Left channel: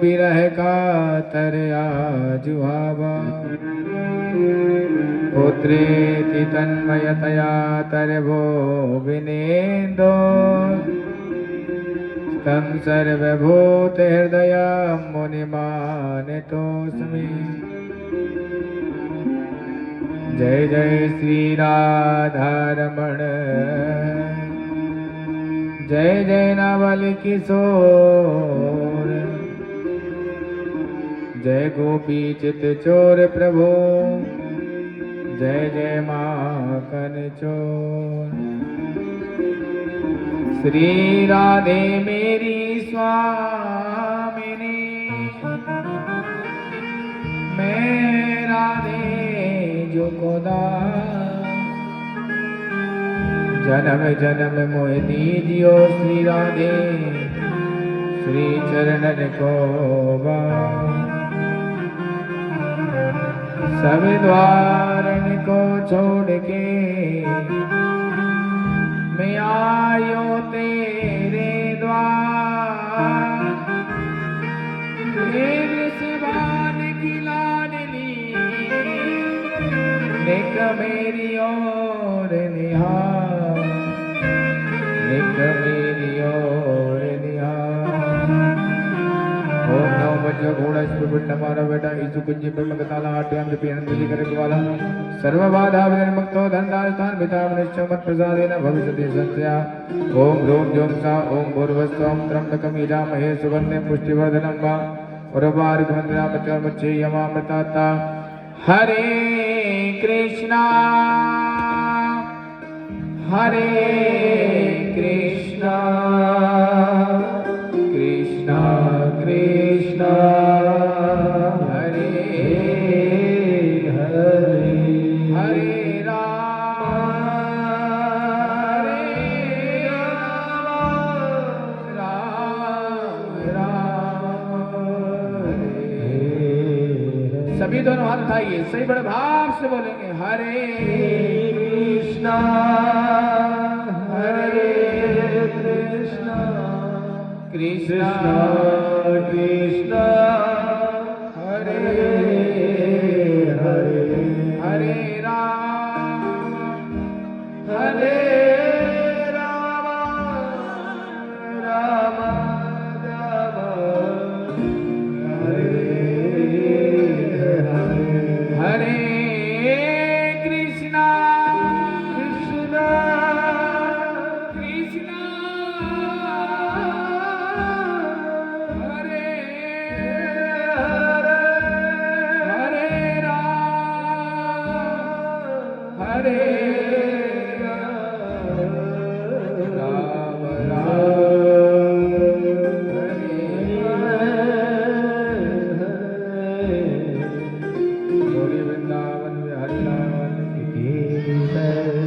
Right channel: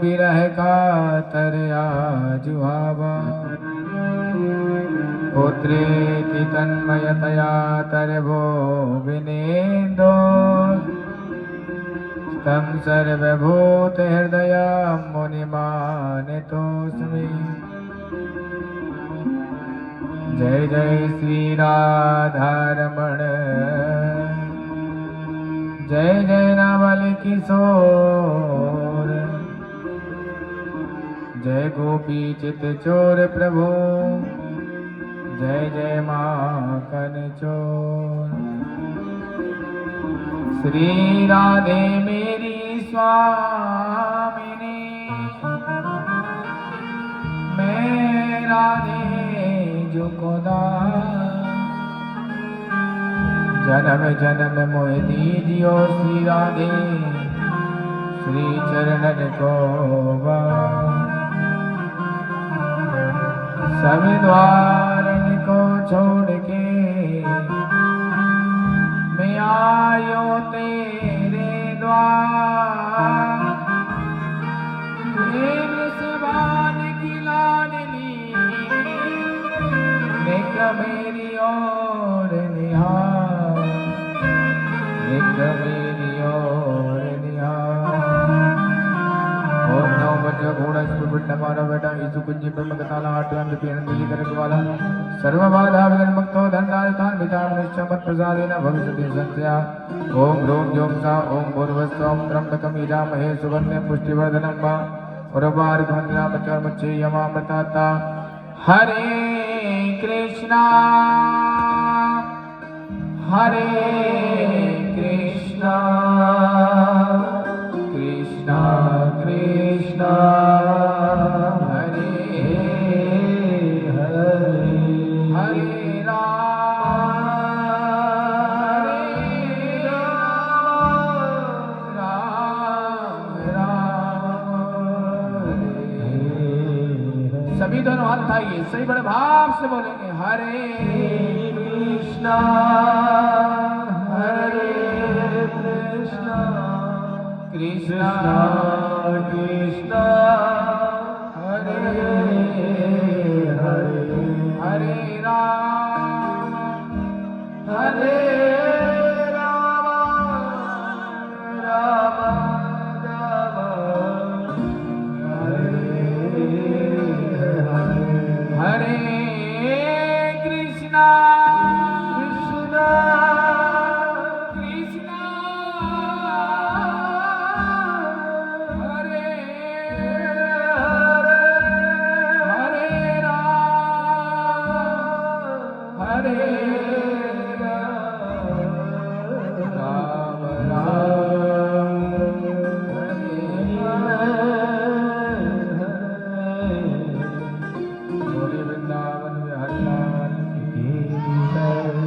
बिरह का तरया जुहावा पुत्रेति तन्मयतया तरवो विनेन्दो तं सर्वभूत हृदय मुनिमानितोऽस्मि। जय जय श्री राधारमण जय जय नवल किशोर जय गोपी चित चोर प्रभु जय जय माखन चोर। श्री राधे मेरी स्वामिनी मैं राधे जो खुदा जन्म जन्म मोह दीजियो श्री राधे श्री चरणन को सब द्वारन को छोड़ के मैं आयो तेरे द्वार। तेरी सुभान की लाडली निक मेरी ओर निहार निक मेरी ओर निहार। ओम नमो भगवते गुणस्व विष्णुमानो वेदा ईसु कुंजी ब्रह्मकथाला आट्यं जपेन बलिकरकवाला सर्वबाधा विनिर्मुक्तो धन्नार्थान विदामनिश्च मत प्रसादेन भविष्यति संशया। ओम ह्रूं द्यौं सा ओम भूर्भुवस्सुः ओम त्र्यंबकं यजामहे सुगन्धिं पुष्टिवर्धनं वा उर्वारुकवन्दनामृतमृच्छेयमामृताता। हरे कृष्णा कृष्णा कृष्णा हरे हरे हरे राम राम हरे। सभी दोनों हाथ उठाइए सही बड़े भाव से बोलेंगे हरे कृष्णा कृष्णा कृष्णा हरे हरे हरे राम राम हरे हरे हरे कृष्णा कृष्णा हरे राम गौरी वृंदावन बिहारी लाल की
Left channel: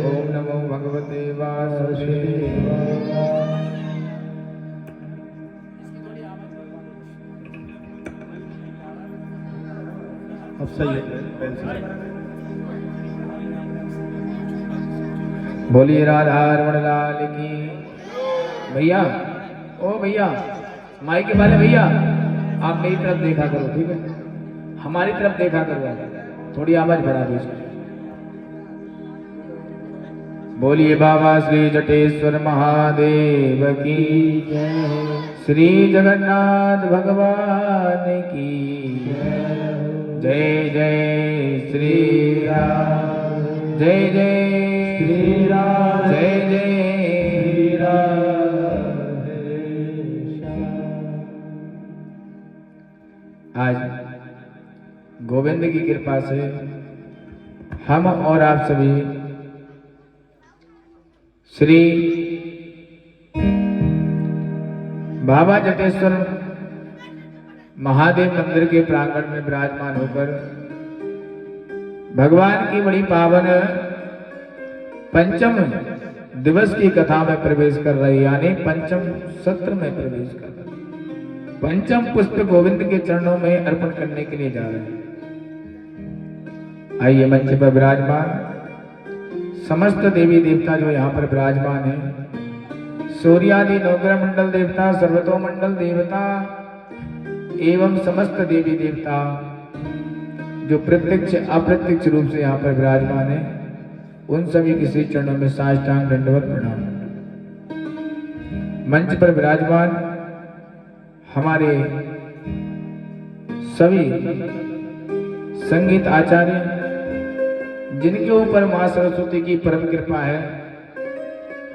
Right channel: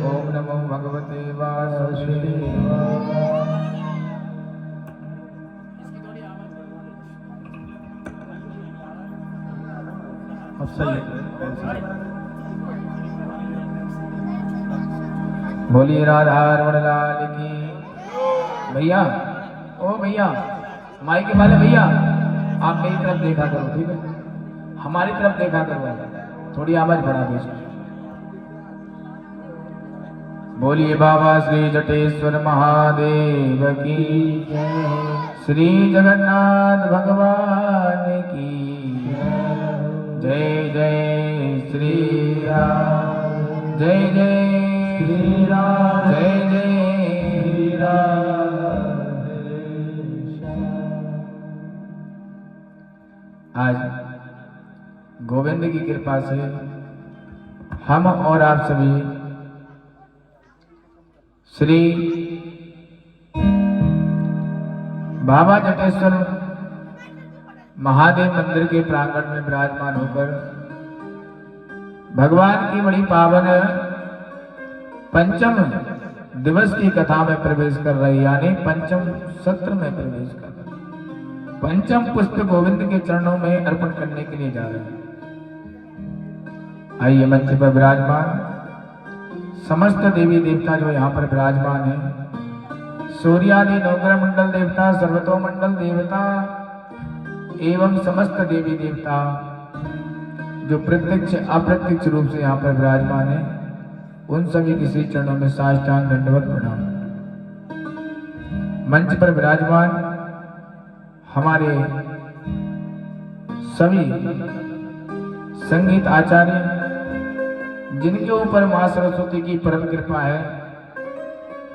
ओम नमो भगवते वासुदेवाय। इसकी थोड़ी आवाज बढ़वा दो। अब सही है। बोलिए राधा रमण लाल की। भैया ओ भैया माइक वाले भैया आप मेरी तरफ देखा करो ठीक है हमारी तरफ देखा करो थोड़ी आवाज बढ़ा दो। बोलिए बाबा श्री जटेश्वर महादेव की श्री जगन्नाथ भगवान की जय जय श्री राम जय जय श्री राम जय जय श्री राम। आज गोविंद की कृपा से हम और आप सभी श्री बाबा जटेश्वर महादेव मंदिर के प्रांगण में विराजमान होकर भगवान की बड़ी पावन पंचम दिवस की कथा में प्रवेश कर रहे यानी पंचम सत्र में प्रवेश कर रहे पंचम पुष्प गोविंद के चरणों में अर्पण करने के लिए जा रहे हैं। आइए मंच पर विराजमान समस्त देवी देवता जो यहाँ पर विराजमान है सूर्यादि नवग्रह मंडल देवता सर्वतो मंडल देवता एवं समस्त देवी देवता जो प्रत्यक्ष अप्रत्यक्ष रूप से यहाँ पर विराजमान है, उन सभी के श्री चरणों में साष्टांग दंडवत प्रणाम। मंच पर विराजमान हमारे सभी संगीत आचार्य, जिनके ऊपर मां सरस्वती की परम कृपा है,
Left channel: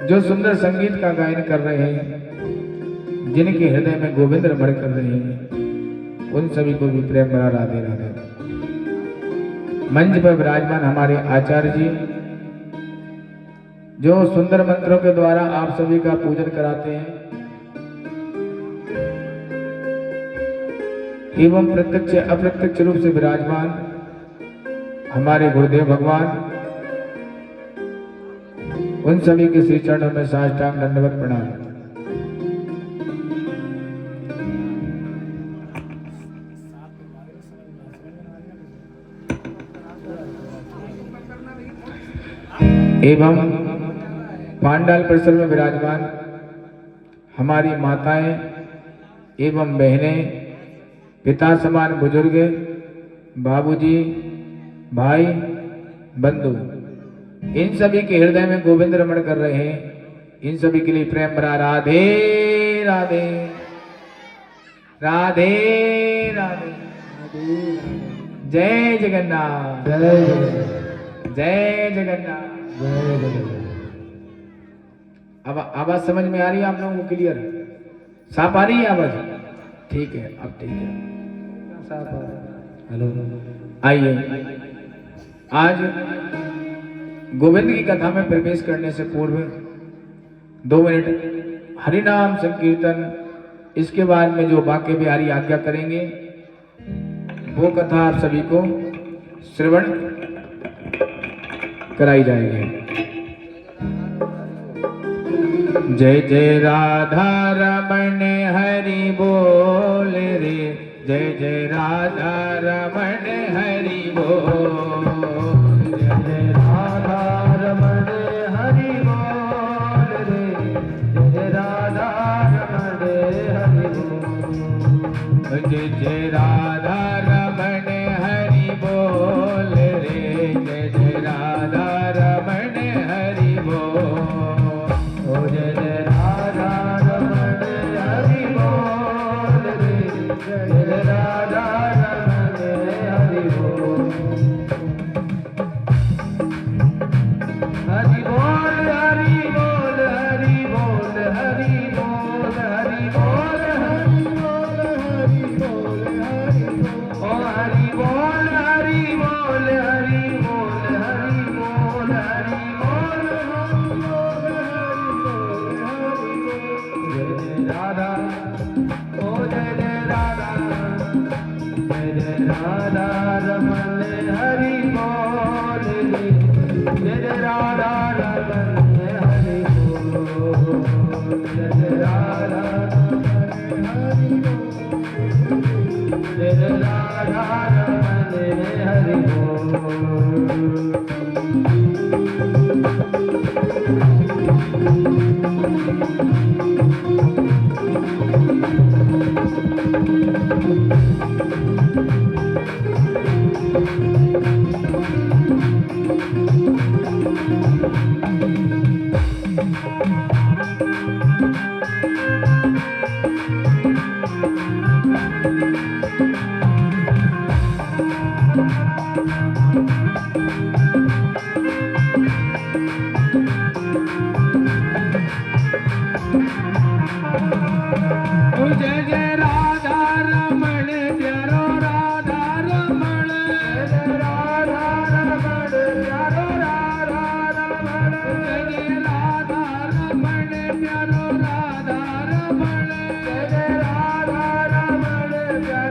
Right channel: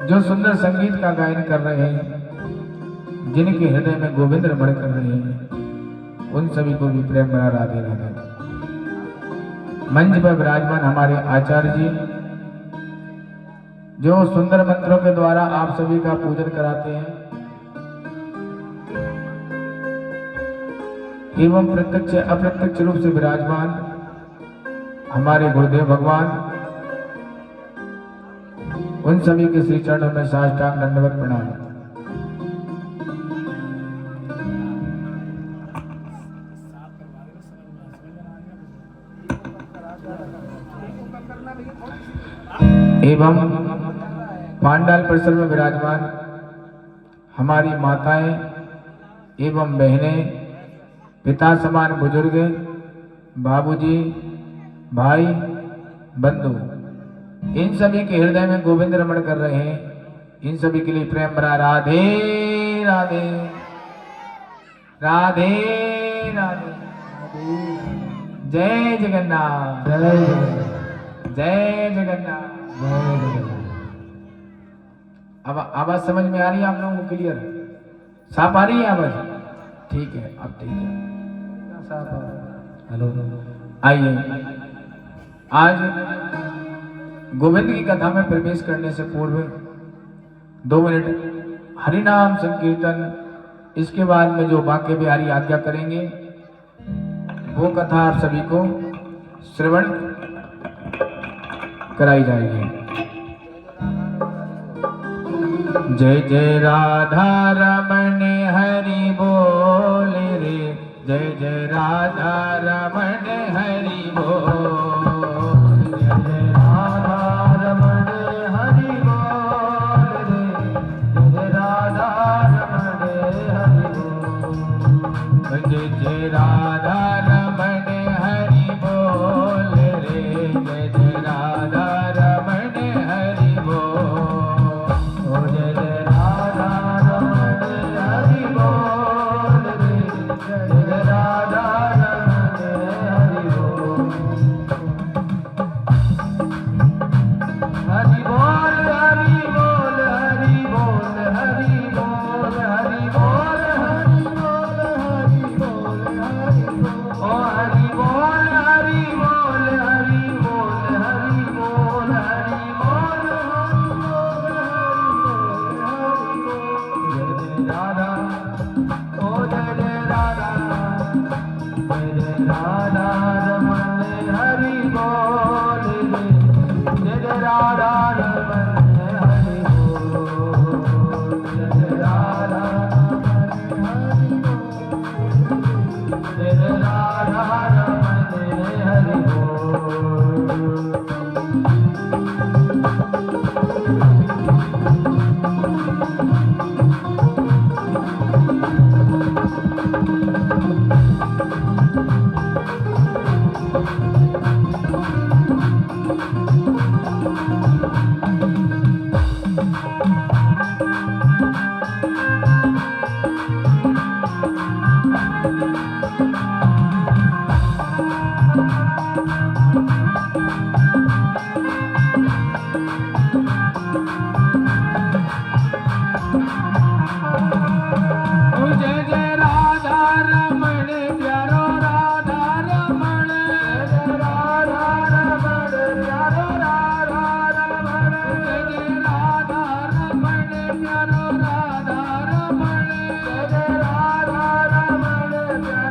जो सुंदर संगीत का गायन कर रहे हैं, जिनके हृदय में गोविंद रमण कर रहे हैं, उन सभी को भी प्रेम भरा राधे राधे। मंच पर विराजमान हमारे आचार्य जी, जो सुंदर मंत्रों के द्वारा आप सभी का पूजन कराते हैं एवं प्रत्यक्ष अप्रत्यक्ष रूप से विराजमान हमारे गुरुदेव भगवान, उन सभी के श्री चरणों में साष्टांग दंडवत प्रणाम। एवं पांडाल परिसर में विराजमान हमारी माताएं एवं बहनें, पिता समान बुजुर्ग, बाबूजी, भाई, बंधु, इन सभी के हृदय में गोविंद रमण कर रहे हैं, इन सभी के लिए प्रेम भरा राधे राधे राधे राधे। जय जगन्नाथ, जय जगन्नाथ। अब आवाज समझ में आ रही है आप लोगों को? क्लियर साफ आ रही है आवाज? ठीक है, अब ठीक है। हेलो, आइए आज गोविंद की कथा में प्रवेश करने से पूर्व 2 मिनट हरिनाम संकीर्तन, इसके बाद में जो वाक्य बिहारी आज्ञा करेंगे वो कथा आप सभी को श्रवण कराई जाएगी। जय जय राधा रमण हरि बोल रे, जय जय राधा रमण हरि बोल, जय जय राधा रमण हरि बोल रे, जय राधा रमण हरि बोल, जय जय राधा रमण हरि बोल रे, जय जय राधा रमण हरि बोल, जय जय राधा रमण हरि बोल रे, जय राधा रमण हरि बोल, हरि बोल हरि बोल हरि बोल हरि बोल हरि बोल हरि बोल हरि बोल, ओ हरि बोल हरि बोल हरि बोल हरि बोल हरि बोल, जय जय राधा, ओ जय जय राधा, जय जय राधा रमण हरि बोल रे, जय जय राधा रमण हरि बोल, जय जय राधा हरि बोल, जय जय राधा रमण हरि बोल। जय जय राधा रमण प्यारो राधा रमण, जय राधा रमण प्यारो राधा रमण, जय राधा रमण प्यारो राधा रमण, जय राधा रमण प्यारो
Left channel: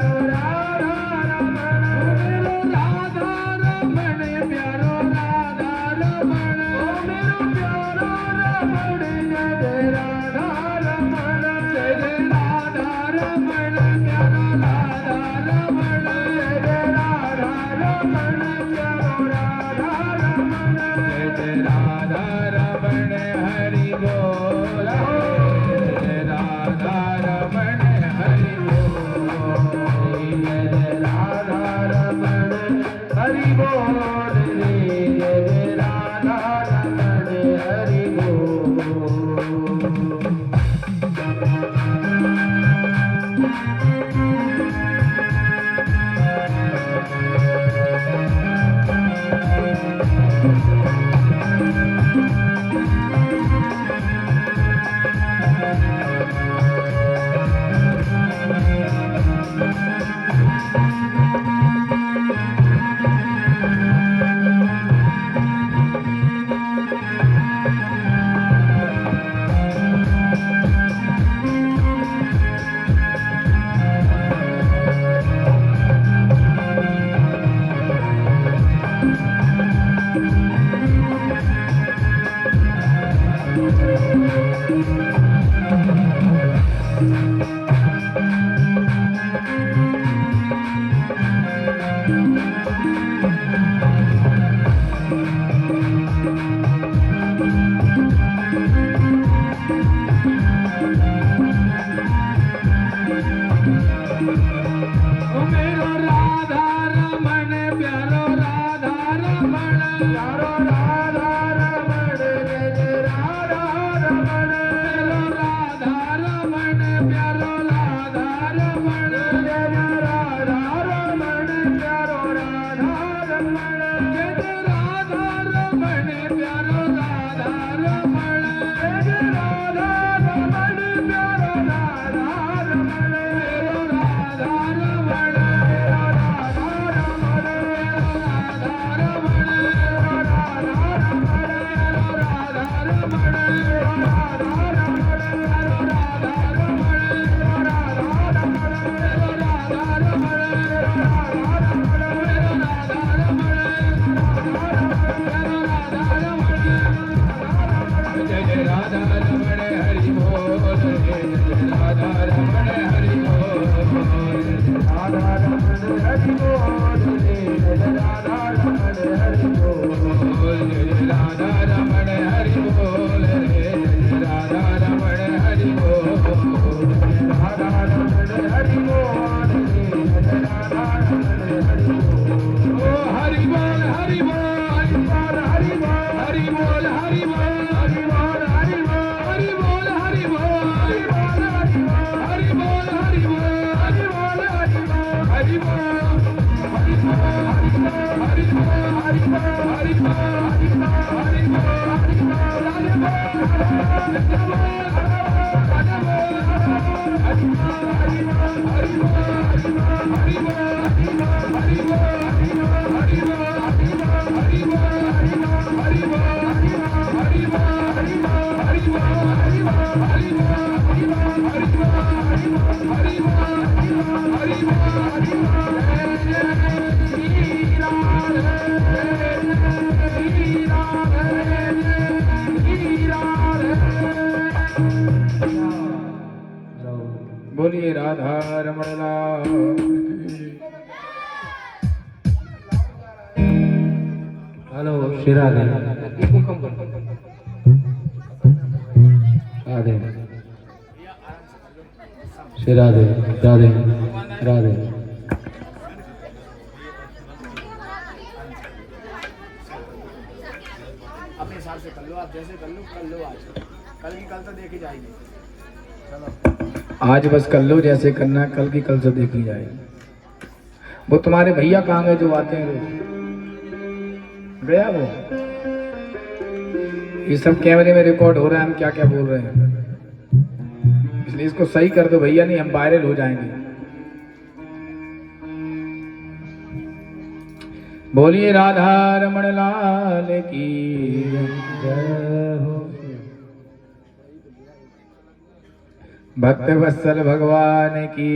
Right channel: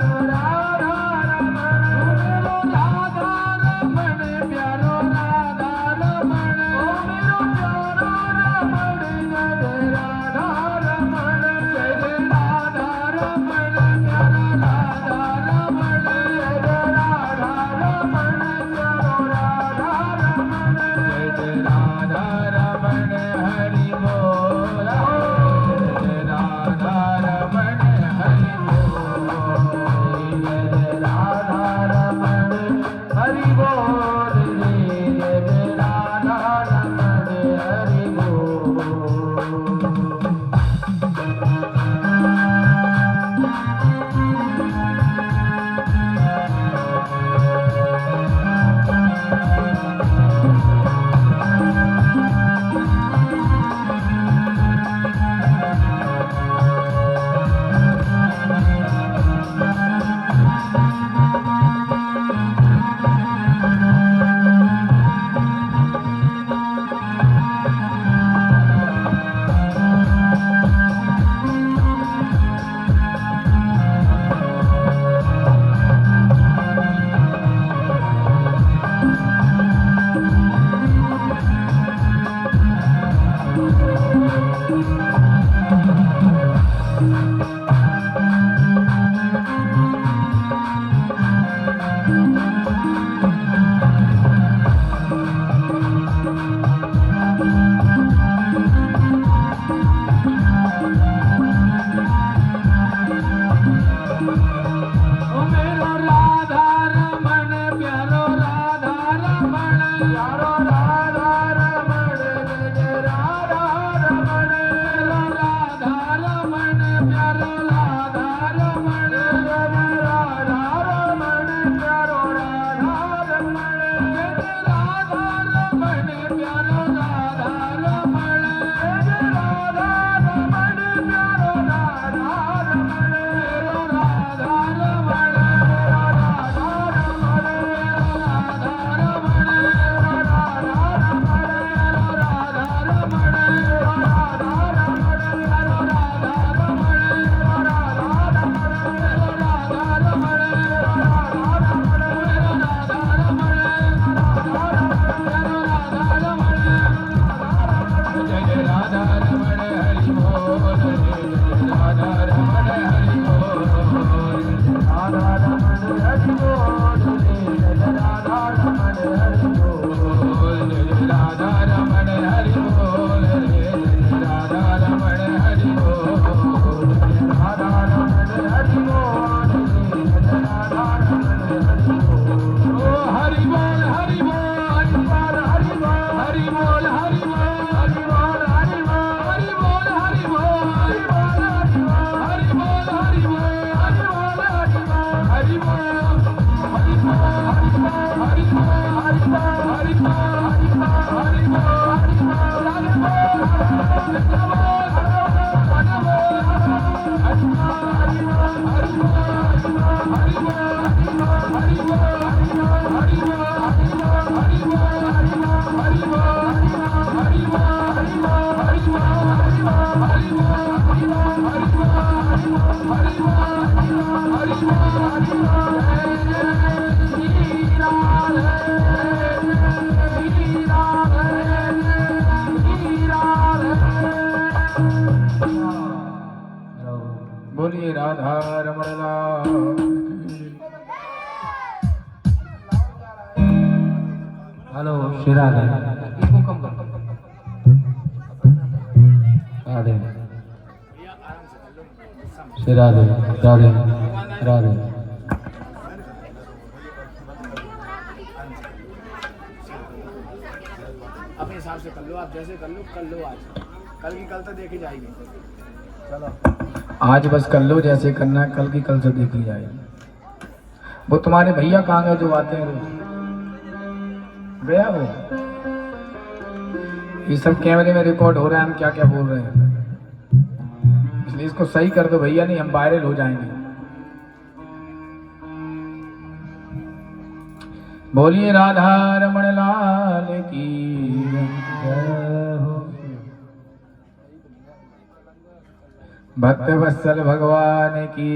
बोलिए राधा रमण लाल की। हेलो श्री राधे राधे भैया आराम से कर लो, गुस्सा मत। श्री राधे राधे राधे अपने हिसाब से कर लो, आप जैसे कर लो आज, कल की कल तो देखी जाएगी। चलो आज बस कर लो जैसे करना है, कल की कल से देखी जाएगी। वो तुम्हारे भैया कहाँ गए जो आते हैं रोज? गया वो? ये सब कैमरे में रिकॉर्ड हो रहा है, हम क्या क्या बोल रहे हैं, इसलिए इसको सही कर दो भैया, नहीं हम वायरल हो जाएंगे। बोलिए राधा रमण लाल की जय हो। भक्त वत्सल भगवान की।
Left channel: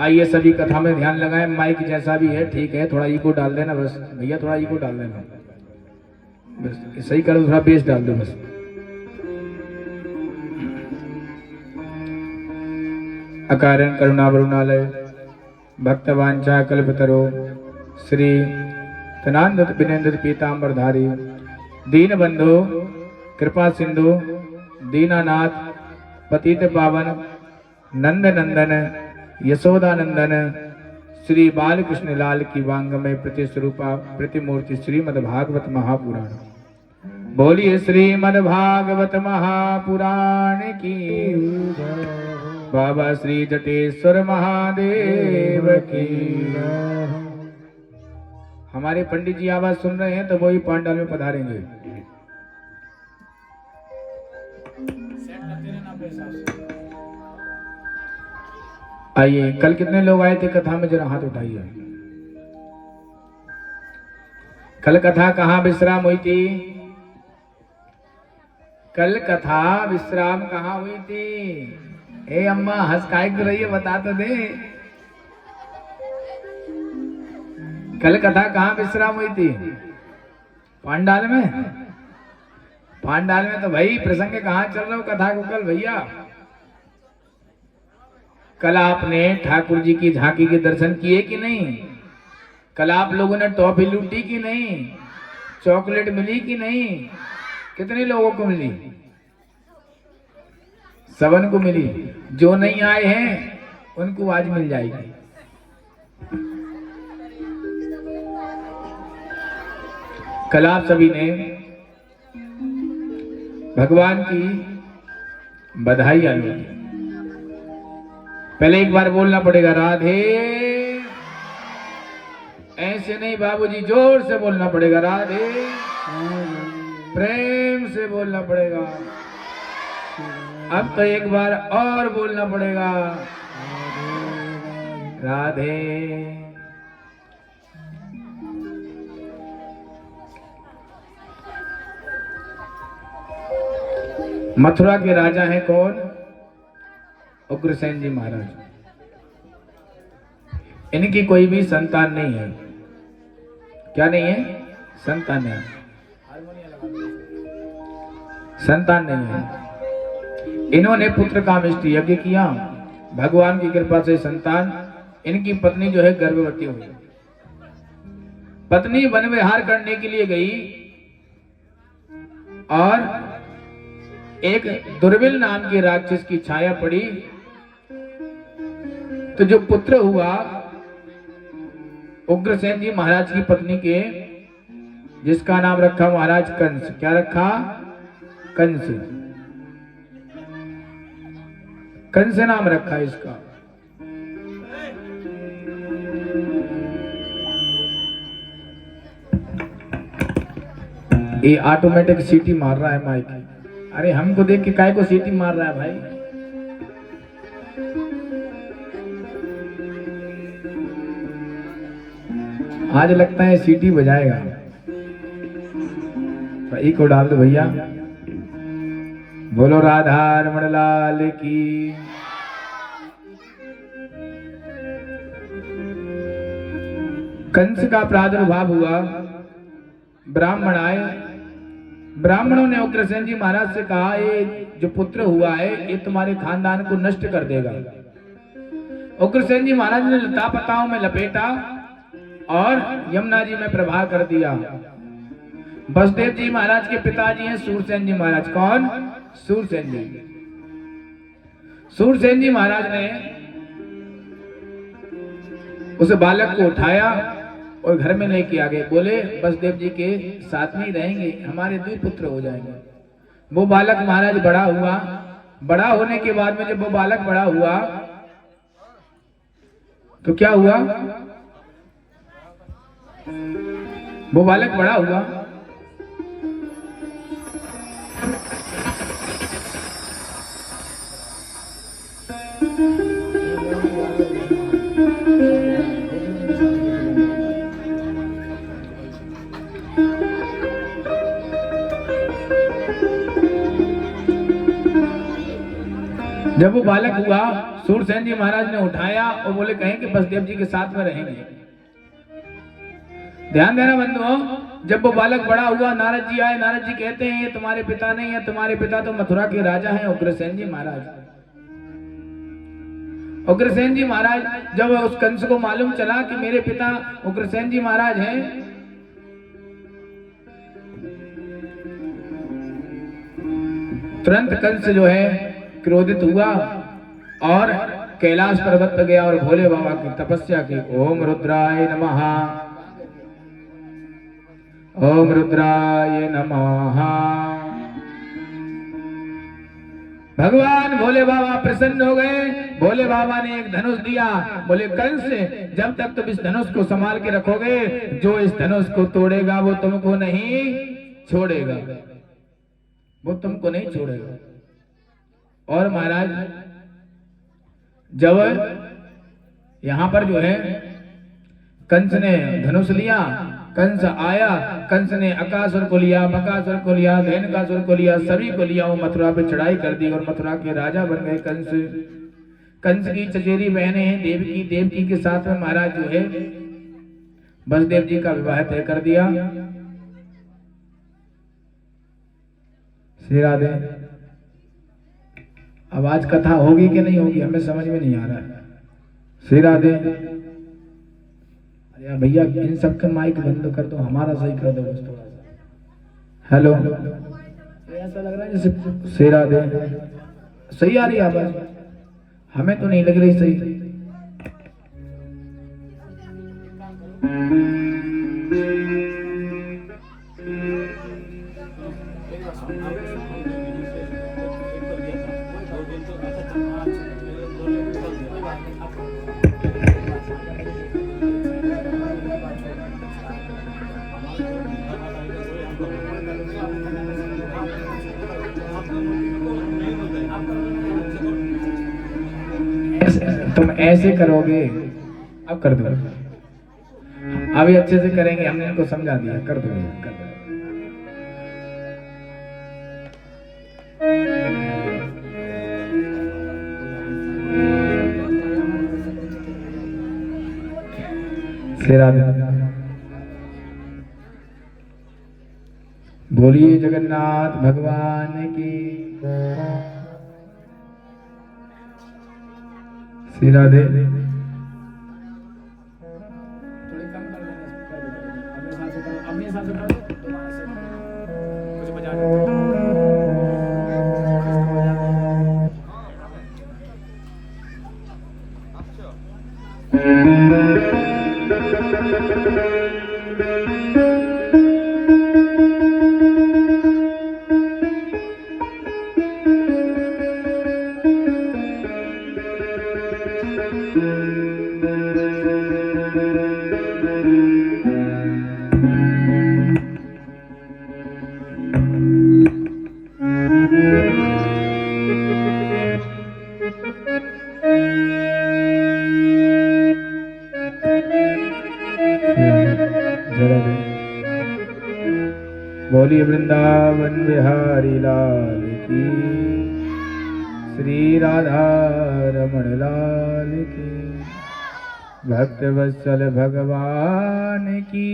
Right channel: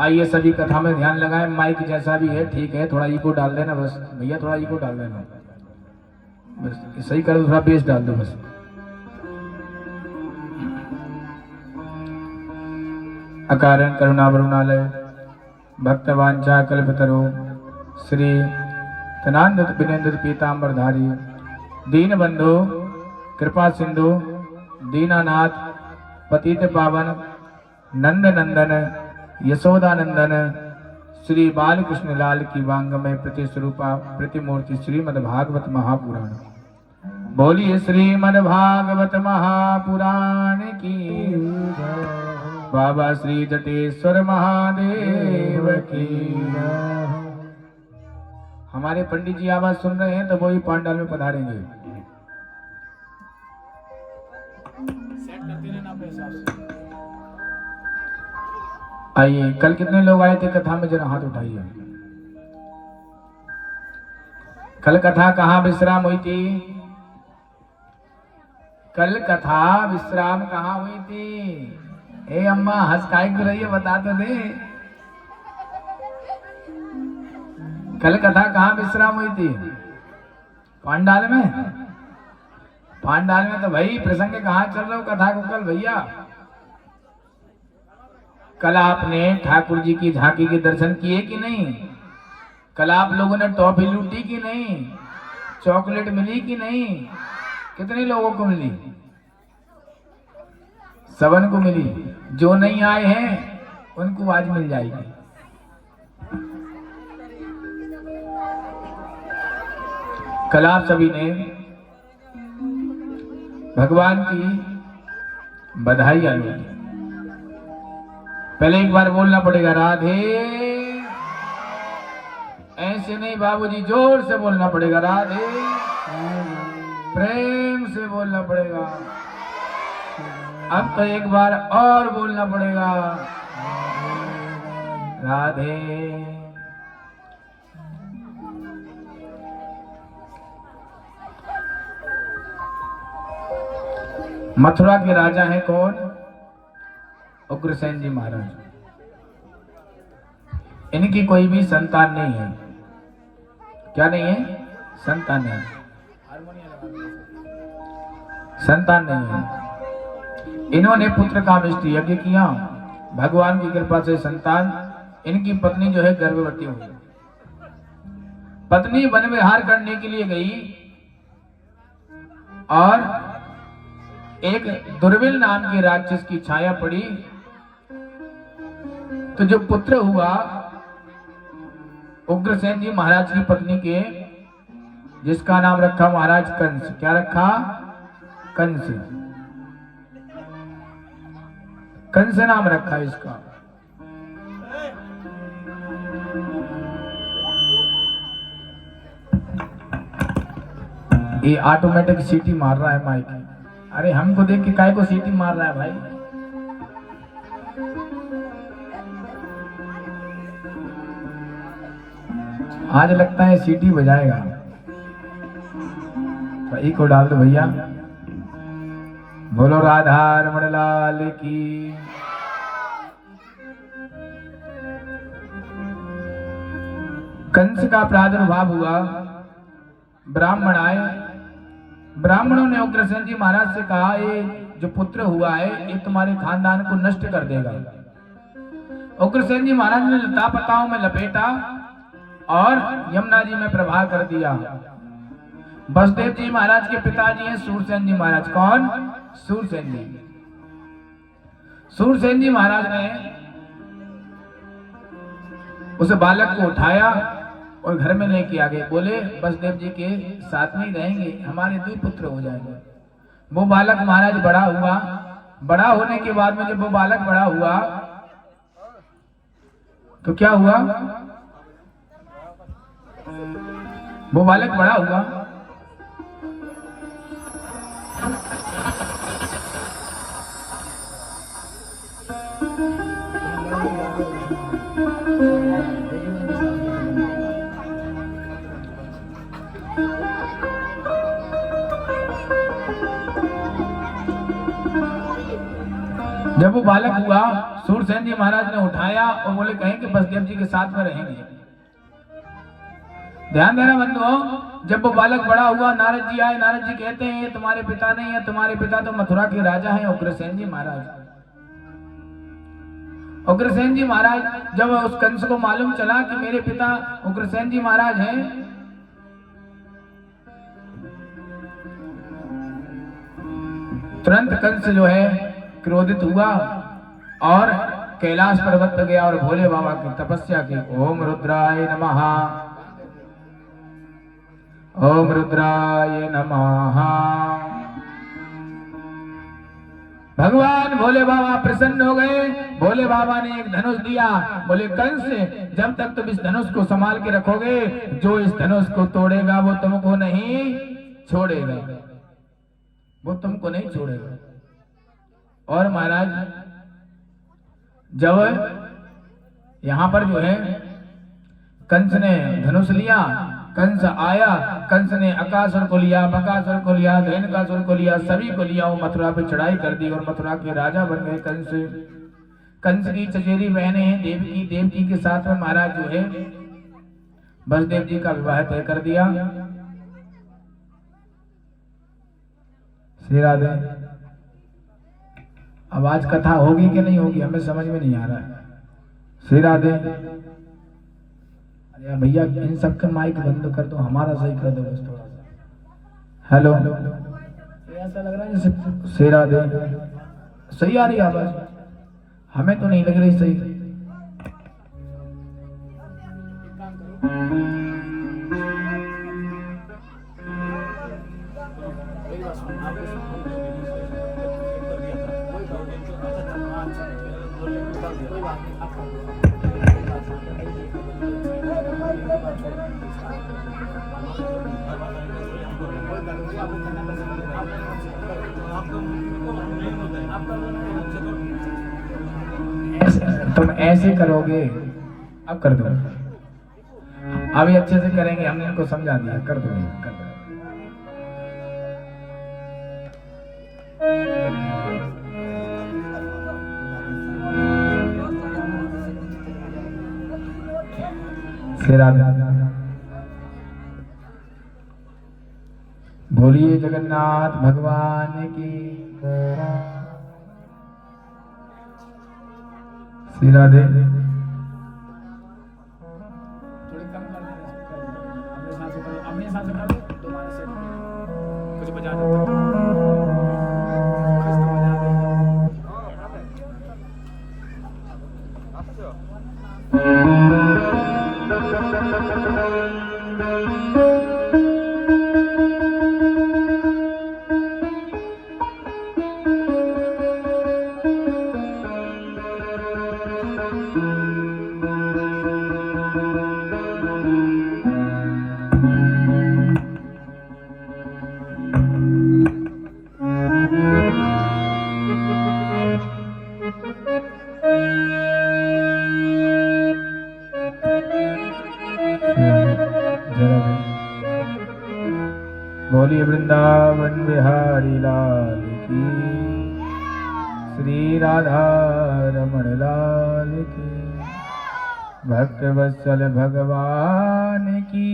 आइए सभी कथा में ध्यान लगाएं, माइक जैसा भी है ठीक है, थोड़ा इको डाल देना बस भैया, थोड़ा इको डाल देना बस, सही कर दो, थोड़ा बेस डाल दो बस। अकारण करुणावरुणालय भक्तवांछा कल्पतरो श्री तनांदत विनेन्द्र पीतांबरधारी दीनबंधु कृपा सिंधु दीनानाथ पतित पावन नंद नंदन यशोदानंदन श्री बालकृष्ण लाल की वांगमय प्रतिस्वरूपा प्रतिमूर्ति श्रीमद्भागवत महापुराण। बोलिए श्रीमद्भागवत महापुराण की। बाबा श्री जटेश्वर महादेव की। हमारे पंडित जी आवाज सुन रहे हैं तो वो ही पांडाल में पधारेंगे। सेट करते रहना अपने हिसाब से। आइए, कल कितने लोग आए थे कथा में, जरा हाथ उठाइए। कल कथा कहाँ विश्राम हुई थी? कल कथा विश्राम कहाँ हुई थी? ए अम्मा हंस काहे तो रही है, बता तो दे। कल कथा कहाँ विश्राम हुई थी? पांडाल में। पांडाल में तो भाई प्रसंग कहाँ चल रहा हो कथा को कल भैया? कल आपने ठाकुर जी की झांकी के दर्शन किए कि नहीं? कल आप लोगों ने टॉफी लूटी कि नहीं? चॉकलेट मिली कि नहीं? कितने लोगों को मिली? सबन को मिली। जो नहीं आए हैं उनको आज मिल जाएगी। कल आप सभी ने भगवान की बधाई ली। पहले एक बार बोलना पड़ेगा राधे। ऐसे नहीं बाबूजी, जोर से बोलना पड़ेगा राधे। प्रेम से बोलना पड़ेगा। अब तो एक बार और बोलना पड़ेगा राधे। मथुरा के राजा हैं कौन? उग्रसेन जी महाराज। इनकी कोई भी संतान नहीं है। क्या नहीं है? संतान नहीं। संतान नहीं है। इन्होंने पुत्र कामेष्टि यज्ञ किया, भगवान की कृपा से संतान। इनकी पत्नी जो है गर्भवती हुई। पत्नी वन विहार करने के लिए गई और एक दुर्विल नाम के राक्षस की छाया पड़ी, तो जो पुत्र हुआ उग्रसेन जी महाराज की पत्नी के, जिसका नाम रखा महाराज कंस। क्या रखा? कंस। कंस नाम रखा इसका। ये ऑटोमेटिक सीटी मार रहा है माइक। अरे हमको देख के काय को सीटी मार रहा है भाई? आज लगता है सीटी बजाएगा। तो एक को डाल दो भैया। बोलो राधा रमण लाल की। कंस का प्रादुर्भाव हुआ, ब्राह्मण आए। ब्राह्मणों ने उग्रसेन जी महाराज से कहा, ये जो पुत्र हुआ है ये तुम्हारे खानदान को नष्ट कर देगा। उग्रसेन जी महाराज ने लता पताओं में लपेटा और यमुना जी में प्रवाह कर दिया। वसुदेव जी महाराज के पिताजी हैं सूरसेन जी महाराज। कौन? सूरसेन जी। सूरसेन जी महाराज ने उस बालक को उठाया और घर में लेके आ गए। बोले वसुदेव जी के साथ में ही रहेंगे, हमारे 2 पुत्र हो जाएंगे। वो बालक महाराज बड़ा हुआ। बड़ा होने के बाद में जब वो बालक बड़ा हुआ तो क्या हुआ? वो बालक बड़ा हुआ। जब वो बालक हुआ, सूरसेन जी महाराज ने उठाया और बोले कहें कि वसुदेव जी के साथ में रहेंगे। ध्यान देना बंधुओं, जब वो बालक बड़ा हुआ, नारद जी आए। नारद जी कहते हैं ये तुम्हारे पिता नहीं है, तुम्हारे पिता तो मथुरा के राजा हैं उग्रसेन जी महाराज। उग्रसेन जी महाराज जब उस कंस को मालूम चला कि मेरे पिता उग्रसेन जी महाराज हैं, तुरंत कंस जो है क्रोधित हुआ और कैलाश पर्वत पर गया और भोले बाबा की तपस्या की। ओम रुद्राय नमः, ओम रुद्राय नमः। भगवान भोले बाबा प्रसन्न हो गए। भोले बाबा ने एक धनुष दिया। बोले कंस, जब तक तुम इस धनुष को संभाल के रखोगे, जो इस धनुष को तोड़ेगा वो तुमको नहीं छोड़ेगा, वो तुमको नहीं छोड़ेगा। और महाराज जब यहां पर जो है कंस ने धनुष लिया, कंस आया, कंस ने अकासुर को लिया, बकासुर को लिया, धेनुकासुर को लिया, सभी को लिया। वो मथुरा पे चढ़ाई कर दी और मथुरा के राजा बन गए कंस। कंस की चचेरी बहनें हैं देवकी। देवकी के साथ में महाराज जो है वसुदेव जी का विवाह तय कर दिया। श्री राधे। अब आज कथा होगी कि नहीं होगी हमें समझ में नहीं आ रहा है। श्री राधे। अरे भैया इन सबके माइक बंद कर दो, हमारा सही कर दो बस थोड़ा सा। हेलो, ऐसा लग रहा है जैसे। श्री राधे। सही आ रही है आवाज? हमें तो नहीं लग रही सही। तुम ऐसे करोगे, अब कर दो। अभी अच्छे से करेंगे, हमने इनको समझा दिया। कर दो, कर दो। श्री राधे। बोलिए जगन्नाथ भगवान की। श्री राधे। थोड़ी कम कर देना, अपने हिसाब से करो, अपने हिसाब से कर दो। दोबारा से कुछ बजा दो, कुछ तो बजा दो। Mm-hmm. बोलिए वृंदावन बिहारी लाल की, श्री राधा रमण लाल की, भक्त वत्सल भगवान की,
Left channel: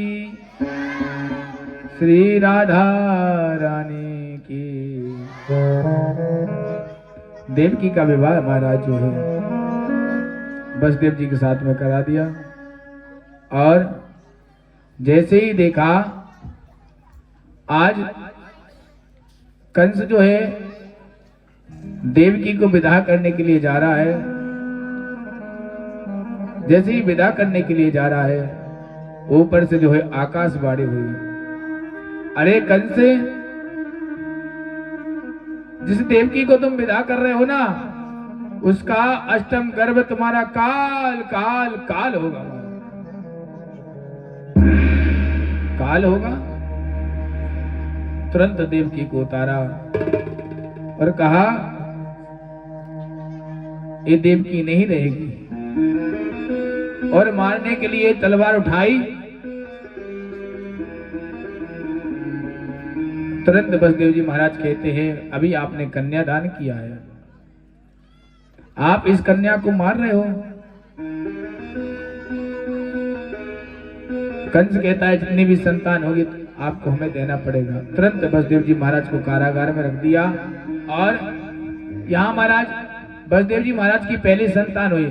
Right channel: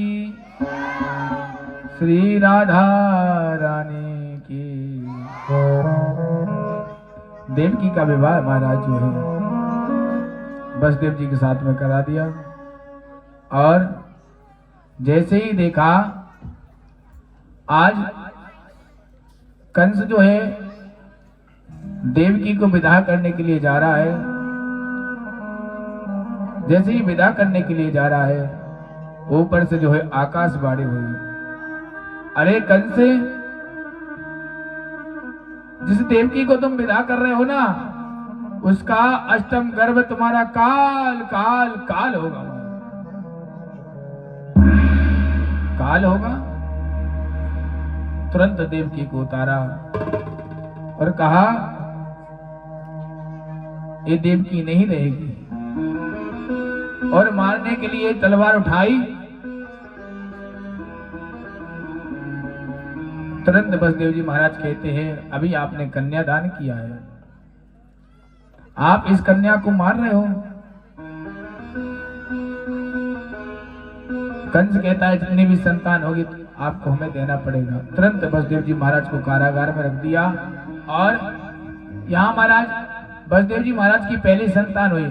श्री राधा रानी की। देवकी का विवाह महाराज जो है बसदेव जी के साथ में करा दिया, और जैसे ही देखा आज कंस जो है देवकी को विदा करने के लिए जा रहा है। जैसे ही विदा करने के लिए जा रहा है, ऊपर से जो है आकाशवाणी हुई, अरे कंस, जिस देवकी को तुम विदा कर रहे हो ना, उसका अष्टम गर्भ तुम्हारा काल काल काल होगा, काल होगा। तुरंत देवकी को उतारा और कहा ये देवकी नहीं रहेगी, और मारने के लिए तलवार उठाई। तुरंत बसदेव जी महाराज कहते हैं, अभी आपने कन्यादान किया है, आप इस कन्या को मार रहे हो। कंस कहता है जितनी भी संतान होगी आपको हमें देना पड़ेगा। तुरंत बसदेव जी महाराज को कारागार में रख दिया, और यहाँ महाराज बसदेव जी महाराज की पहली संतान हुई।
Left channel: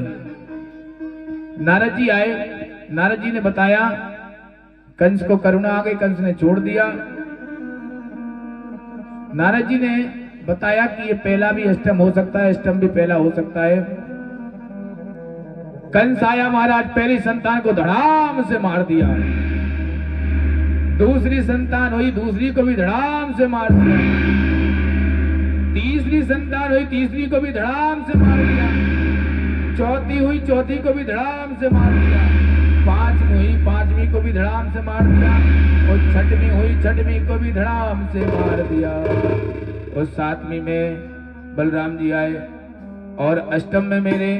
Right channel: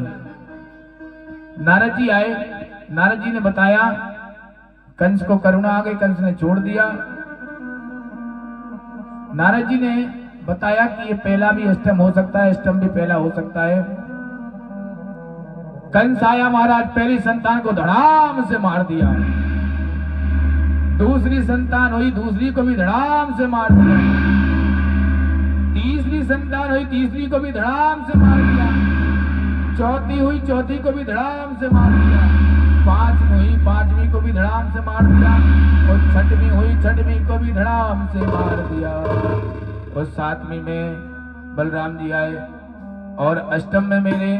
नारद जी आए, नारद जी ने बताया, कंस को करुणा आ गई, कंस ने छोड़ दिया। नारद जी ने बताया कि ये पहला भी अष्टम हो सकता है, अष्टम भी पहला हो सकता है। कंस आया महाराज, पहली संतान को धड़ाम से मार दिया। दूसरी संतान हुई, दूसरी को भी धड़ाम से मार दिया। तीसरी संतान हुई, तीसरी को भी धड़ाम से मार दिया। चौथी हुई, चौथी को भी धड़ाम से मार दिया। पांचवी हुई, पांचवी को भी धड़ाम से मार दिया। और छठवीं हुई, छठवीं को भी धड़ाम से मार दिया। और सातवीं में बलराम जी आए, और अष्टम में मेरे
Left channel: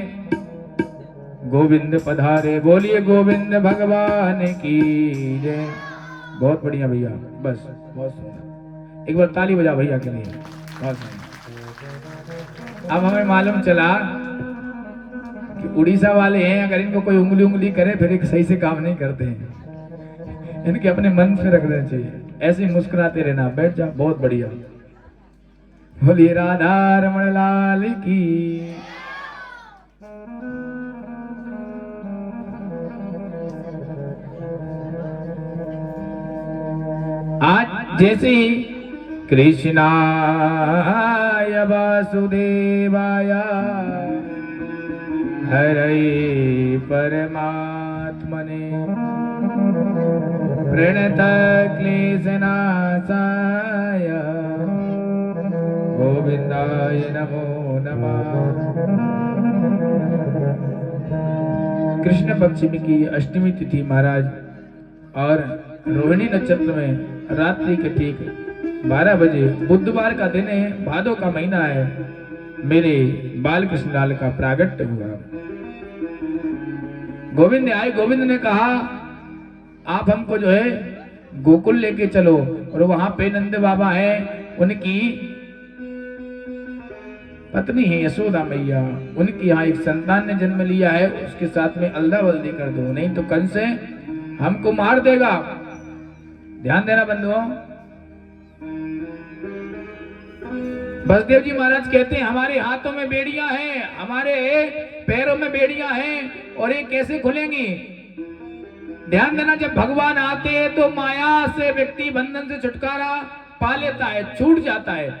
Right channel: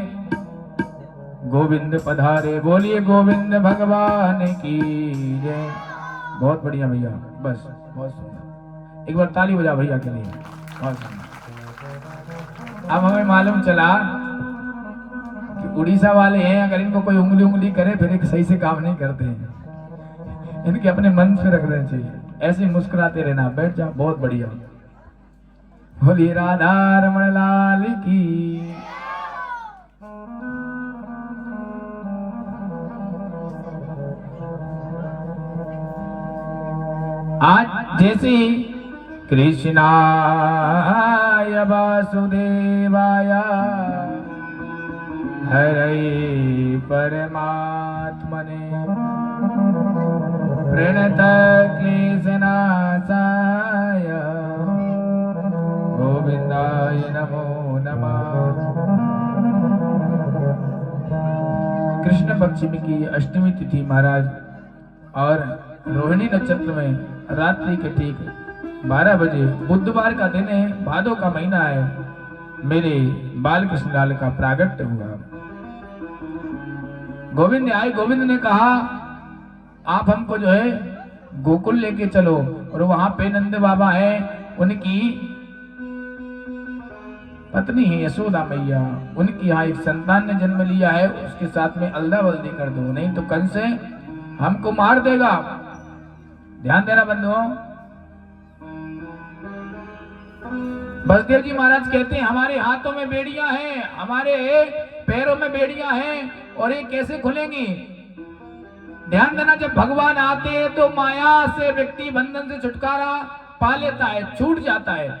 गोविंद पधारे। बोलिए गोविंद भगवान की जय। बहुत बढ़िया भैया, बस बहुत सुंदर, एक बार ताली बजा भैया के लिए, बहुत सुंदर। अब हमें मालूम चला कि उड़ीसा वाले हैं, अगर इनको कोई उंगली करे फिर एक सही से काम नहीं करते हैं, इनके अपने मन से रखना चाहिए, ऐसे ही मुस्कुराते रहना। बैठ जाओ, बहुत बढ़िया। बोलिए राधा रमण लाल की। आज जैसे ही कृष्णाय वासुदेवाय हरे परमात्मने प्रणत क्लेशनाशाय गोविंदाय नमो नमः। कृष्ण पक्षमी की अष्टमी तिथि महाराज, और रोहिणी नक्षत्र में रात्रि के ठीक 12 बजे बुधवार का दिन है, भादों का महीना है, मेरे बाल कृष्ण लाल का प्रागट्य हुआ। गोविंद आए, गोविंद ने कहा आप हमको जो है गोकुल लेके चलो, और वहां पे नंद बाबा है, उनकी पत्नी है यशोदा मैया, उनकी यहाँ एक संतान ने जन्म लिया है, उसके साथ में अल्लाह वल्दी कर दो, नहीं तो कंस हमको मार देगा। ध्यान देना बंधुओं। बसदेव जी महाराज कहते हैं हमारे हाथों में बेड़ियां हैं, हमारे पैरों में बेड़ियां हैं, और ये कैसे खुलेंगी? ध्यान देना, जब भगवान आते हैं तो माया से व्यक्ति बंधन से छुटकारा पा लेता है, छूट जाता है।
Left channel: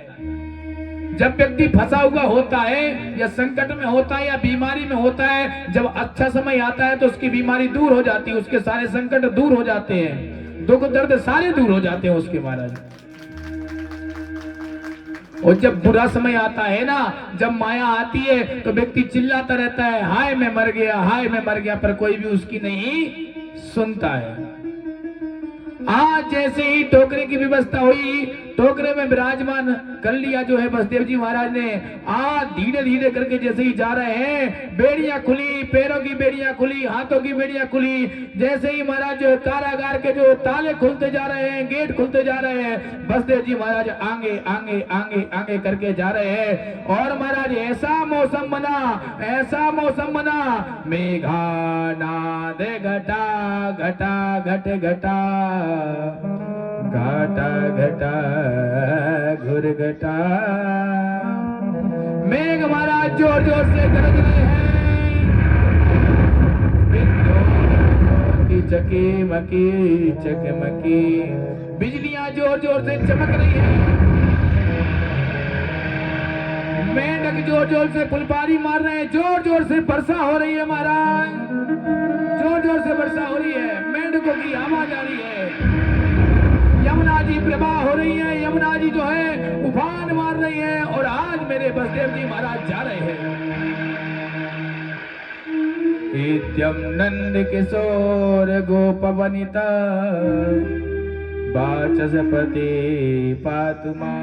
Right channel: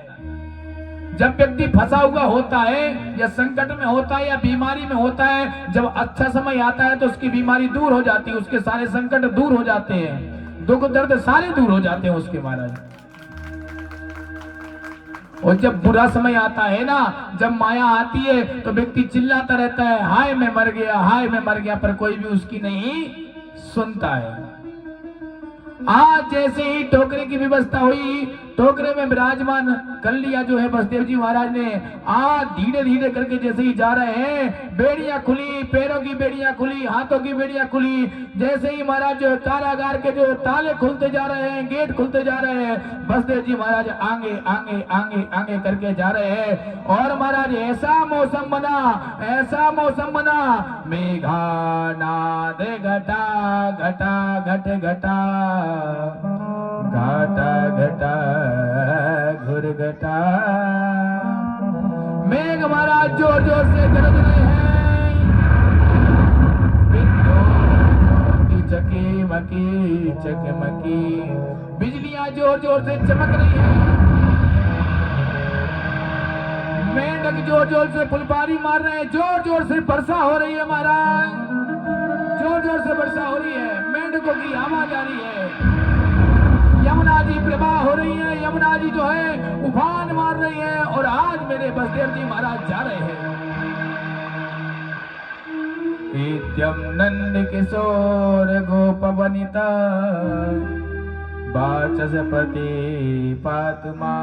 जब व्यक्ति फंसा हुआ होता है, या संकट में होता है, या बीमारी में होता है, जब अच्छा समय आता है तो उसकी बीमारी दूर हो जाती है, उसके सारे संकट दूर हो जाते हैं, दुख दर्द सारे दूर हो जाते हैं उसके महाराज। और जब बुरा समय आता है ना, जब माया आती है, तो व्यक्ति चिल्लाता रहता है, हाय मैं मर गया, हाय मैं मर गया, पर कोई भी उसकी नहीं सुनता है। आज जैसे ही टोकरे की व्यवस्था हुई, टोकरे में विराजमान कर लिया जो है बसदेव जी महाराज ने। आज धीरे धीरे करके जैसे ही जा रहे हैं, बेड़ियां खुली, पैरों की बेड़ियां खुली, हाथों की बेड़ियां खुली। जैसे ही महाराज जो कारागार के जो ताले खुलते जा रहे हैं, गेट खुलते जा रहे हैं, बसदेव जी महाराज आगे आगे आगे आगे करके जा रहे हैं। और महाराज ऐसा मौसम बना, ऐसा मौसम बना, मेघा नाद घटा घटा घट घटा घटा घटा घुर घटा। मेघ महाराज जोर जोर से गरज रहे हैं, चकमकी चकमकी बिजलियां जोर जोर से चमक रही है। मेंढक जोर जोर से फुलबारी मार रहे हैं, जोर जोर से वर्षा हो रही है महाराज, जोर जोर से वर्षा हो रही है, मेंढकों की आवाज आ रही है। यमुना जी प्रवाह हो रही है, यमुना जी जो है उफान मार रही है। और आज मेरे बसदेव जी महाराज जा रहे हैं। नित्यम नंद किशोर गोप वनिता वाचस्पति पातुमा।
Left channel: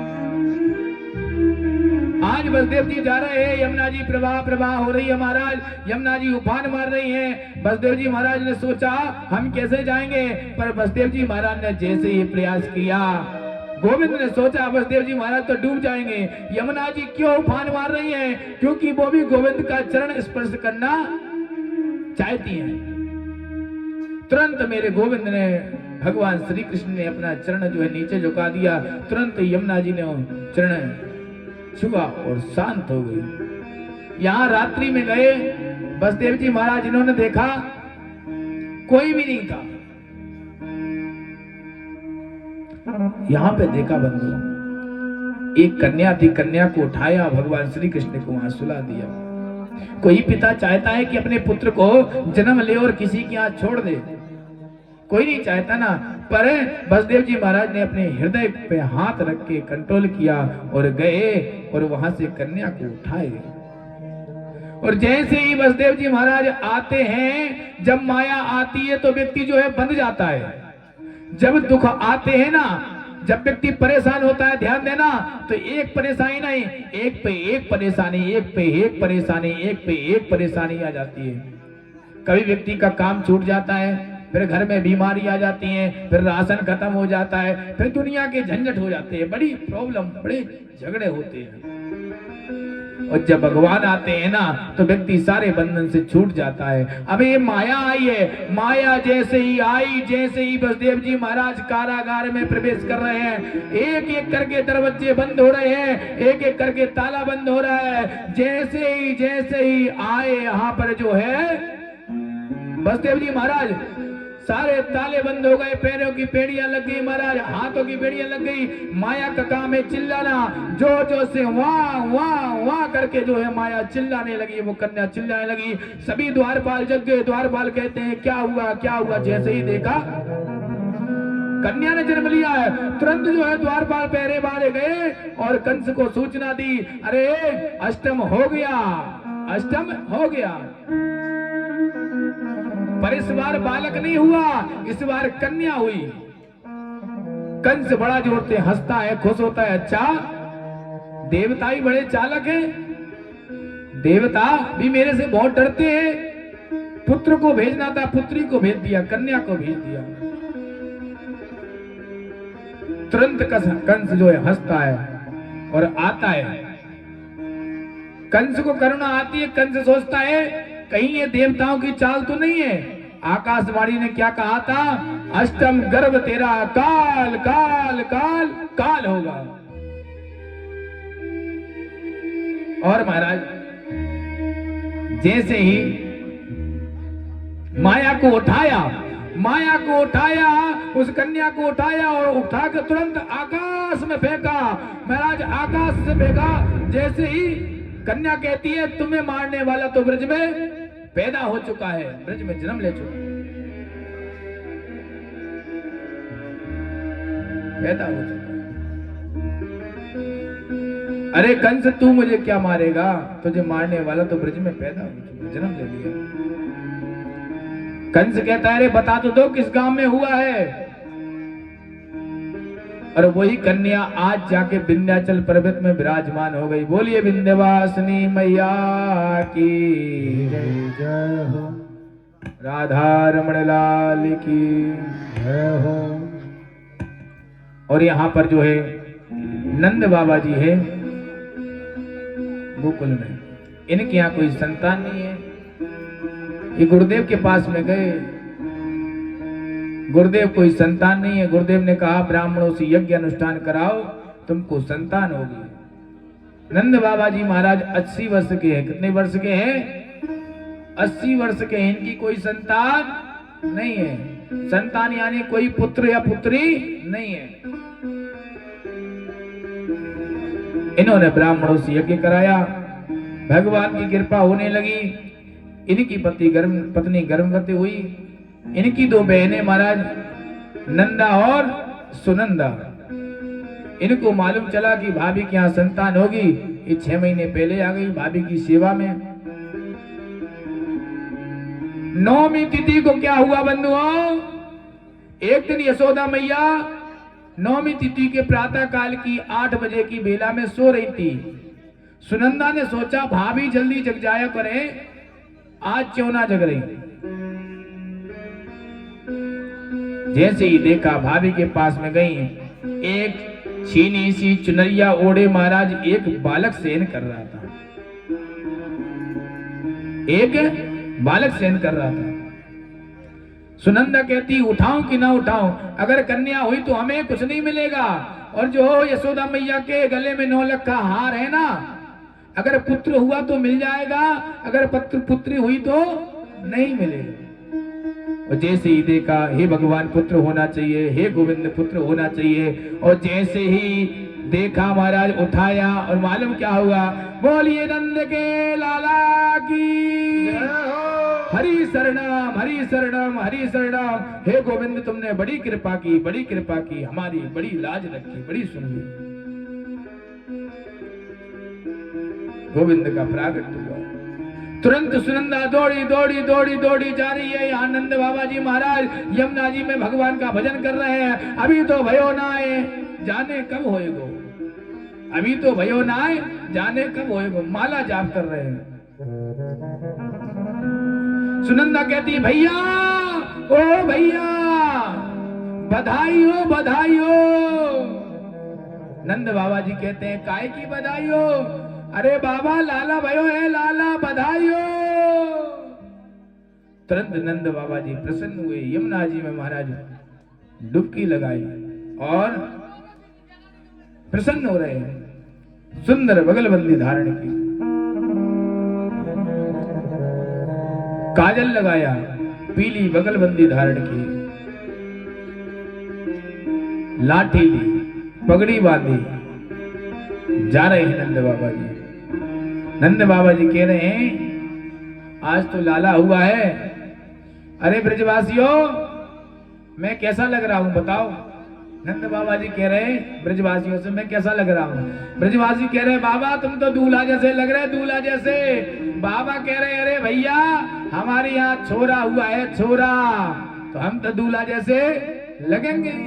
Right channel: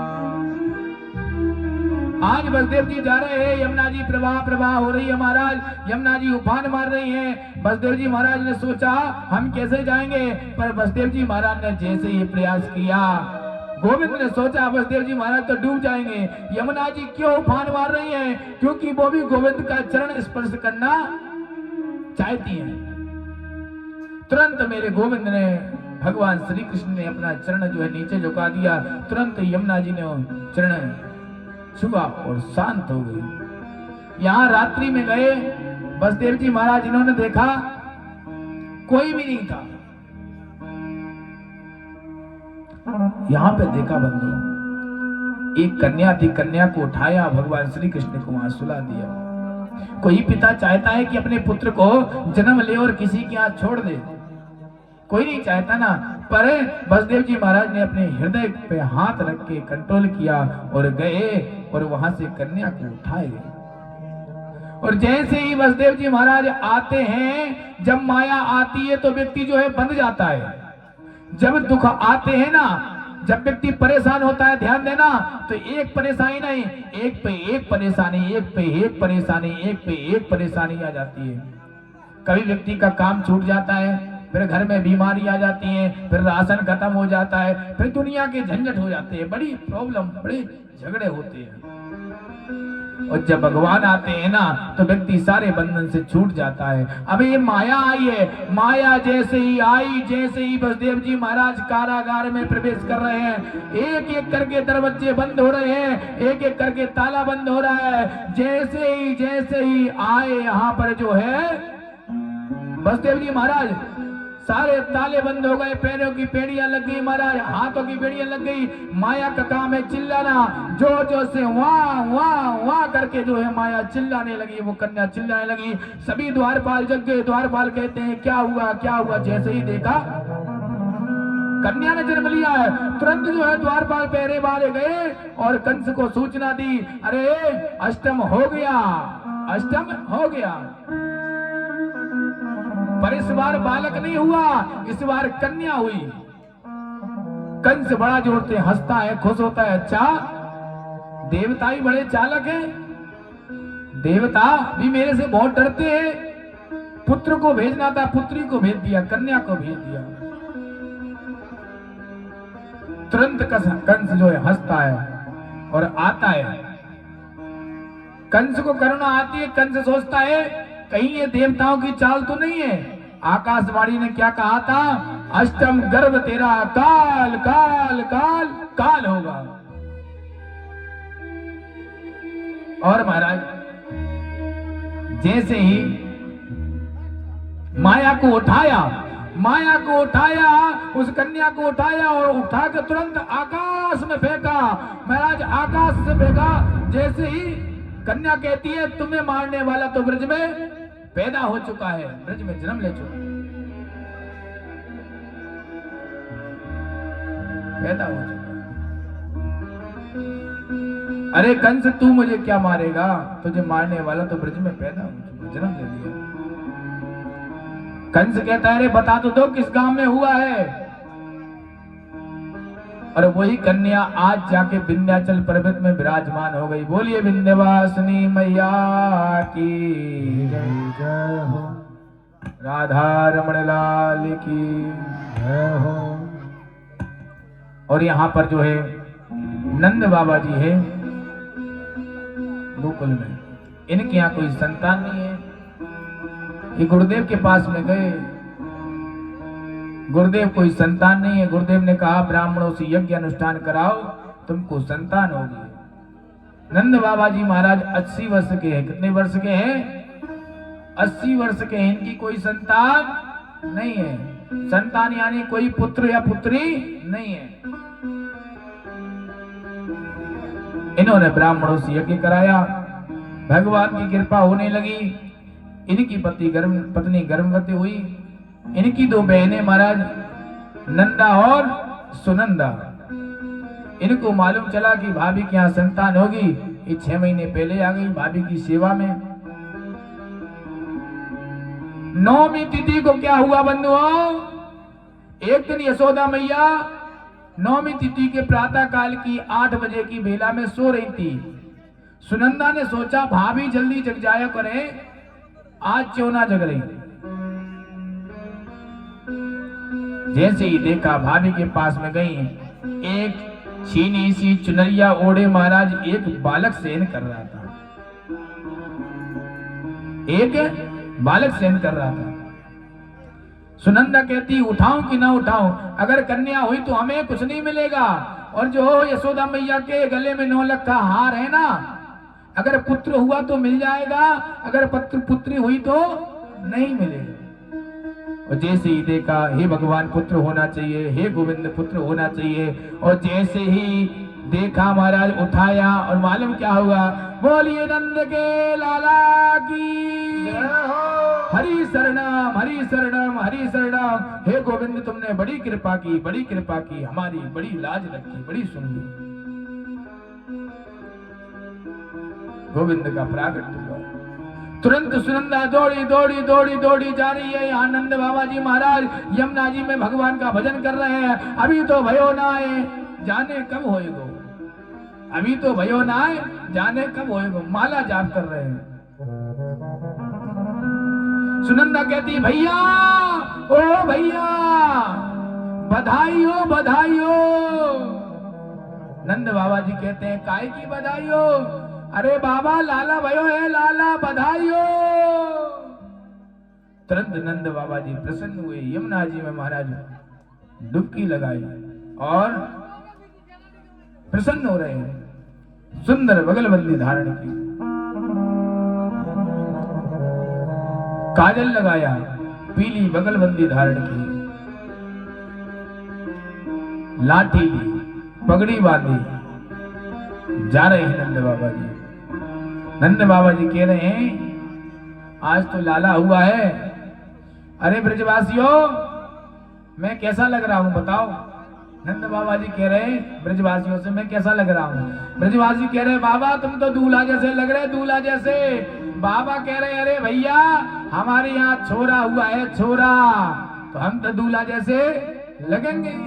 आज बसदेव जी जा रहे हैं, यमुना जी प्रवाह हो रही है महाराज, यमुना जी उफान मार रही है। बसदेव जी महाराज ने सोचा हम कैसे जाएंगे, पर बसदेव जी महाराज ने जैसे ही प्रयास किया, गोविंद ने सोचा बसदेव जी महाराज तो डूब जाएंगे। यमुना जी क्यों उफान मार रही है? क्योंकि वो भी गोविंद का चरण स्पर्श करना चाहती है। तुरंत मेरे गोविंद ने, भगवान श्री कृष्ण ने अपना चरण जो है नीचे झुका दिया। तुरंत यमुना जी ने चरण छुआ और शांत हो गई। यहाँ रात्रि में गए बसदेव जी महाराज, इन्होंने देखा कोई भी नहीं था। यहाँ पे देखा बंधु, एक कन्या थी, कन्या को उठाया, भगवान श्री कृष्ण को वहां सुला दिया। कोई पिता चाहता है कि अपने पुत्र को जन्म ले और किसी के यहाँ छोड़ दे, कोई नहीं चाहता ना। पर बसदेव जी महाराज ने अपने हृदय पे हाथ रख के कंट्रोल किया और गए और वहां से कन्या को उठाए। और जैसे ही बसदेव जी महाराज आते हैं, जब माया आती है तो व्यक्ति जो है बंध जाता है। जब दुख आते हैं ना, जब व्यक्ति परेशान होता है, ध्यान देना, तो एक परेशानी नहीं, एक पे एक परेशानी, एक पे एक परेशानी, एक पे एक परेशानी आ जाती है। कभी व्यक्ति का काम छूट जाता है, फिर घर में बीमारी आ जाती है, फिर राशन खत्म हो जाता है, फिर दुनिया के झंझट हो जाते हैं, बड़ी प्रॉब्लम, बड़े झगड़े होते हैं। और जब भगवान आते हैं ना, तो व्यक्ति सारे बंधन से छूट जाता है। अब ये माया आई है, माया जैसे ही आई, जैसे ही बसदेव जी महाराज कारागार में प्रवेश कर रहे हैं, एक एक करके दरवाजे बंद हो रहे हैं, एक एक करके ताला बंद हो रहा है। जैसे ही आए यहाँ पर जो है बसदेव जी महाराज, सारे ताले बंद हो गए, पैरों की बेड़ियां लग गई महाराज, हाथों की बेड़ियां लग गई। माया का काम है चिल्लाना, जोर जोर से वाह वाह वाह करके जो है माया चिल्लाने लगी, वो कन्या चिल्लाने लगी। सभी द्वारपाल जग गए। द्वारपाल कहते हैं क्या हुआ क्या हुआ? जैसे ही देखा कन्या ने जन्म लिया है, तुरंत जो है द्वारपाल पहरे मारे गए और कंस को सूचना दी, अरे अष्टम हो गया, अष्टम हो गया। पर इस बार बालक नहीं हुआ, इस बार कन्या हुई। कंस बड़ा जोर से हंसता है, खुश होता है। अच्छा, देवता ही बड़े चालक हैं, देवता भी मेरे से बहुत डरते हैं। पुत्र को भेजना था, पुत्री को भेज दिया, कन्या को भेज दिया। तुरंत कंस जो है हंसता है और आता है। कंस को करुणा आती है। कंस सोचता है कहीं ये देवताओं की चाल तो नहीं है। आकाशवाणी ने क्या कहा था? अष्टम गर्भ तेरा काल काल काल काल होगा। और महाराज जैसे ही माया को उठाया, उस कन्या को उठाया और उठाकर तुरंत आकाश में फेंका। महाराज आकाश से फेंका। जैसे ही कन्या कहती है तुम्हें मारने वाला तो ब्रज में पैदा हो चुका है, ब्रज में जन्म ले चुका, पैदा हो चुका। अरे कंस तू मुझे क्या मारेगा? तुझे मारने वाला तो ब्रज में पैदा हो चुका, जन्म ले लिया। कंस कहता है अरे बता तो दो किस गांव में हुआ है? और वही कन्या आज जाके विंध्याचल पर्वत में विराजमान हो गई। बोलिए विंध्यवासिनी मैया की जय हो। राधा रमण लाल की जय हो। और यहाँ पर जो है नंद बाबा जी है गोकुल में, इनके यहाँ कोई संतान नहीं है। ये गुरुदेव के पास में गए, गुरुदेव कोई संतान नहीं है। गुरुदेव ने कहा ब्राह्मणों से यज्ञ अनुष्ठान कराओ, तुमको संतान होगी। नंद बाबा जी महाराज 80 वर्ष के हैं। कितने वर्ष के हैं? 80 वर्ष के हैं। इनकी कोई संतान नहीं है। संतान यानी कोई पुत्र या पुत्री नहीं है। इन्होंने ब्राह्मणों से यज्ञ कराया, भगवान की कृपा होने लगी। इनकी पत्नी गर्भवती हुई। इनकी 2 बहनें महाराज नंदा और सुनंदा। इनको मालूम चला कि भाभी के यहाँ संतान होगी। ये 6 महीने पहले आ गई भाभी की सेवा में। 9वीं तिथि को क्या हुआ बंधुओं? एक दिन यशोदा मैया 9वीं तिथि के प्रातः काल की 8 बजे की बेला में सो रही थी। सुनंदा ने सोचा भाभी जल्दी जग जाया करे, आज क्यों ना जग रही। जैसे ही देखा भाभी के पास में गई, एक छीनी सी चुनरिया ओढ़े महाराज एक बालक शयन कर रहा था। एक बालक शयन कर रहा था। सुनंदा कहती उठाऊं कि ना उठाऊं, अगर कन्या हुई तो हमें कुछ नहीं मिलेगा, और जो यशोदा मैया के गले में 9 लाख का हार है ना, अगर पुत्र हुआ तो मिल जाएगा, अगर पुत्री हुई तो नहीं मिलेगा। और जैसे ही देखा हे भगवान पुत्र होना चाहिए, हे गोविंद पुत्र होना चाहिए, और जैसे ही देखा महाराज उठाया और मालूम क्या हुआ? बोलिए नंद के लाला की हरि शरणम हरि शरणम हरि शरणम। हे गोविंद तुमने बड़ी कृपा की, हमारी बड़ी लाज रखी, बड़ी सुनी। गोविंद का प्रागट हुआ। तुरंत सुनंदा दौड़ी जा रही है। यहाँ नंद बाबा जी महाराज यमुना जी में भगवान का भजन कर रहे हैं। अभी तो भयो ना आए, जाने कब होएगो। अभी तो भयो ना आए, जाने कब होएगो। माला जाप कर रहे हैं। सुनंदा कहती भैया, ओ भैया, बधाई हो बधाई हो। नंद बाबा जी कहते हैं काय की बधाई हो? अरे बाबा लाला भयो है, लाला बधाई हो। तुरंत नंद बाबा जी प्रसन्न हुए। यमुना जी में महाराज डुबकी लगाई और प्रसन्न हो रहे हैं। सुंदर बगलबंदी धारण की, काजल लगाया, पीली बगलबंदी धारण की, लाठी ली, पगड़ी बांधी, जा रहे हैं नंद बाबा जी। नंद बाबा जी कह रहे हैं आज तो लाला हुआ है। अरे ब्रजवासियों, मैं कैसा लग रहा हूं बताओ? नंद बाबा जी कह रहे ब्रजवासियों से मैं कैसा लग रहा हूं? ब्रजवासी कह रहे बाबा तुम तो दूल्हा जैसे लग रहे, दूल्हा जैसे। बाबा कह रहे अरे भैया हमारे यहाँ छोरा हुआ है, छोरा, तो हम तो दूल्हा जैसे लगेंगे।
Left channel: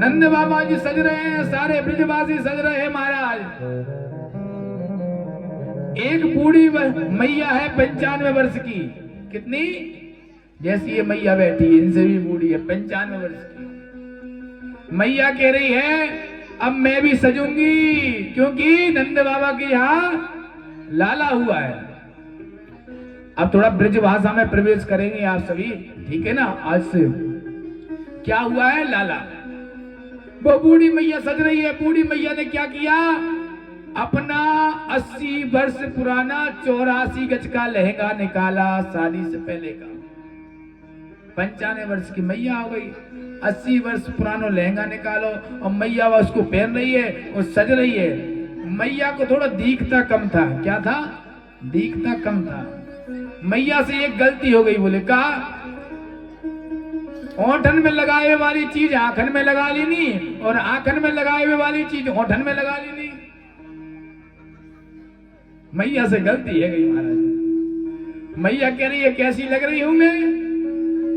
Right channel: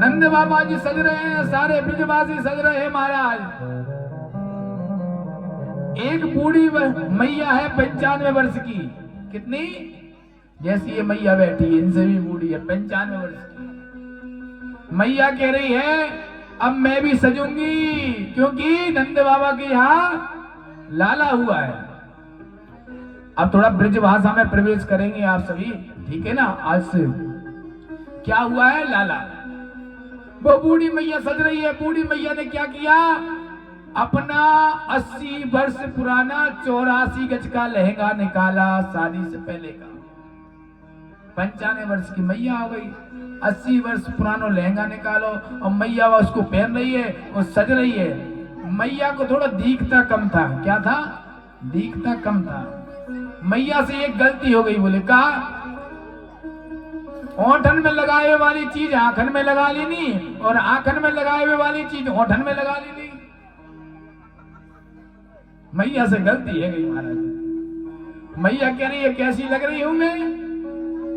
नंद बाबा जी सज रहे हैं, सारे ब्रजवासी सज रहे हैं महाराज। एक बूढ़ी मैया है 95 वर्ष की। कितनी? जैसी ये मैया बैठी है इनसे भी बूढ़ी है, 95 वर्ष की। मैया कह रही है अब मैं भी सजूंगी, क्योंकि नंद बाबा के यहाँ लाला हुआ है। अब थोड़ा ब्रज भाषा में प्रवेश करेंगे आप सभी, ठीक है ना? आज से क्या हुआ है? लाला। वो बूढ़ी मैया सज रही है। बूढ़ी मैया ने क्या किया? अपना 80 वर्ष पुराना 84 गज का लहंगा निकाला, शादी से पहले का। 95 वर्ष की मैया हो गई, 80 वर्ष पुराना लहंगा निकालो, और मैया उसको पहन रही है और सज रही है। मैया को थोड़ा दिखता कम था। क्या था? दिखता कम था। मैया से एक गलती हो गई। बोले कहा ओठन में लगाए वाली चीज आंखन में लगा लेनी, और आंखन में लगाए हुए वाली चीज ओठन में लगा लेनी। मैया से गलती है गई महाराज। मैया कह रही है कैसी लग रही हूं मैं?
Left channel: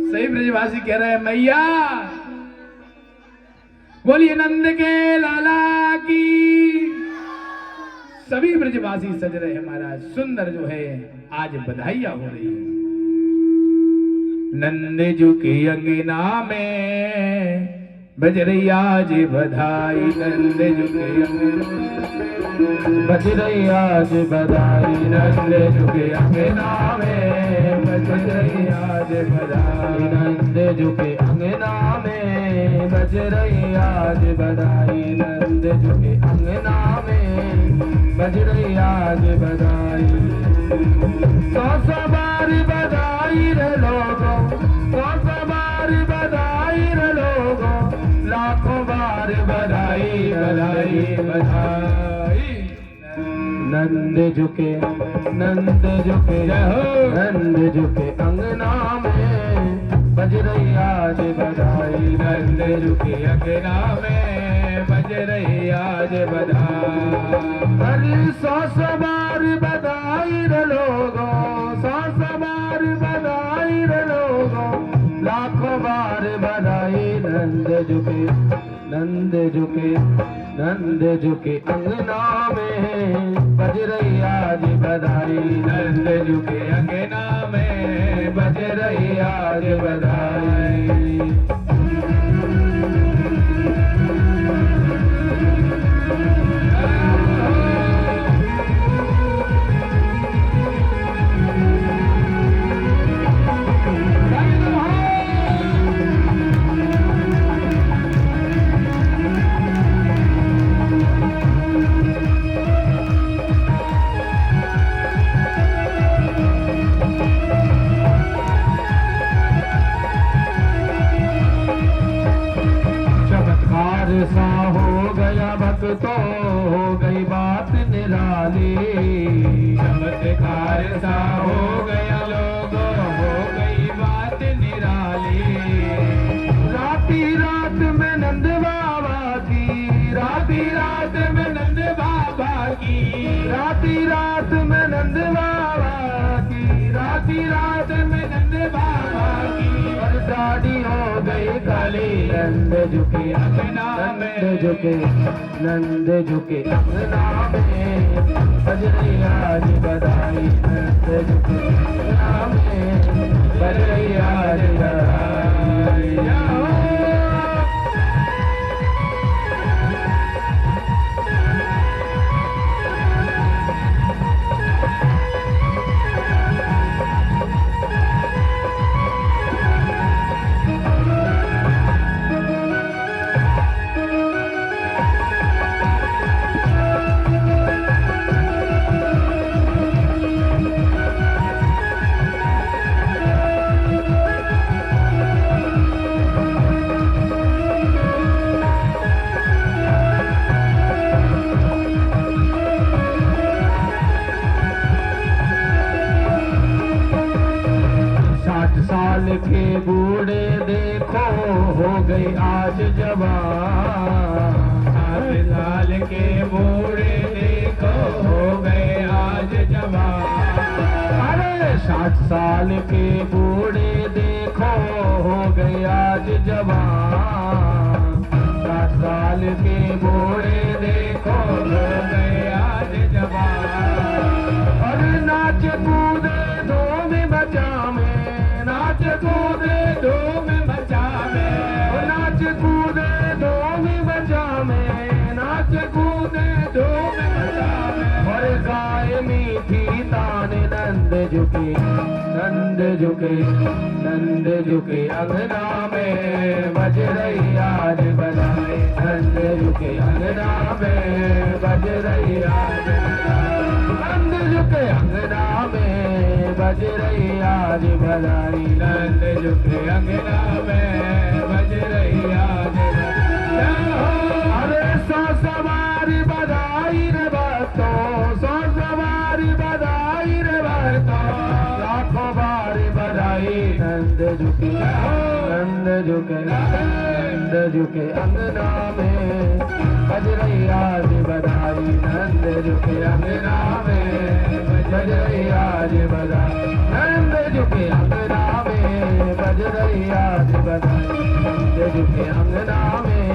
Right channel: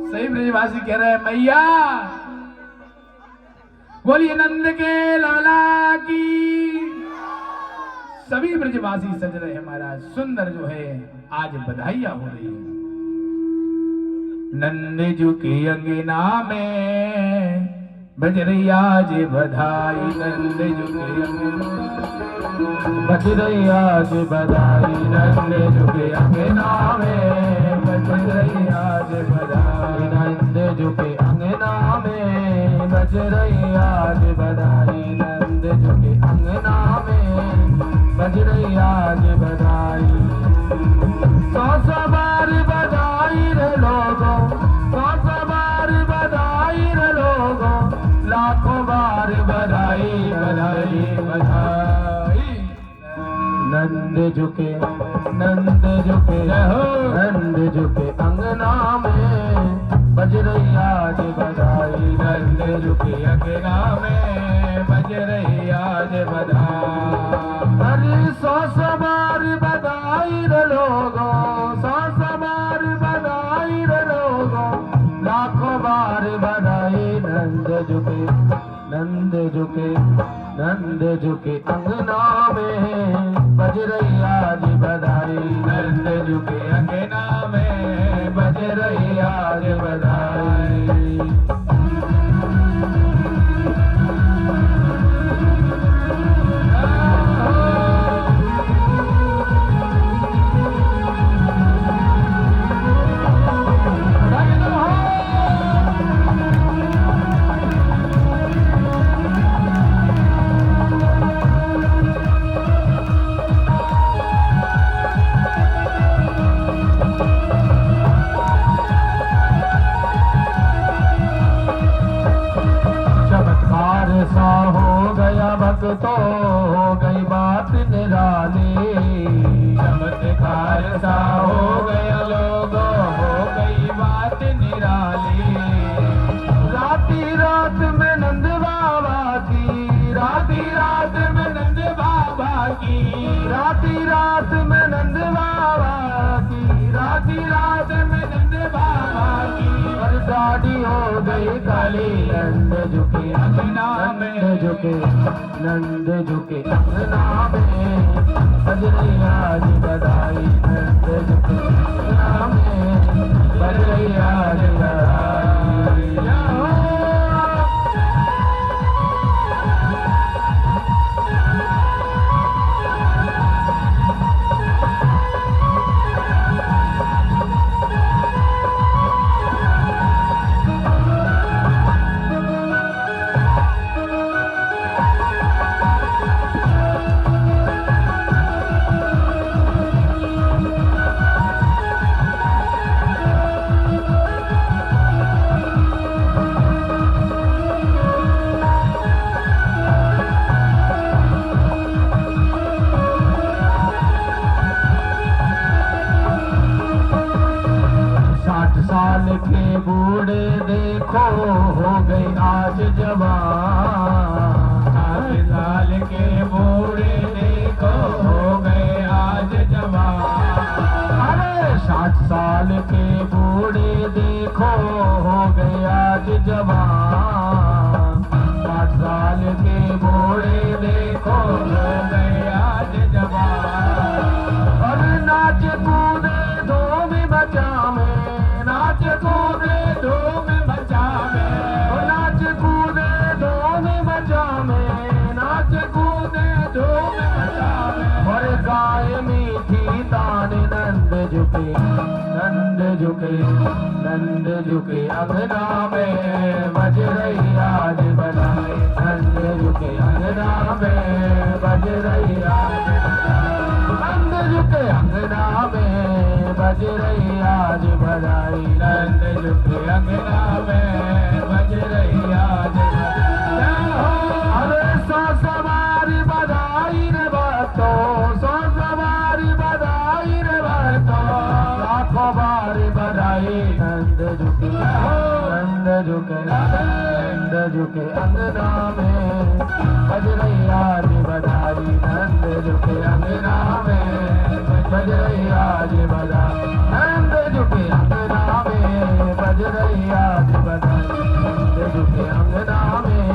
सही ब्रजवासी कह रहा है मैया बोलिए नंद के लाला की। सभी ब्रजवासी सज रहे हैं महाराज, सुंदर जो है आज बधाइयां हो रही है। नंद जो के अंगना में बजरैया जे बधाई, नंद जो के बजरैया जे बधाई, नंद जो के अंगना में बजरैया जे बधाई, नंद जो के अंगना में बजरैया जे बधाई, नंद जो के अंगना में बजरैया जे बधाई। सौ बार बधाई रे लोगों, सौ बार बधाई रे लोगों, लाखों बार बधाई बधाई बधाई। नंद झुके नंद झुके नंद झुके अंगना में बजरैया जे बधाई, नंद झुके अंगना में बजरैया जे बधाई। अरे सौ बार बधाई रे लोगों, सौ बार बधाई रे लोगों, लाखों बार बधाई। नंद झुके नंद झुके नंद झुके अंगना में बजरैया जे बधाई, नंद झुके अंगना में बजरैया जे बधाई। सा हो गया भक्तों, हो गई बात निराली, चमत्कार सा हो गया लोगों, हो गई बात निराली। राती रात में नंद बाबा की, राती रात में नंद बाबा की, राती रात में नंद बाबा की, राती रात में नंद बाबा की। पर दाढ़ी हो गई काली, नंद झुके अंगना में झुके, नंद झुके अंगना में बजरैया जे बधाई, नंद झुके अंगना में बजरैया जे बधाई। के बूढ़े देखो हो गए आज जवान, 7 साल के बूढ़े देखो हो गए आज जवान। अरे 60 साल के बूढ़े देखो हो गए आज जवान, 60 साल के बूढ़े देखो हो गए आज जवान। अरे नाच कूदे दो में बचा में, नाच कूदे दो में बचा में, नाच कूदे दो में बचा में, नाच कूदे दो में बचा में। और गाय मीठी ताने नंद झुके, नंद झुके नंद झुके अंगना में बजरैया जे बधाई, नंद झुके अंगना में बजरैया जे बधाई, नंद झुके अंगना में बजरैया जे बधाई, नंद झुके अंगना में बजरैया जे बधाई। अरे 100 बार बधाई रे भक्तों, 100 बार बधाई रे भक्तों, लाखों बार बधाई। नंद झुके नंद झुके नंद झुके अंगना में बजरैया जे बधाई, नंद झुके अंगना में बजरैया जे बधाई, नंद झुके अंगना में बजरैया जे बधाई, नंद झुके अंगना में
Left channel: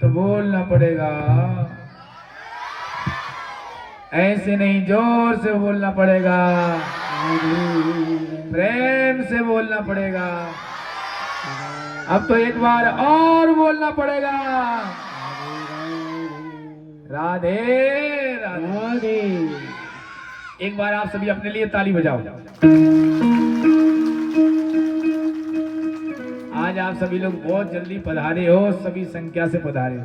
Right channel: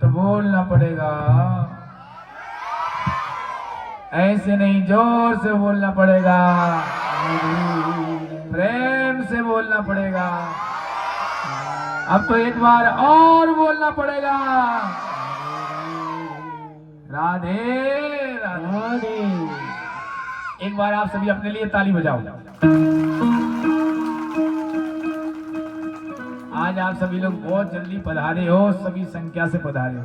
तो बोलना पड़ेगा, ऐसे नहीं, जोर से बोलना पड़ेगा, प्रेम से बोलना पड़ेगा। अब तो एक बार और बोलना पड़ेगा, राधे राधे। एक बार आप सभी अपने लिए ताली बजाओ। आज आप सभी लोग बहुत जल्दी पधारे हो, सभी संख्या से पधारे हो,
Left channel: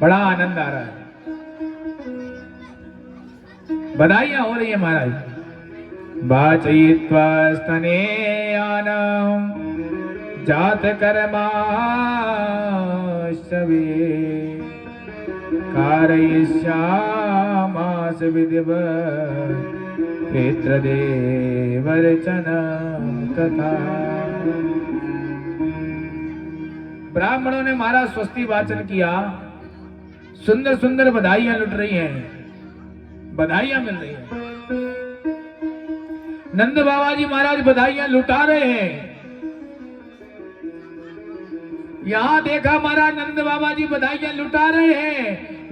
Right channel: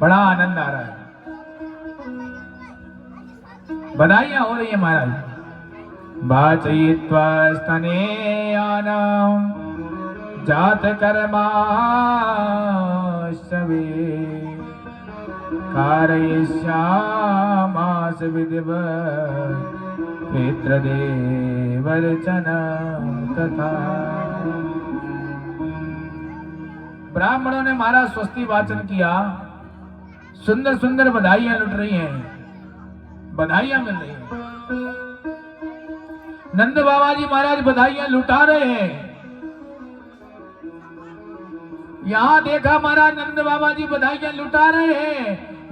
बड़ा आनंद आ रहा है, बधाइयां हो रही है महाराज। वाचयित्वा स्तनेयानां जात कर्माश्रवे कारयिष्यामास विधिवत् पितृदेवर्चनं तथा। ब्राह्मणों ने महाराज स्वस्ति वाचन किया, सुंदर सुंदर बधाइयां लुट रही हैं, बधाइयां मिल रही हैं। नंद बाबा जी महाराज बधाइयां लुटा रहे हैं। यहां देखा महाराज नंद बाबा जी बधाइयां लुटा रहे हैं।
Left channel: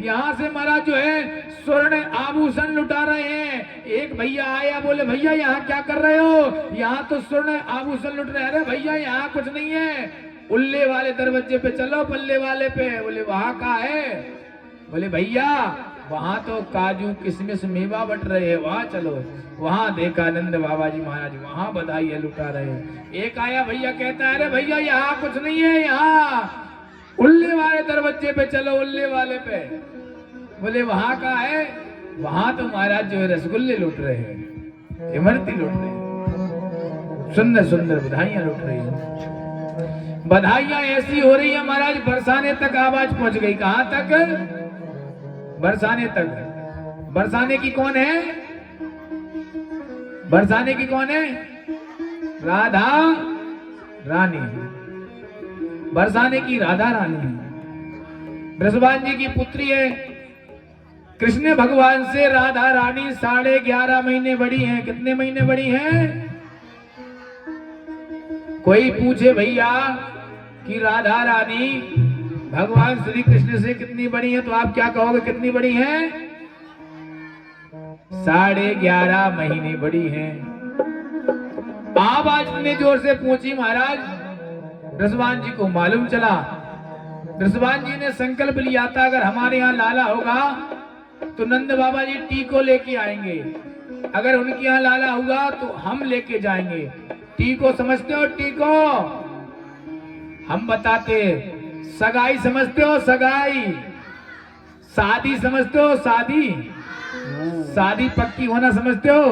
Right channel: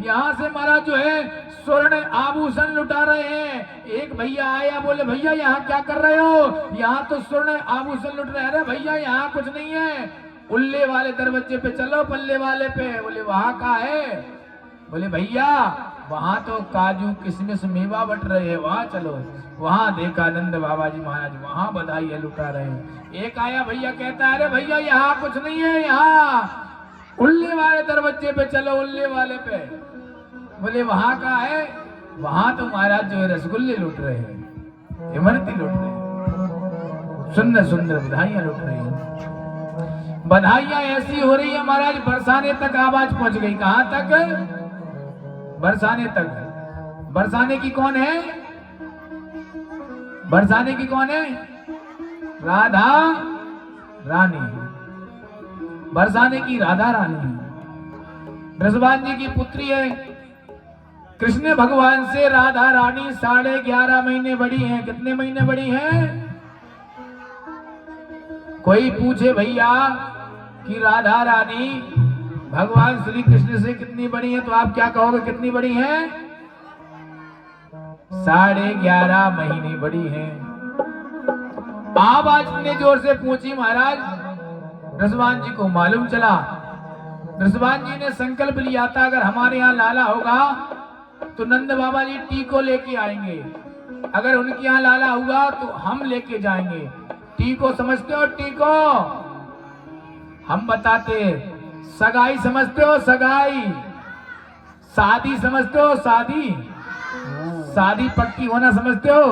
यहां से महाराज जो है स्वर्ण आभूषण लुटा रहे हैं। एक भैया आया, बोले भैया यहाँ क्या कर रहे हो? यहाँ तो स्वर्ण आभूषण लुट रहे हैं। अरे भैया यहाँ कुछ नहीं है, उल्ले वाले दरवाजे पे चलो, पल्ले वाले पे। बोले वहां का है? बोले भैया वहां तो काजू किशमिश मेवा बट रहे हैं, वहां चलो। वहां देखा नंद बाबा जी महाराज वहां बधाइयां लुटा रहे हैं। एक आया भैया, कहता है अरे भैया यहाँ कुछ नहीं है, यहाँ उल्ले वाले दरवाजे पे चलो, उल्ले वाले पे। बोले वहां का है? वहां तो महाराज जो है रसगुल्ले लुट रहे हैं, इमरती लुट रहे हैं, सुंदर सुंदर बधाइयां लुट रही है। बधाइयां ऐसी हो रही है महाराज, बरसाने तक आवाज पहुंच गई। कहां तक? बरसाने तक। बरसाने की कौन है? बरसाने की कौन है? राधा रानी। बरसाने की राधा रानी बृषभान जी की पुत्री है। कृष्ण भगवान से राधा रानी 11.5 महीने बड़ी है। कितने महीने बड़ी है? कोई पूछे भैया कि राधा रानी भगवान श्री कृष्ण से कितनी बड़ी है, तो आप क्या कहोगे? कितनी बड़ी है? 11.5 महीने बड़ी है। आवाज इतनी जोर से पूछी महाराज, बृषभान जी को मालूम चला। बृषभान जी ने संकल्प लिया था अगर हमारे यहाँ लाला होगा तो नंद बाबा जी टीको लेके आएंगे, अगर उनके यहाँ लाला होगा तो हम लेके जाएंगे। टीको समझते हो? टीको हम बताते, सगाई समझते हो? सगाई। शादी समझते हो? शादी। शादी पक्की होना समझते हो?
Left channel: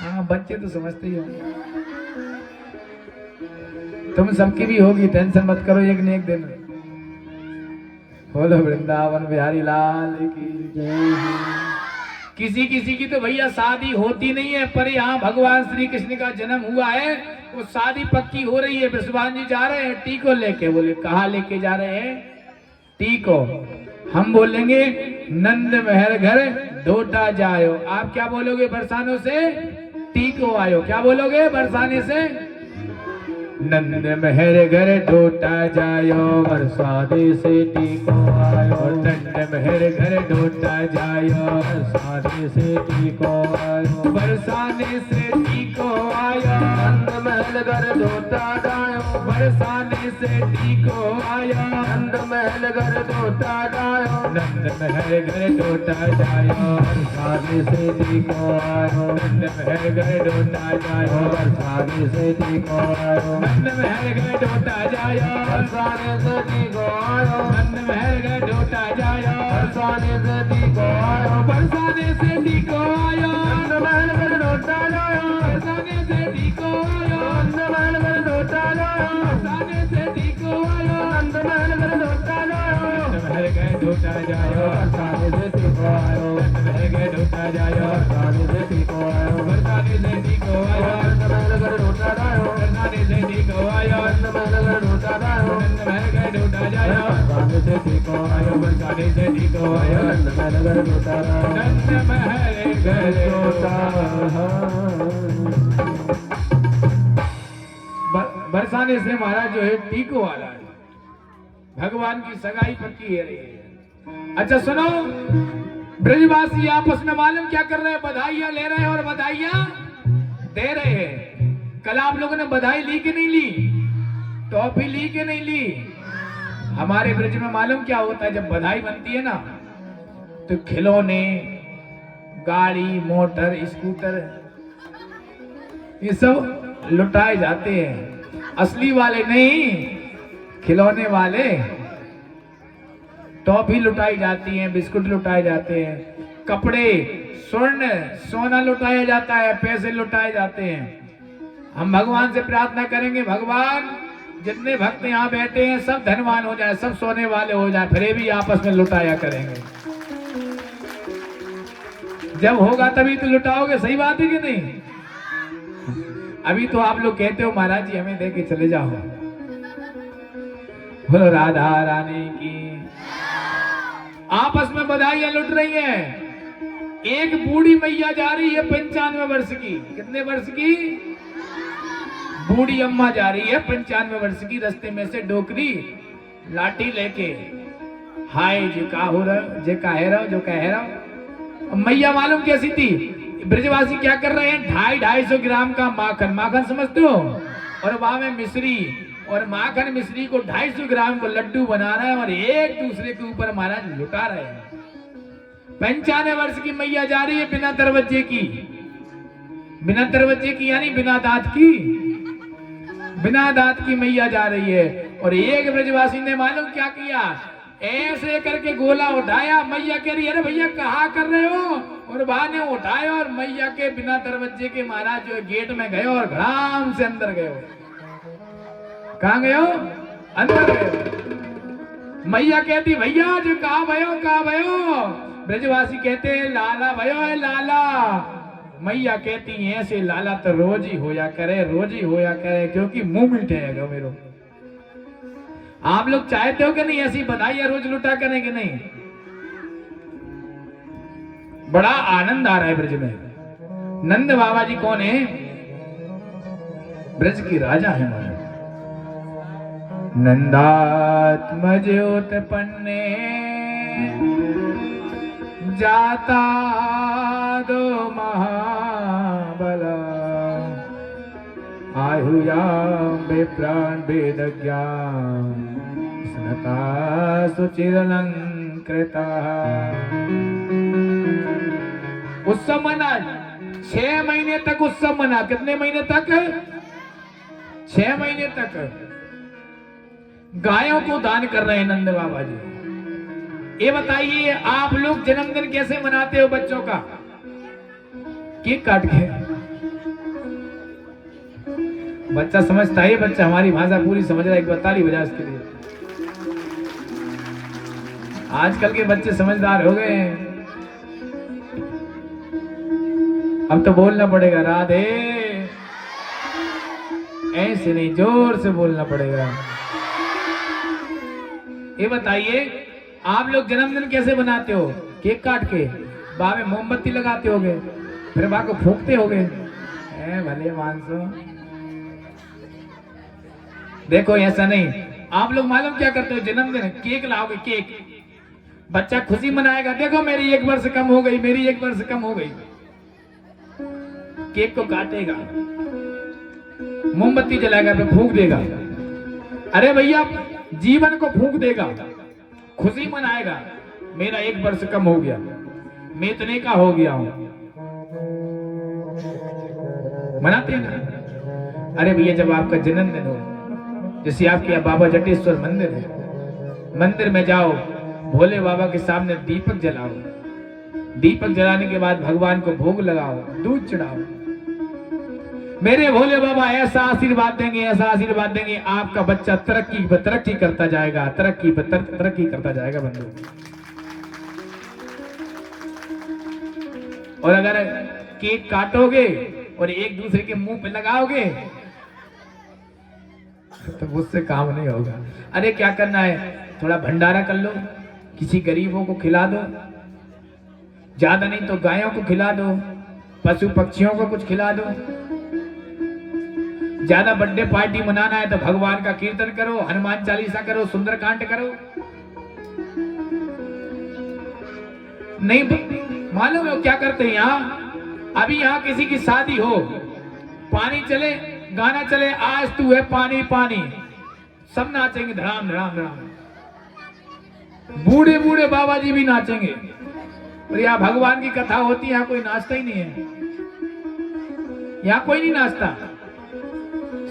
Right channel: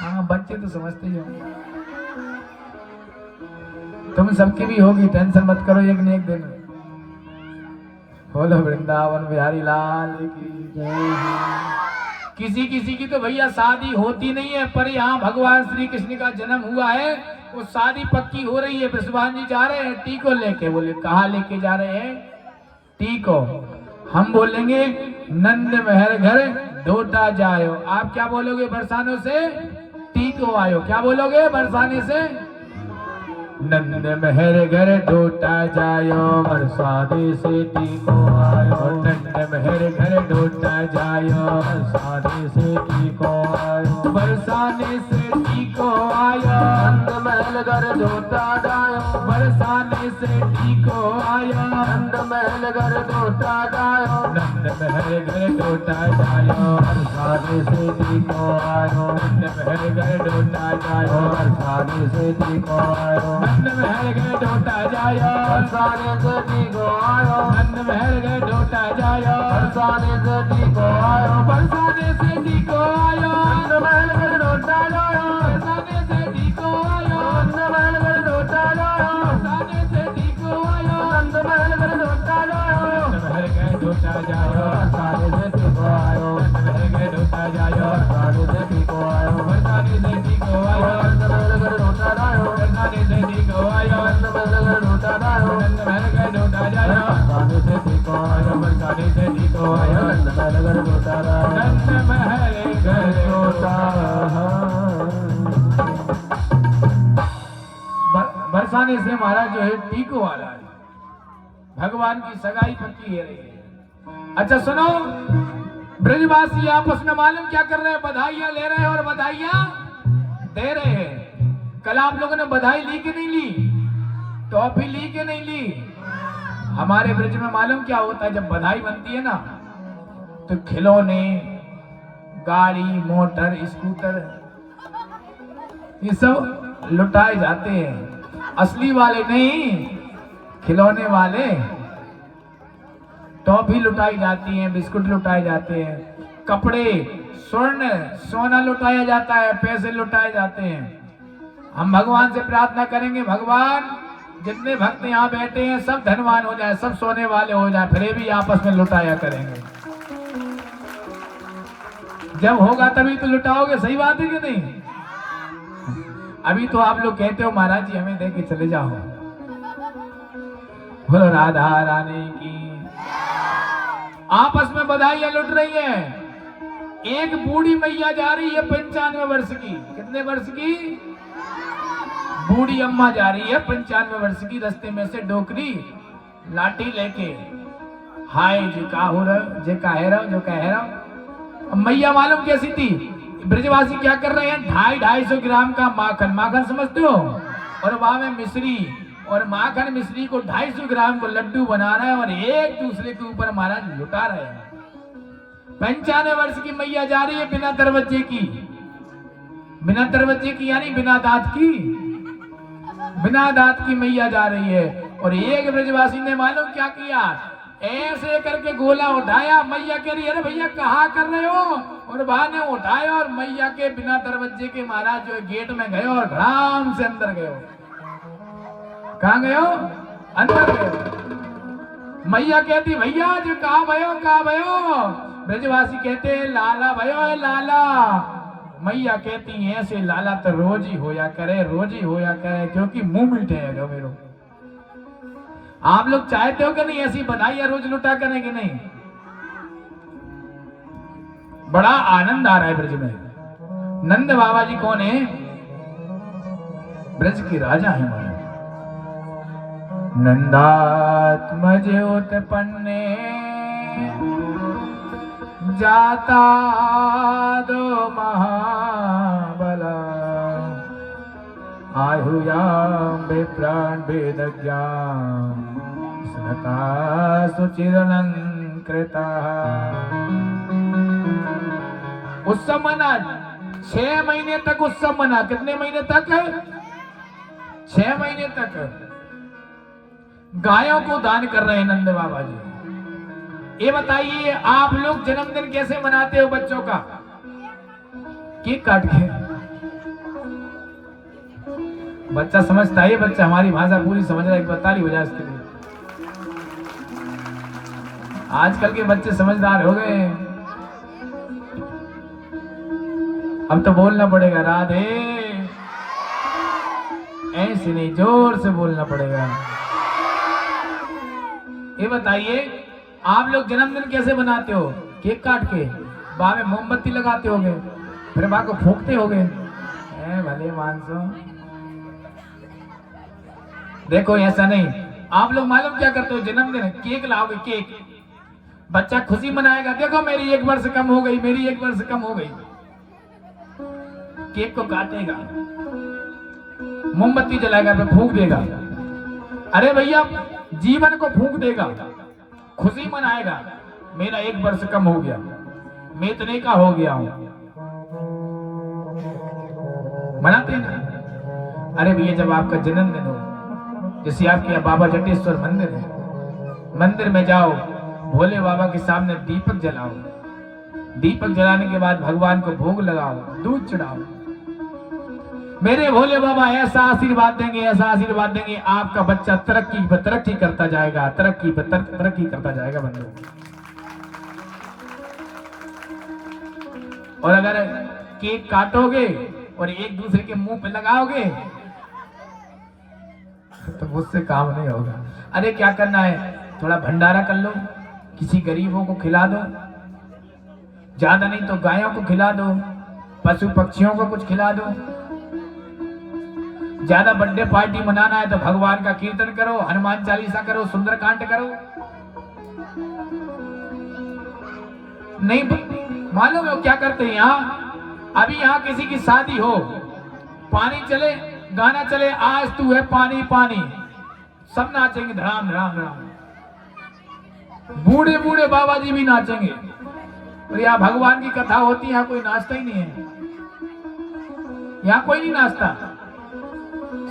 हाँ बच्चे तो समझते ही हो, तुम सबकी भी होगी, टेंशन मत करो, एक न एक दिन। बोलो वृंदावन बिहारी लाल की जय। किसी किसी की तो भैया शादी होती नहीं है, पर यहाँ भगवान श्री कृष्ण का जन्म हुआ है, वो शादी पक्की हो रही है। बृषभान जी जा रहे हैं टीको लेके। बोले कहाँ लेके जा रहे हैं? टीको। हम बोलेंगे नंद महर घर डोटा जायो। आप क्या बोलोगे? बरसानों से टीको आयो। क्या बोलोगे बरसाने से? नंद महर घर डोटा जायो, बरसाने से टीको आयो। नंद महर घर डोटा जायो, बरसाने से टीको आयो। बरसाने से टीको आयो, नंद महल घर डोटा जायो। बरसाने से टीको आयो, नंद महल घर डोटा जायो। नंद महल घर डोटा जायो, बरसाने से टीको आयो। नंद महल घर डोटा जायो, बरसाने से टीको आयो। नंद महल घर डोटा जायो, बरसाने से टीको आयो। नंद महल घर डोटा जायो, बरसाने से टीको आयो। बरसाने से टीको आयो, नंद महल घर डोटा जायो। बरसाने से टीको आयो, नंद महल घर डोटा जायो। बरसाने से टीको आयो, नंद महल घर डोटा जायो। नंद महल घर डोटा जायो, बरसाने से टीको आयो। नंद महल घर डोटा जायो, बरसाने से टीको आयो। बरसाने से टीको आयो, नंद महल घर डोटा जायो। बरसाने से टीको आयो, नंद महल घर डोटा जायो। नंद महल घर डोटा जायो, बरसाने से टीको आयो। बरसाने से टीको आयो, नंद महल घर डोटा जायो। नंद महल घर डोटा। बरसाने से महाराज जो है टीको वाला है। भगवान की सगाई पक्की है। अच्छा सुनो, ब्रजवासी आपस में मालूम क्या कर रहे हैं? बधाइयां ले रहे हैं और बधाइयां दे रहे हैं। कल आप लोगों ने बधाई ली कि नहीं ली? टॉफी ली कि नहीं ली? हमारे ब्रज में मालूम क्या होता है? जब बधाई बनती है ना तो खिलौने, गाड़ी, मोटर, स्कूटर ये सब लुटाए जाते हैं। असली वाले नहीं, खिलौने वाले। टॉफी लुटाई जाती है, बिस्कुट लुटाए जाते हैं, कपड़े, स्वर्ण, सोना लुटाया जाता है, पैसे लुटाए जाते हैं। हम भगवान से प्रार्थना करेंगे, भगवान जितने भक्त यहाँ बैठे हैं सब धनवान हो जाए, सब सोने वाले हो जाए, फिर भी आपस में लुटाया करेंगे। जब होगा तभी तो लुटाओगे, सही बात है कि नहीं? अभी तो आप लोग कहते हो महाराज जी हमें दे के चले जाओ। बोलो राधा रानी की। आपस में बधाइयां लुट रही है। एक बूढ़ी मैया जा रही है 95 वर्ष की। कितने वर्ष की? बूढ़ी अम्मा जा रही है 95 वर्ष की। रास्ते में से डोकरी लाठी लेके, हाय जो का हो रहा, जो का है रहा, जो का है रहा। मैया मालूम कैसी थी? ब्रजवासी क्या कर रहे हैं? 250-250 ग्राम का माखन, माखन समझते हो, और वहां में मिश्री, और माखन मिश्री को 250 ग्राम को लड्डू बना रहे हैं और एक दूसरे के ऊपर महाराज लुटा रहे हैं। 95 वर्ष की मैया जा रही है बिना दरवाजे की। बिना दरवाजे की यानी बिना दांत की। बिना दांत की मैया जा रही है। और एक ब्रजवासी ने मालूम क्या किया? ऐसे करके गोला उठाया। मैया कह रही है, अरे भैया कहाँ कर रहे हो? और वहां ने उठाया और मैया के बिना दरवाजे के महाराज जो गेट में गए और आराम से अंदर गए। कहाँ गए हो? अंदर गए। मैया कहती भैया जो कहाँ भयो? ब्रजवासी कहते लाला भयो है लाला। मैया कहती ऐसे लाला तो रोज ही होया करे, रोज ही होया करे, क्योंकि मुंह मिटेगा मेरो। आप लोग चाहते हो कि नहीं ऐसी बधाइयां रोज लुटा करें कि नहीं? बड़ा आनंद आ रहा है ब्रज में। नंद बाबा जी कौन है? ब्रज की राजा है महाराज। नंदात्मज उत्पन्ने जाता दो महाबला, आयुयाम विप्राण वेद ज्ञान स्मृता सुचिरलंकृता। उत्सव मना 6 महीने तक उत्सव मना। कितने महीने तक? 6 महीने तक गायों को दान कर रहे हैं नंद बाबा जी। ये बताइए आप लोग जन्मदिन कैसे मनाते हो बच्चों का? केक काट के। बच्चा समझता है, बच्चा हमारी भाषा पूरी समझ रहा है, एक बताली हो जाए उसके लिए। आजकल के बच्चे समझदार हो गए हैं। अब तो बोलना पड़ेगा राधे, ऐसे नहीं, जोर से बोलना पड़ेगा। ये बताइए आप लोग जन्मदिन कैसे मनाते हो? केक काट के, बाह में मोमबत्ती लगाते होगे, फिर माँ को फूंकते होगे। भले मानसो, देखो ऐसा नहीं। आप लोग मालूम क्या करते हो? जन्मदिन केक लाओगे, केक, बच्चा खुशी मनाएगा। देखो मेरी 1 वर्ष कम हो गई, मेरी 1 वर्ष कम हो गई। केक को काटेगा, मोमबत्ती जलाएगा, फिर फूंक देगा। अरे भैया जीवन को फूंक देगा, खुशी मनाएगा। मेरा 1 वर्ष कम हो गया, मैं इतने का हो गया हूं, मनाते हैं ना। अरे भैया जब आपका जन्मदिन हो, जैसे आपके यहाँ बाबा जटेश्वर मंदिर है, मंदिर में जाओ, भोले बाबा के सामने दीपक जलाओ। दीपक जलाने के बाद भगवान को भोग लगाओ, दूध चढ़ाओ। मेरे भोले बाबा ऐसा आशीर्वाद देंगे, ऐसा आशीर्वाद देंगे, आपका बच्चा तरक्की करता जाएगा, तरक्की करता जाएगा बंधु। और अगर केक काटोगे और एक दूसरे के मुंह पे लगाओगे तो मुझसे काम नहीं होगा। अरे क्या करना है, थोड़ा भंडारा कर लो, किसी गरीबों को खिला दो, ज्यादा नहीं तो गायों को खिला दो, पशु पक्षियों को कुछ खिला दो। ज्यादा बर्थडे पार्टी मनाना है तो भगवान का कीर्तन करो, हनुमान चालीसा करो, सुंदरकांड करो। नहीं मालूम लोग क्या करते हैं यहाँ, अभी यहाँ किसी की शादी हो, पानी चले, गाना चले, आज तू है पानी पानी, सब नाचेंगे धड़ाम धड़ाम धड़ाम, बूढ़े बूढ़े बाबा जी भी नाचेंगे। तो यहाँ भगवान की कथा होती है, यहाँ कोई नाचता ही नहीं है, यहाँ कोई नहीं नाचता।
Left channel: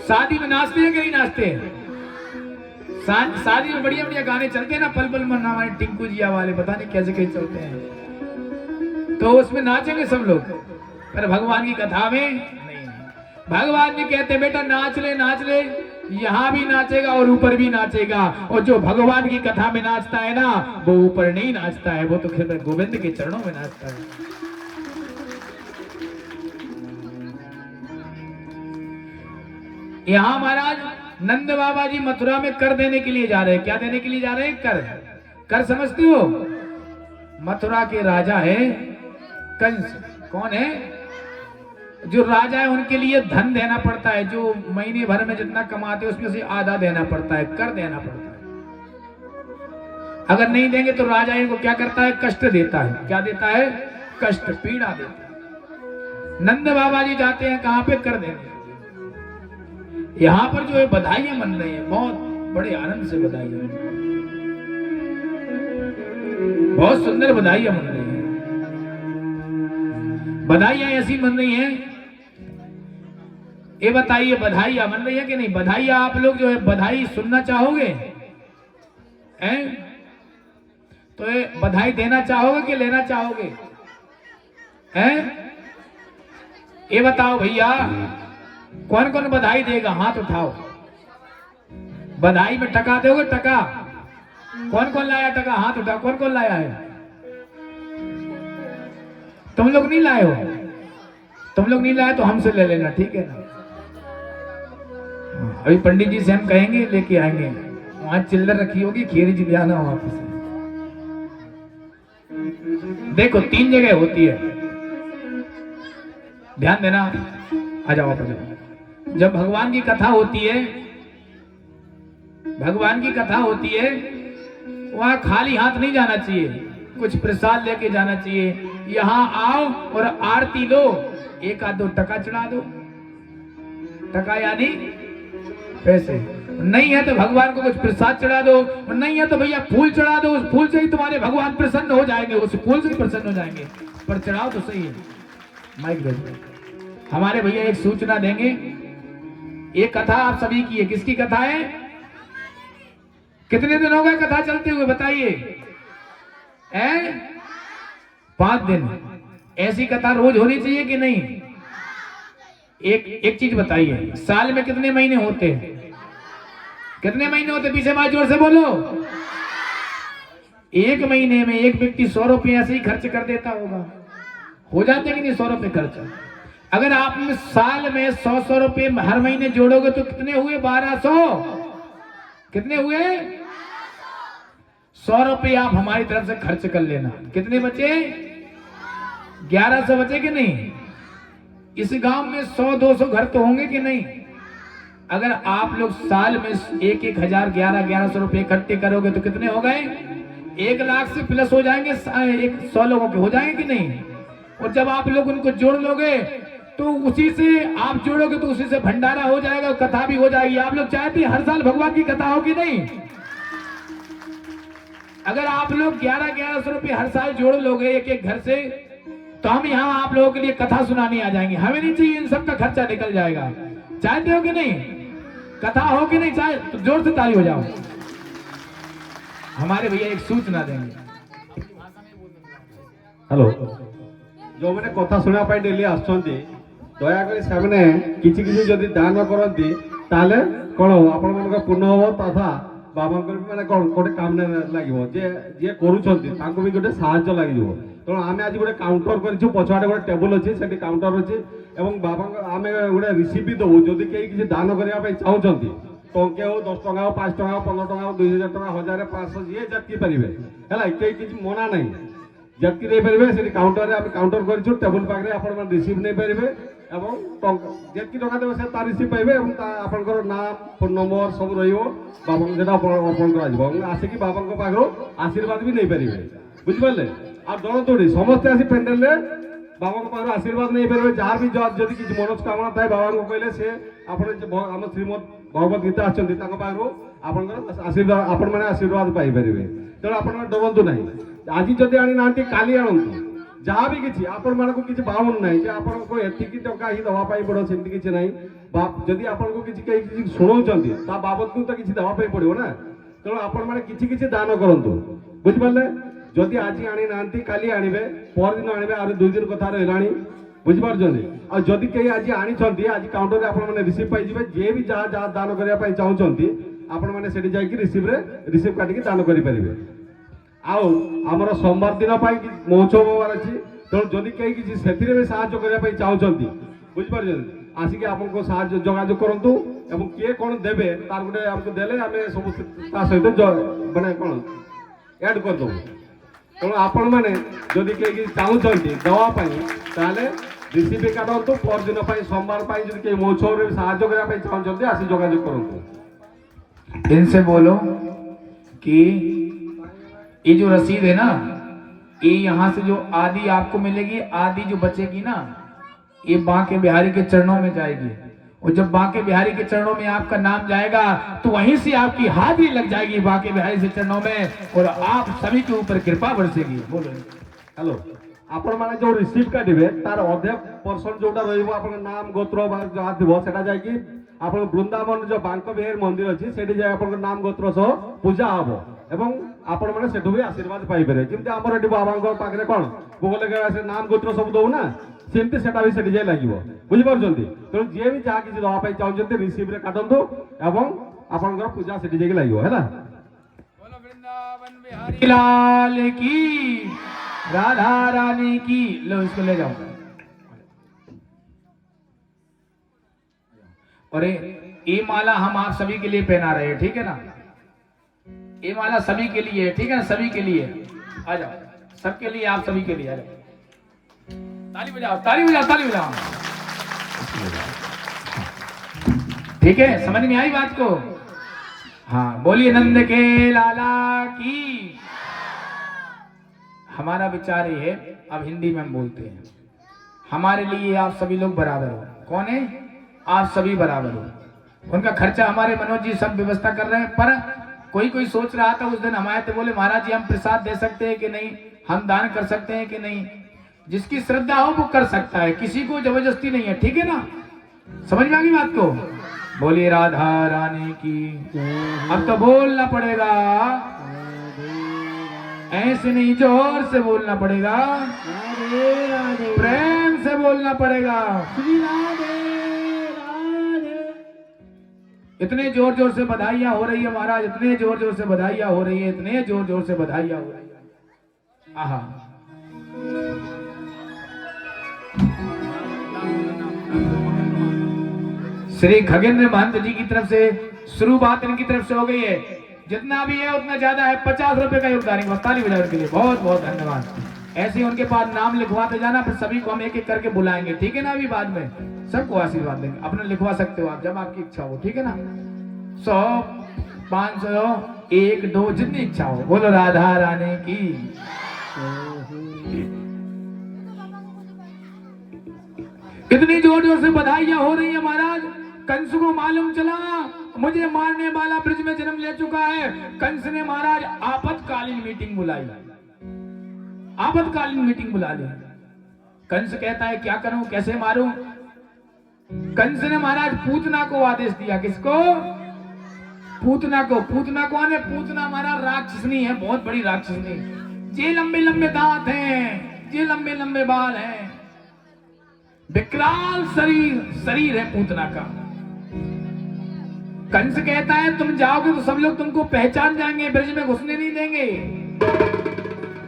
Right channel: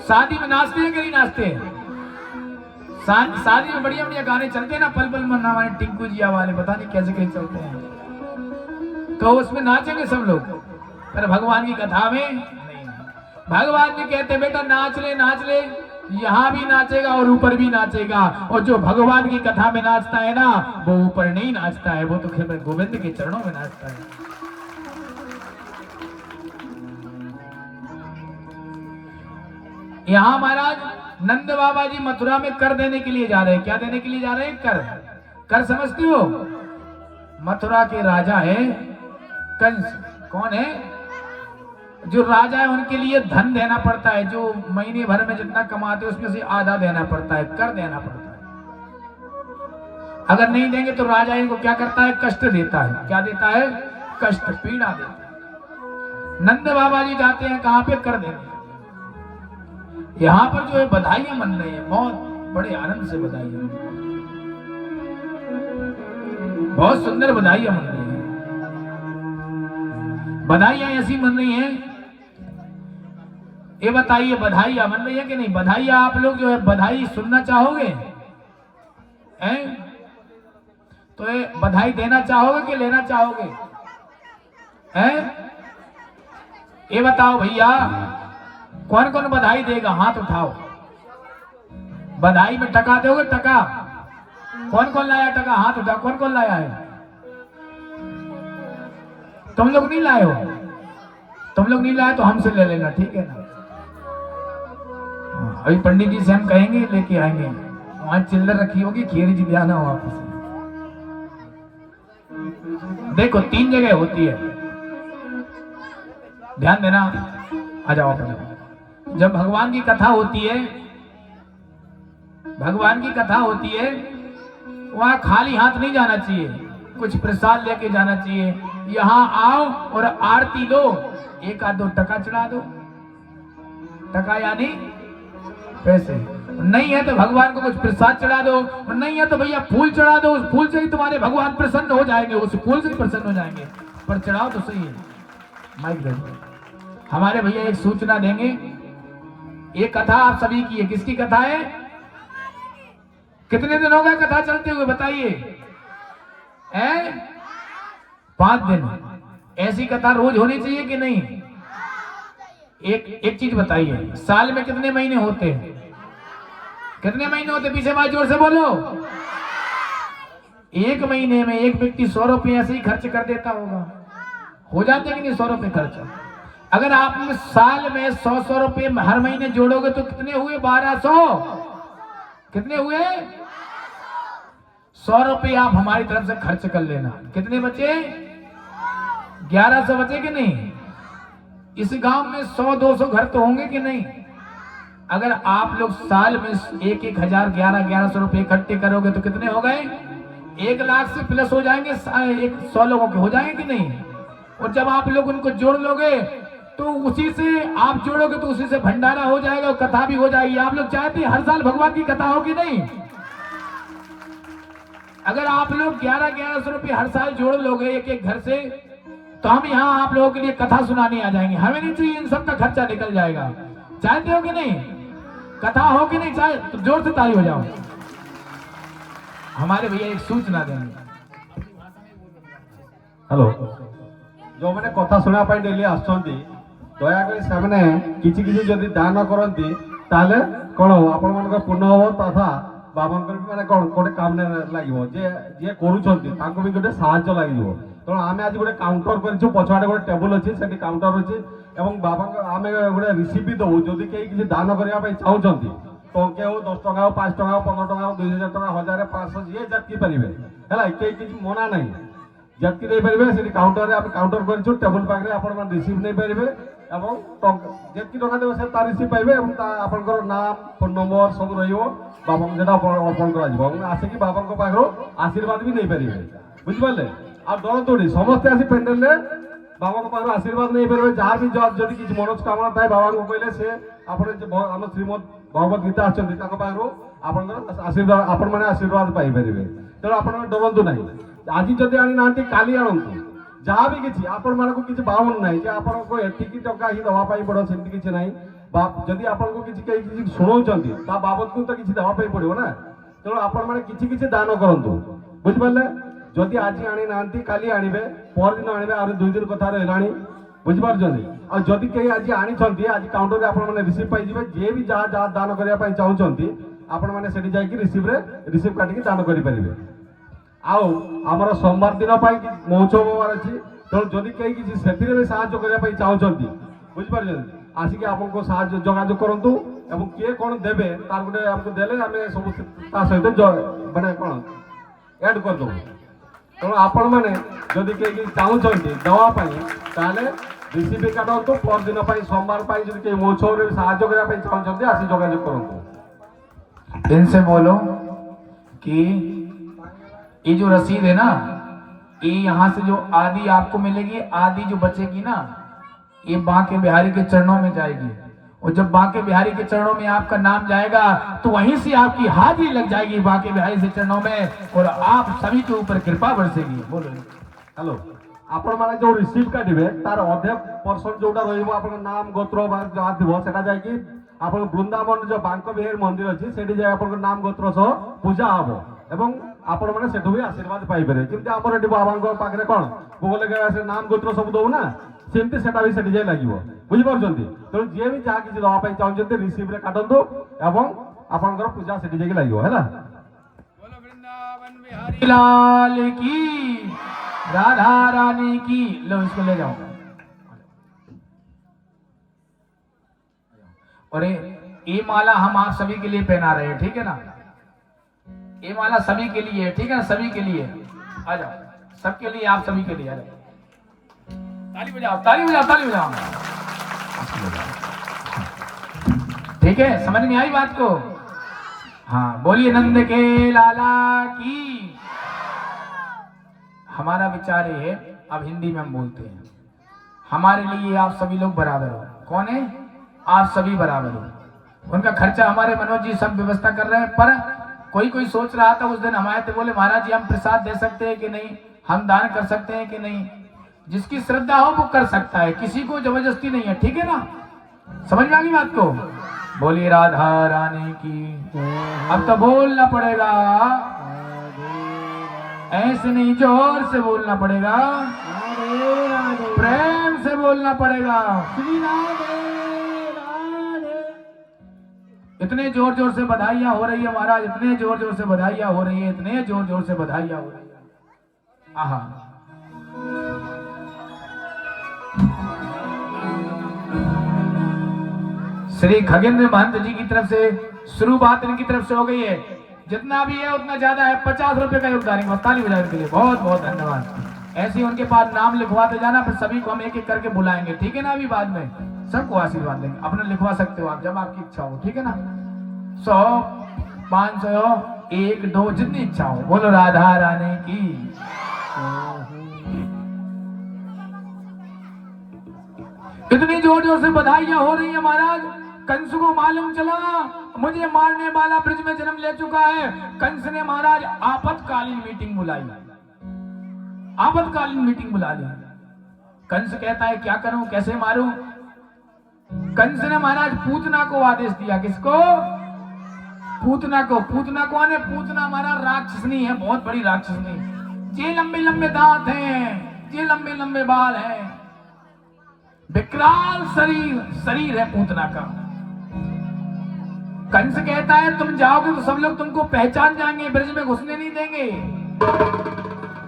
शादी में नाचते हैं कि नहीं नाचते? शादी में बढ़िया बढ़िया गाने चलते हैं ना, पल पल मन्ना वाले, टिंकू जिया वाले, पता नहीं कैसे कैसे चलते हैं, तो उसमें नाचेंगे सब लोग। पर भगवान की कथा में नहीं। भगवान ने कहते बेटा नाच ले, यहाँ भी नाचेगा और ऊपर भी नाचेगा। और जो भगवान की कथा में नाचता है ना, वो ऊपर नहीं नाचता है, वो तो फिर गोविंद के चरणों में नाचता है। यहाँ महाराज नंद बाबा जी मथुरा में कर देने के लिए जा रहे हैं। क्या देने के लिए जा रहे हैं? कर समझती हो? मथुरा के राजा है कंस। कौन है? जो राजा है उनके लिए धन देना पड़ता है, जो महीने भर में जितना कमाते हैं उसमें से आधा देना पड़ता है, कर देना पड़ता है। अगर नहीं देंगे तो राजा इनको क्या करता है? कष्ट देता है। क्या देता है? कष्ट, पीड़ा देता है। नंद बाबा जी जाते हैं कहां पे? कर देने। यहाँ पर जो है बधाइयां मन रही है, बहुत बड़े आनंद से बधाइयां, बहुत सुंदर बधाइयां मन रही है। बधाइयां ऐसी मन रही हैं, ये बताइए बधाइयां मन रही है कि नहीं? बधाइयां आप लोग जो है बधाई सुनना चाहोगे? हैं? तो ये बधाई देना चाहोगे कि लेना चाहोगे? हैं? ये बताओ भैया, कौन कौन बधाई देगा? हाथ उठाओ। बधाई में टका दोगे? टका कौन कौन लाया? टका हाथ उठाओ। कौन कौन लाया है? तुम लोग नहीं लाए हो? तुम लोग नहीं लाए तो हमसे ले लेना, ठीक है ना? अभी पंडित जी से हम कहेंगे लेके आएंगे, वहां चिल्लर रखी होगी, खीरी जी ले आना वापस। देखो 3 जगह होती है, ध्यान देना। आ जाओ आप। जब भगवान की कथा होती है, भगवान की कथा होती है, वहां खाली हाथ नहीं जाना चाहिए, कुछ प्रसाद लेके जाना चाहिए। यहाँ आओ और आरती लो, 1 आध 2 टका चढ़ा दो। टका यानी पैसे। नहीं है तो भगवान को कुछ प्रसाद चढ़ा दो, और नहीं है तो भैया फूल चढ़ा दो। उस फूल से ही तुम्हारे भगवान प्रसन्न हो जाएंगे, उस फूल से ही प्रसन्न हो जाएंगे। पर चढ़ाओ तो सही। माइक दे। हमारे भैया एक सूचना देंगे। ये कथा आप सभी की है। किसकी कथा है? कितने दिन हो गए कथा चलते हुए बताइए? 5 दिन। ऐसी कथा रोज होनी चाहिए कि नहीं? एक चीज बताइए, साल में कितने महीने होते हैं? कितने महीने होते? पीछे बात जोर से बोलो। 1 महीने में एक व्यक्ति 100 रुपये ऐसे ही खर्च कर देता होगा। हो जाते कि नहीं 100 रुपये खर्च? अगर आप साल में 100 रुपये हर महीने जोड़ोगे तो कितने हुए? 1200। कितने हुए? 100 रुपये आप हमारी तरफ से खर्च कर लेना। कितने बचे? 1100 बचे कि नहीं? इस गांव में 100-200 घर तो होंगे कि नहीं? अगर आप लोग साल में 1-1 हजार 1100 रुपये इकट्ठे करोगे तो कितने हो गए? 1 लाख से प्लस हो जाएंगे। 100 लोगों के हो जाएंगे कि नहीं? और जब आप लोग उनको जोड़ लोगे तो उसी से आप जोड़ोगे तो उसी से भंडारा हो जाएगा और कथा भी हो जाएगी। आप लोग चाहते हैं हर साल भगवान की कथा हो कि नहीं? अगर आप लोग 1100 रुपये हर साल जोड़ लोगे एक घर से, तो हम यहाँ आप लोगों के लिए कथा सुनाने आ जाएंगे। हमें नहीं चाहिए, इन सब का खर्चा निकल जाएगा। चाहते हो कि नहीं? कथा हो कि नहीं? चाहे तो जोर से ताली हो जाओ। हमारे भैया एक सूचना देंगे। हेलो, जो मैंने कथा सुना पाई डेली आसुंती, दयाकरी सामने किछि किछि जदि दान करती ताले कोन आपण मन पुण्य हो तथा बाबा माने कोन गोटे काम लागिवो जे जे करूछंती ताको भी गोटे सहायता लागिवो। तो आमे आज गोटे काउंटर करछु, पछाडे गोटे टेबल अछि, सेठी काउंटर अछि एवं बाबा आमे गोटे रिसीव भी दउ। जदि केही किछि दान करिया पई चाहउछंती तो के हो 10 टका 5 टका 15 टका 2000 टका 1000 500 जे जति परिबे हला। केही किछि मना नहीं, जति दे परिबे। सेठी काउंटर रे आप काउंटर करछु, टेबल पाखरे आपण रिसीव नै परिबे এবং যেতকি টাকা দেবে সে তার রিসিভ পাইবে এবং আপনার নাম ফোন নম্বর সব রহব বাবা যেটা অর্পণ করা যাব এবং আসিকি বাবাঙ্ক পাখর আশীর্বাদ भी नहीं पारे বুঝিপারে আর দৌড়ি সমস্তে আসি পেন্ডেলে বাবাঙ্ক পাখর আশীর্বাদ नहीं पारे যার भी যদি কিছু মনস্কামনা থাকে বাবাঙ্ক কইলে সে আপনার যে আমার শ্রীমদ ভগবত গীতা আসছেন তাঙ্ক পাখর আপনার আশীর্বাদ আপন মানে আশীর্বাদ পাই পারিবে তেଣୁ ଆପଣ ଡରନ୍ତୁ ନାହିଁ ଆଜି ଯଦି ଆଣି ନାହାନ୍ତି କାଲି ଆଣନ୍ତୁ ଯାହା ବି କିଛି ଆପଣମାନଙ୍କୁ କିଛି ବାରଣ ନାହିଁ ଯେ ଆପଣଙ୍କୁ ଏତିକି ଟଙ୍କା ହିଁ ଦେବା ପାଇଁ ପଡ଼ିବ ସେମିତି କିଛି ନାହିଁ ବା ଯଦି ଆପଣଙ୍କୁ କିଛି କେହି କିଛି ଶୁଣଉଛନ୍ତି ତା ବାବଦକୁ ତ କିଛି ଦେବା ପାଇଁ ପଡ଼ିବ ନା ତେଣୁ ଆପଣମାନେ କିଛି କିଛି ଦାନ କରନ୍ତୁ ବୁଝିପାରିଲେ ଯଦି ଆଜି ଆଣି ନାହାନ୍ତି କାଲି ଆଣିବେ ପରଦିନ ଆଣିବେ ଆହୁରି 2 ଦିନ କଥା ରହିଲାଣି ବୁଝିପାରୁଛନ୍ତି ଆଉ ଯଦି କେହି ଆଜି ଆଣିଛନ୍ତି ଆଜି କାଉଣ୍ଟରରେ ଆପଣମାନେ ରିସିଭ୍ ପାଇଯିବେ ଯିଏ ବି ଯାହା ଯାହା ଦାନ କରିବା ପାଇଁ ଚାହୁଁଛନ୍ତି ଆପଣମାନେ ସେଠି ଯାଇକି ରିସିଭ୍ କାଟିକି ଦାନ କରିପାରିବେ ଆଉ ଆମର ସୋମବାର ଦିନ ପାଇଁ ମହୋତ୍ସବ ହେବାର ଅଛି ତେଣୁ ଯଦି କେହି କିଛି ସେଥିରେ ବି ସାହାଯ୍ୟ କରିବା ପାଇଁ ଚାହୁଁଛନ୍ତି ବୁଝିପାରୁଛନ୍ତି ଆସିକି ଆପଣଙ୍କୁ ସାହାଯ୍ୟ ଯୋଗାଯୋଗ କରନ୍ତୁ ଏବଂ କିଏ କ'ଣ ଦେବେ ତାର ଗୋଟେ ଆମକୁ ଦେଲେ ଆମେ ସବୁ ତା ସହିତ ମାନେ କ'ଣ ଆଡ୍ କରିଦେବୁ ତେଣୁ ଆପଣମାନେ ଯଦି କେହି ଚାହୁଁଛନ୍ତି ଦେବା ପାଇଁ ତାହେଲେ ରିସିଭ୍ କାଟନ୍ତୁ ପରଦିନ ପାଇଁ ସୋମବାର ପାଇଁ ଯଦି କେହି ମହୋତ୍ସବରେ ସାହାଯ୍ୟ କରିବା ପାଇଁ ଚାହୁଁଛନ୍ତି ଆସି ଯୋଗାଯୋଗ କରନ୍ତୁ इनसे बोलो कि ये जो रसीद है ना ये यहाँ से जो आदि आपको मिलेगी आदि जो बचेगी ना ये बांके बिहारी के चरणों में जाएगी और जब बांके बिहारी के चरणों में आपका नाम जाएगा तो वहीं से आपकी हाजिरी लग जाएगी बांके बिहारी से चरणों में और आप सभी के ऊपर कृपा बरसेगी। बोलो हेलो आपण माने जो रिसीव काटिबे तार अधे पर्सन जोटा रहइबो आपन नाम गोत्र बा जहा दिबो सेटा जाय कि आपन वृंदावन जो बांक बिहार मंदिर अछि सेठी जाय आपन नाम गोत्र सह पूजा हबो एवं आपण माने सेठु भी आशीर्वाद पाई पारे किंतु हमर एठी बाबांक पाखरे कोन गोगल लगा से नाम गोत्र सब दउ ना सेमति सेटा भी सेठी जाय लागिवो बुझि पारछंती तो जे भी जा किछि दवा पाई चाहछंती रिसीव रे काटंदो एवं आपनकर पूजा सेठी जाय लागिवो हैला बोलो वृंदावन बिहारी लाल की राधा रानी की। लो इसको ले जाओ और ये माला हम आप सभी के लिए पहना रहे हैं ठीक है ना ये माला सभी के लिए है ठीक है ना सभी के लिए आ जाओ सबके लिए आप सभी के लिए है ताली बजाओ ताली बजाओ ताली बजाओ ठीक है समझ में आई बात को हाँ बोलिए नंद के लाला की। हमारा विचार ये है अब हिंदी में हम बोलते हैं हमारे लिए आप सभी लोग बराबर हो कौन है आप सभी बराबर हो उनका खर्चा हमारे मनोज जी सब व्यवस्था कर रहे हैं पर कोई सोच रहा था उस दिन हमारे थे बोले महाराज जी हम प्रसाद दे सकते हैं कि नहीं हम दान कर सकते हैं कि नहीं जिसकी श्रद्धा हो वो कर सकता है किसी को जबरदस्ती नहीं है ठीक है ना समझ में आ गई बात को बोलिए राधा रानी की। अब तो बोलना पड़ेगा ऐसे नहीं जोर से बोलना पड़ेगा प्रेम से बोलना पड़ेगा इतने जोर जोर से बधाइयां हो रही है महाराज इतने जोर जोर से बधाइयां हो रही है इतने जोर जोर से बधाइयां हो रही है आहा श्री खगेंद्र महंत जी की तरफ से शुरुआत इनकी तरफ से हो गई है जितना भी है उतना ज्यादा है 50 रुपए का योगदान ताली बजाने के लिए बहुत बहुत धन्यवाद ऐसे ही उनके पास नाम लिखवाते जाना फिर सभी को हम एक एक करके बुलाएंगे ठीक है ना अभी बाद में सबको आशीर्वाद देंगे अपने लिखवा सकते हो आप जब आपकी इच्छा हो ठीक है ना 100 500 1 2 जितनी इच्छा हो बोलो राधा रानी की। इतनी जोर जोर से बधाइयां हो रही है महाराज कंस को मालूम चला मुझे मारने वाला ब्रिज में जन्म ले चुका है कंस ने महाराज आपातकालीन मीटिंग बुलाई आपातकालीन मीटिंग बुला ली कंस कहता है क्या करूं कैसे मारूं कंस ने महाराज पूतना को आदेश दिया किसको पूतना को ने पूतना महाराज राक्षसनी है बहुत बड़ी राक्षसनी जे लंबे लंबे दांत हैं जे लंबे लंबे बाल हैं विकराल शरीर है पूतना का कंस कहता है तुम जाओगे तो सब लोग तुमको पहचान जाएंगे ब्रिज में घुसने नहीं देंगे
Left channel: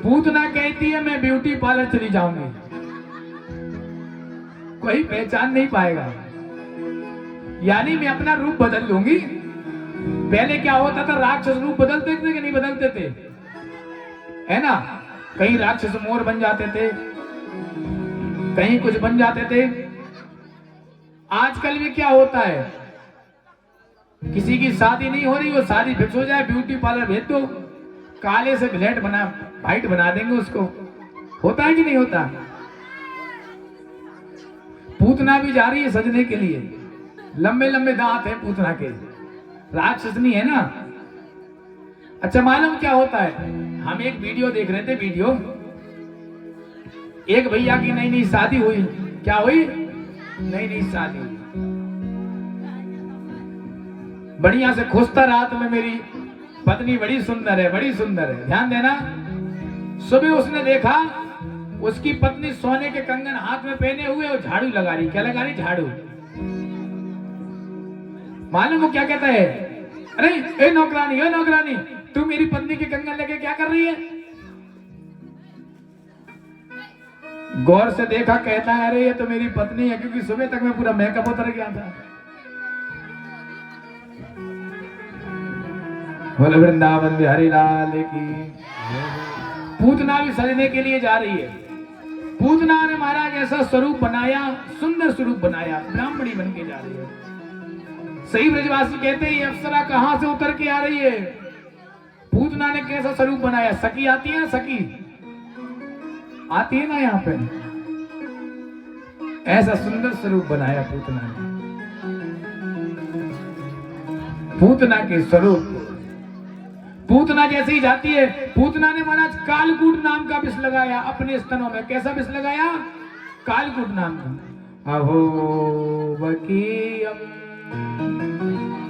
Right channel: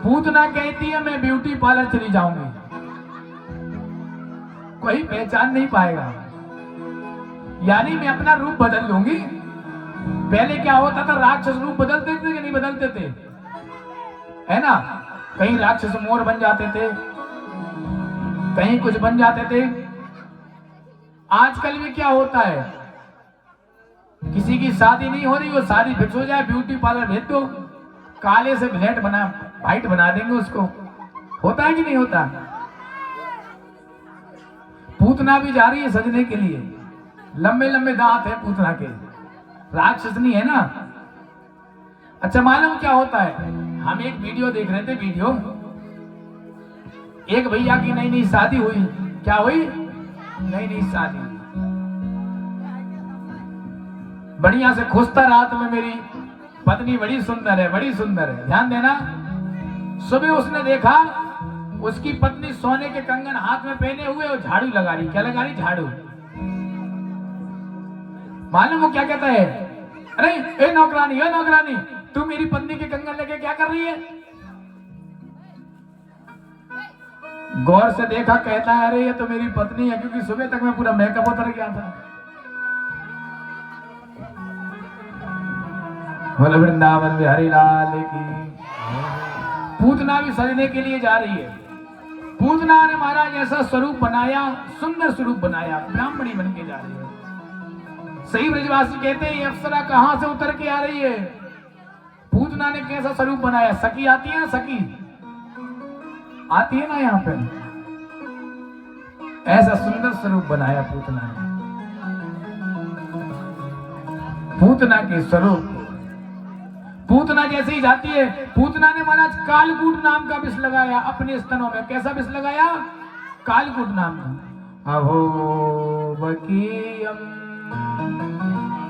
पूतना कहती है मैं ब्यूटी पार्लर चली जाऊंगी कोई पहचान नहीं पाएगा यानी मैं अपना रूप बदल लूंगी पहले क्या होता था राक्षस रूप बदलते थे कि नहीं बदलते थे है ना कहीं राक्षस मोर बन जाते थे कहीं कुछ बन जाते थे आजकल में क्या होता है, किसी की शादी नहीं हो रही, वो शादी फिक्स हो जाए, ब्यूटी पार्लर भेज दो, काले से ब्लैक बना व्हाइट बना देंगे उसको। होता है कि नहीं होता? पूतना भी जा रही है सजने के लिए, लंबे लंबे दांत है पूतना के, राक्षसनी है ना। अच्छा मालूम क्या होता है, हम एक वीडियो देख रहे थे, वीडियो एक भैया की नई नई शादी हुई। क्या हुई? नई नई शादी। बढ़िया से खुशता रात में मेरी पत्नी बड़ी सुंदर है, बड़ी सुंदर है, ध्यान देना। सुबह उसने देखा उसकी पत्नी सोने के कंगन हाथ में पहने हुए और झाड़ू लगा रही। क्या लगा रही? झाड़ू। मालूम वो क्या कहता है? अरे ए नौकरानी, ए नौकरानी, तू मेरी पत्नी के कंगन लेके क्या कर रही है? गौर से देखा, कहता है अरे ये तो मेरी पत्नी है, क्योंकि सुबह तक मैं पूरा मेकअप उतर गया था। बोले वृंदावन बिहारी लाल की। पूतना भी सजने के लिए जा रही है। पूतना ने महाराज ऐसा स्वरूप बनाया, सुंदर स्वरूप बनाया, ब्राह्मणी बन के जा रही है। सही ब्रजवासी कहते हैं ये अप्सरा कहां से उतर के आ रही है? पूतना ने कैसा स्वरूप बनाया? सखी आती है ना, सखी आती है ना यहाँ पे, ऐसा सुंदर स्वरूप बनाया पूतना ने। पूतना के स्वरूप, पूतना जैसे ही जाती है, पूतना ने महाराज कालकूट नाम का विष लगाया अपने स्तनों में। कैसा विष लगाया? कालकूट नाम का। अहो बकीयम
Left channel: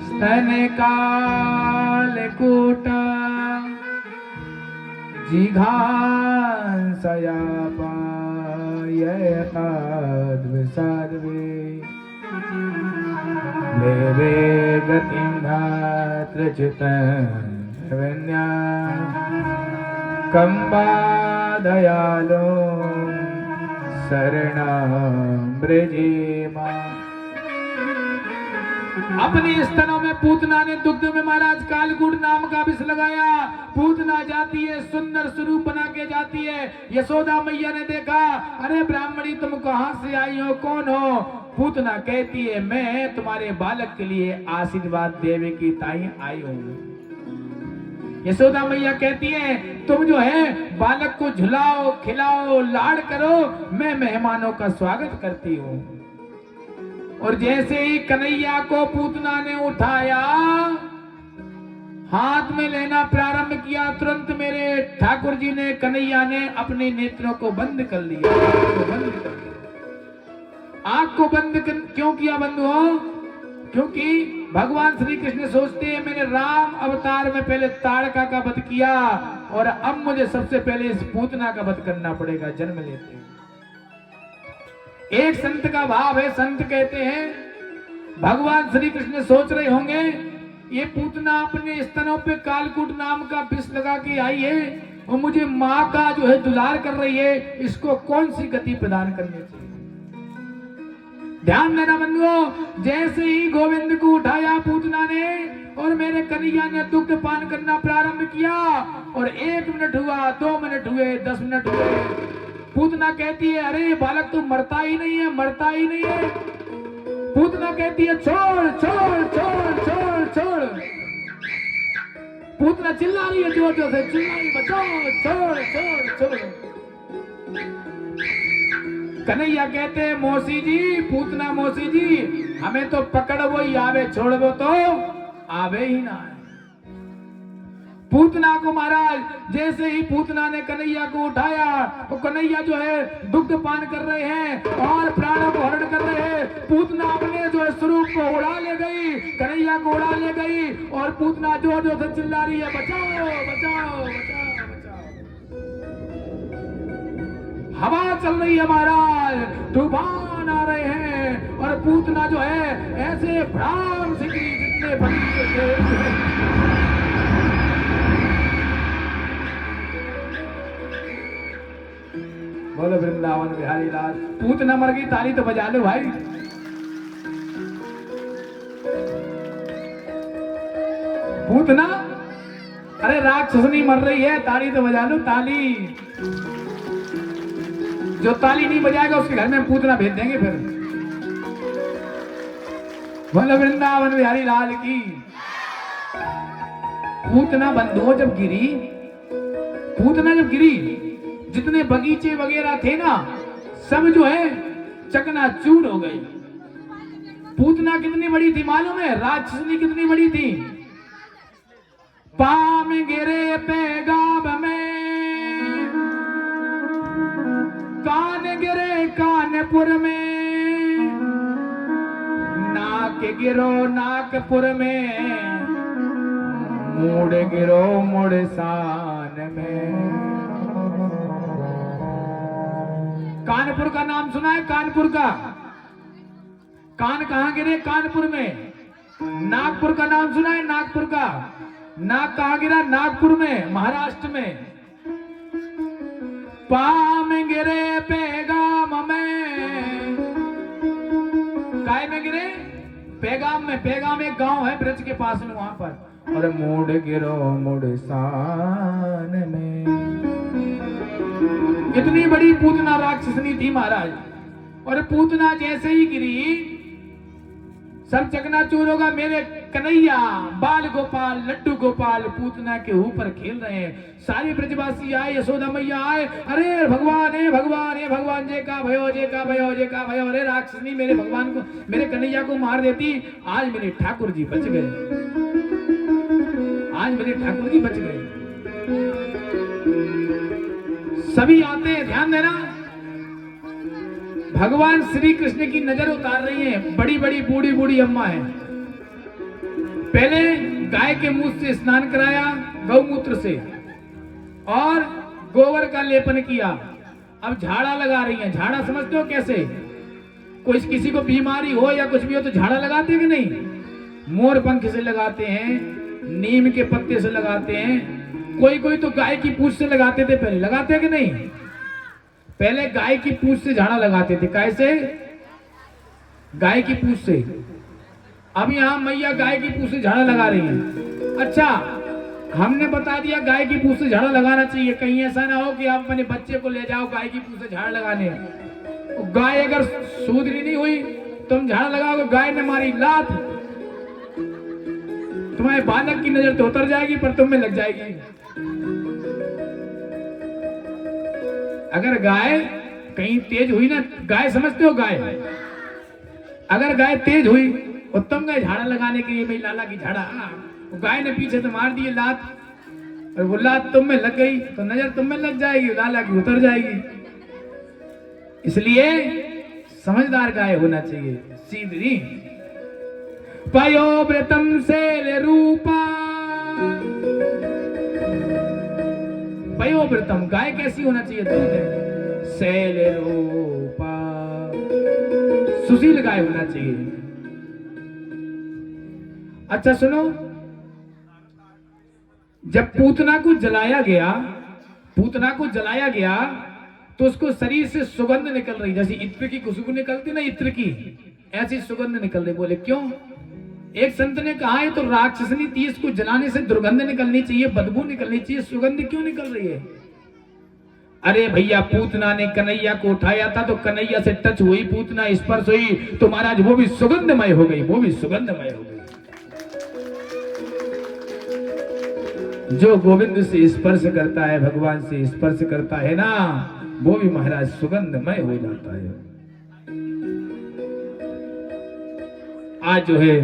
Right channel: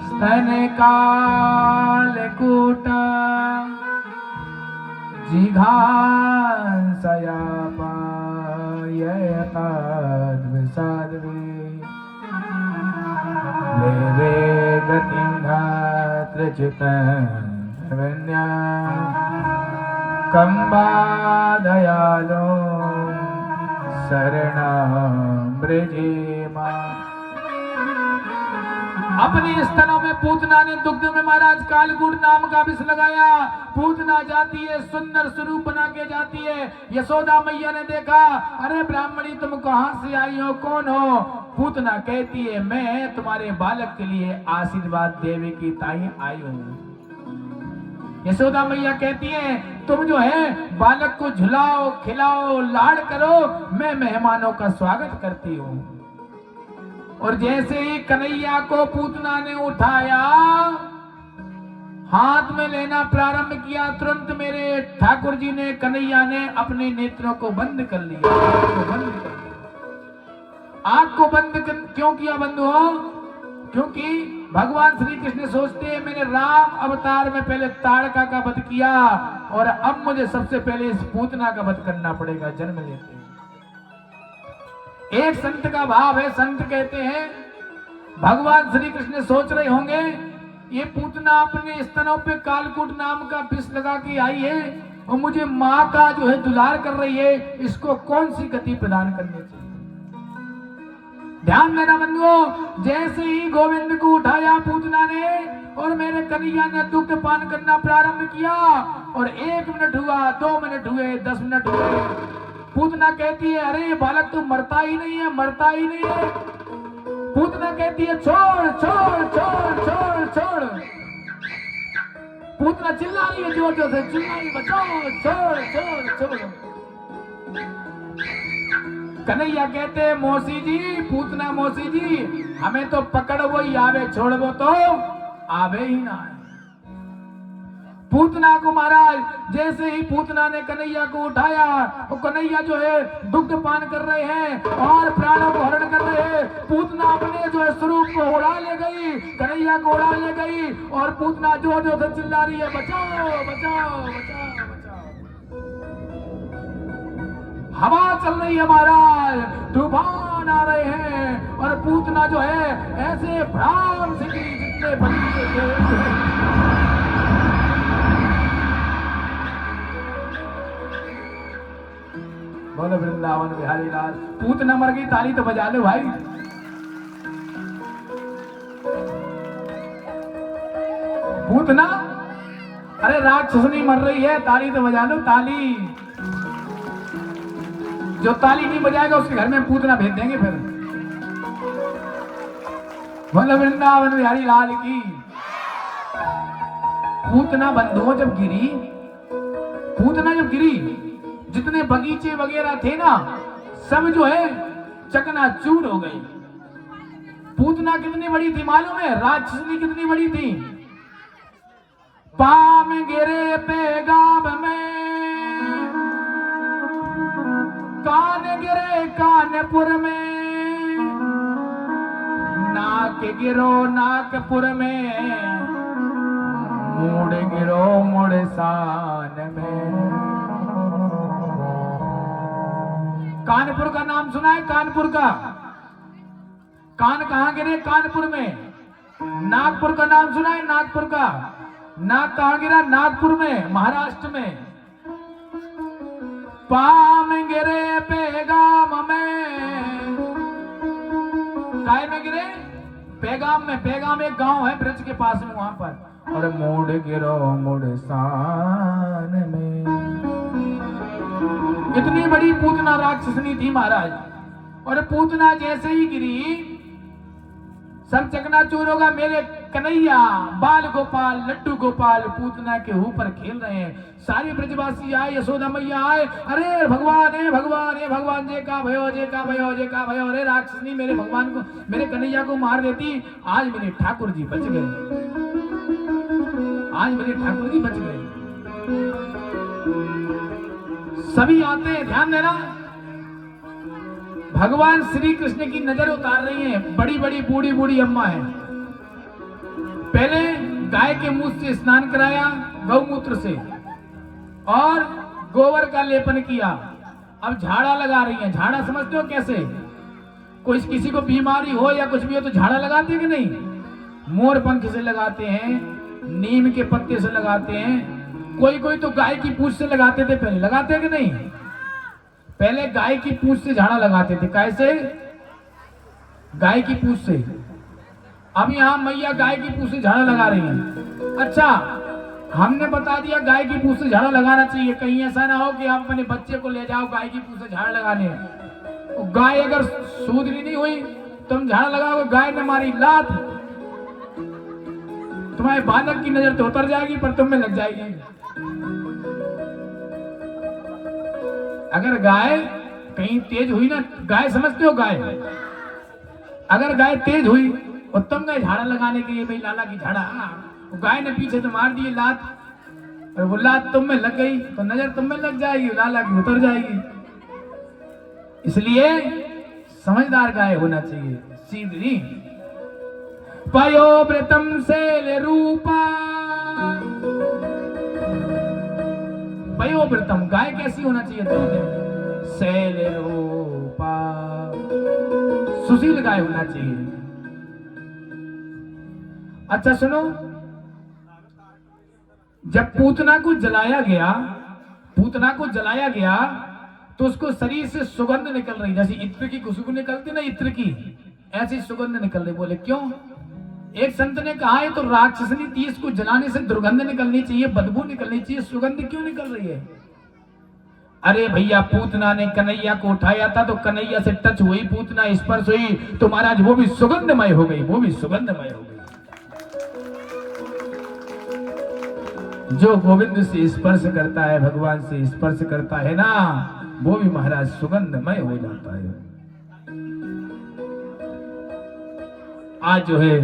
स्तन कालकूट जिघांसया पायताद्विषाद्वे लेवे गतिं धात्र चित्तं कंबादयालो शरणाम्रजेमा। अपने स्तनों में पूतना ने दुग्ध में महाराज कालकूट नाम का विष लगाया। पूतना जाती है, सुंदर स्वरूप बना के जाती है। यशोदा मैया ने देखा, अरे ब्राह्मणी तुम कहां से आई हो, कौन हो? पूतना कहती है मैं तुम्हारे बालक के लिए आशीर्वाद देवे की ताई आई हूँ। यशोदा मैया कहती है तुम जो है बालक को झुलाओ, खिलाओ, लाड़ करो, मैं मेहमानों का स्वागत करती हूँ। और जैसे ही कन्हैया को पूतना ने उठाया, हाथ में लेना प्रारंभ किया, तुरंत मेरे ठाकुर जी ने, कन्हैया ने अपने नेत्रों को बंद कर लिया। आंख को बंद क्यों किया बंधुओं? क्योंकि भगवान श्री कृष्ण सोचते हैं मैंने राम अवतार में पहले ताड़का का वध किया और अब मुझे सबसे पहले इस पूतना का वध करना पड़ेगा, जन्म लेते। एक संत का भाव है, संत कहते हैं भगवान श्री कृष्ण सोच रहे होंगे ये पूतना अपने स्तनों पे कालकूट नाम का विष लगा के आई है और मुझे माँ का जो है दुलार कर रही है, इसको कौन सी गति प्रदान करनी चाहिए। ध्यान देना बंधुओं, जैसे ही गोविंद को उठाया पूतना ने और मेरे कन्हैया ने दुग्ध पान करना प्रारंभ किया और 1 मिनट हुआ, 2 मिनट हुए, 10 मिनट हुए, पूतना कहती है अरे बालक तो मरता ही नहीं है, मरता ही नहीं है। पूतना कहती है छोड़ छोड़ छोड़ छोड़ छोड़। पूतना चिल्ला रही है, जोर जोर से चिल्ला रही है, छोड़ छोड़ छोड़ छोड़। कन्हैया कहते हैं मौसी जी, पूतना मौसी जी, हमें तो पकड़ वो ही आवे, छोड़ वो तो आवे ही ना है। पूतना को महाराज जैसे ही पूतना ने कन्हैया को उठाया, तो कन्हैया जो है दुग्ध पान कर रहे हैं और प्राणों को हरण कर रहे हैं। पूतना अपने जो है स्वरूप को उड़ा ले गई, कन्हैया को उड़ा ले गई और पूतना जो जो से चिल्ला रही है बचाओ बचाओ बचाओ बचाओ। हवा चल रही है महाराज, तूफान आ रहे हैं और पूतना जो है ऐसे भ्राम से जितने बोलो वृंदावन बिहारी लाल। पूतना मर गई, ताली तो बजा लो भाई। पूतना अरे राक्षसनी मर रही है, ताली तो बजा लो, ताली। जो ताली नहीं बजाएगा उसके घर में पूतना भेज देंगे फिर। बोलो वृंदावन बिहारी लाल की। पूतना बंधुओं जब गिरी, पूतना जब गिरी, जितने बगीचे वगैरह थे ना, सब जो है चकनाचूर हो गई। पूतना कितनी बड़ी थी मालूम है? राक्षसनी कितनी बड़ी थी? पाम गिरे पेगाम में, कान गिरे कानपुर में, नाक गिरो नागपुर में, मुड़ गिरो मुड़सान में। कानपुर का नाम सुना है? कानपुर का कान कहां गिरे? कानपुर में। नागपुर का नाम सुना है? नागपुर का नाक कहां गिरा? नागपुर में, महाराष्ट्र में। पाम गिरे पेगाम में, काय में गिरे? पेगाम में। पेगाम एक गांव है ब्रज के पास में, वहां पर। और मोड़ गिरो मुड़सान में। इतनी बड़ी पूतना राक्षसनी थी महाराज। और पूतना जैसे ही गिरी, सब चकनाचूर होगा। मेरे कन्हैया, बाल गोपाल, लड्डू गोपाल पूतना के ऊपर खेल रहे हैं। सारी ब्रजवासी आए, यशोदा मैया आए, अरे भगवान, हे भगवान, हे भगवान, जे का भयो, जे का भयो, जे का भयो। अरे राक्षसनी मेरे भगवान को, मेरे कन्हैया को मार देती, आज मेरे ठाकुर जी बच गए, आज मेरे ठाकुर जी बच गए। सभी आते हैं, ध्यान देना। भगवान श्री कृष्ण की नजर उतार रही है। बड़ी बड़ी बूढ़ी बूढ़ी अम्मा है। पहले गाय के मुंह से स्नान कराया, गौमूत्र से, और गोबर का लेपन किया। अब झाड़ा लगा रही है। झाड़ा समझते हो कैसे? कोई किसी को बीमारी हो या कुछ भी हो तो झाड़ा लगाते हैं कि नहीं? मोर पंख से लगाते हैं, नीम के पत्ते से लगाते हैं, कोई कोई तो गाय की पूंछ से लगाते थे। पहले लगाते हैं कि नहीं? पहले गाय की पूंछ से झाड़ा लगाते थे। कैसे? गाय की पूंछ से। अब यहाँ मैया गाय की पूंछ से झाड़ा लगा रही है। अच्छा, हमने बता दिया गाय की पूंछ से झाड़ा लगाना चाहिए। कहीं ऐसा ना हो कि आप अपने बच्चे को ले जाओ गाय की पूंछ से झाड़ा लगाने, गाय अगर सुधरी नहीं हुई, तुम झाड़ा लगाओगे, गाय ने मारी लात, तुम्हारे बालक की नजर तो उतर जाएगी पर तुम में लग जाएगी। अगर गाय कहीं तेज हुई ना, गाय समझते हो? गाय अगर गाय तेज हुई और तुम गए झाड़ा लगाने के लिए, भाई लाला की झाड़ा, गाय ने पीछे से मार दी लात, और वो लात तुम में लग गई तो नजर तुम में लग जाएगी, लाला की उतर जाएगी। इसलिए समझदार गाय होना चाहिए, सीधी। पयोव्रतम शैल रूपा, पयोव्रतम गाय कैसी होना चाहिए? शैल रूपा, सुशील गाय होना चाहिए। अच्छा सुनो, जब पूतना को जलाया गया, पूतना को जलाया गया तो उसको शरीर से सुगंध निकल रही, जैसे इत्र की खुशबू निकलती ना, इत्र की, ऐसी सुगंध निकल रही। बोले क्यों? एक संत ने कहा है तो राक्षसनी तीस को जलाने से दुर्गंध निकलनी चाहिए, बदबू निकलनी चाहिए, सुगंध क्यों निकल रही है? अरे भैया, पूतना ने कन्हैया को उठाया था तो कन्हैया से टच हुई, पूतना स्पर्श हुई तो महाराज वो भी सुगंधमय हो गई, वो भी सुगंधमय हो गई। जो गोविंद से स्पर्श करता है, भगवान से स्पर्श करता है ना, वो भी महाराज सुगंधमय हो जाता है। आज जो है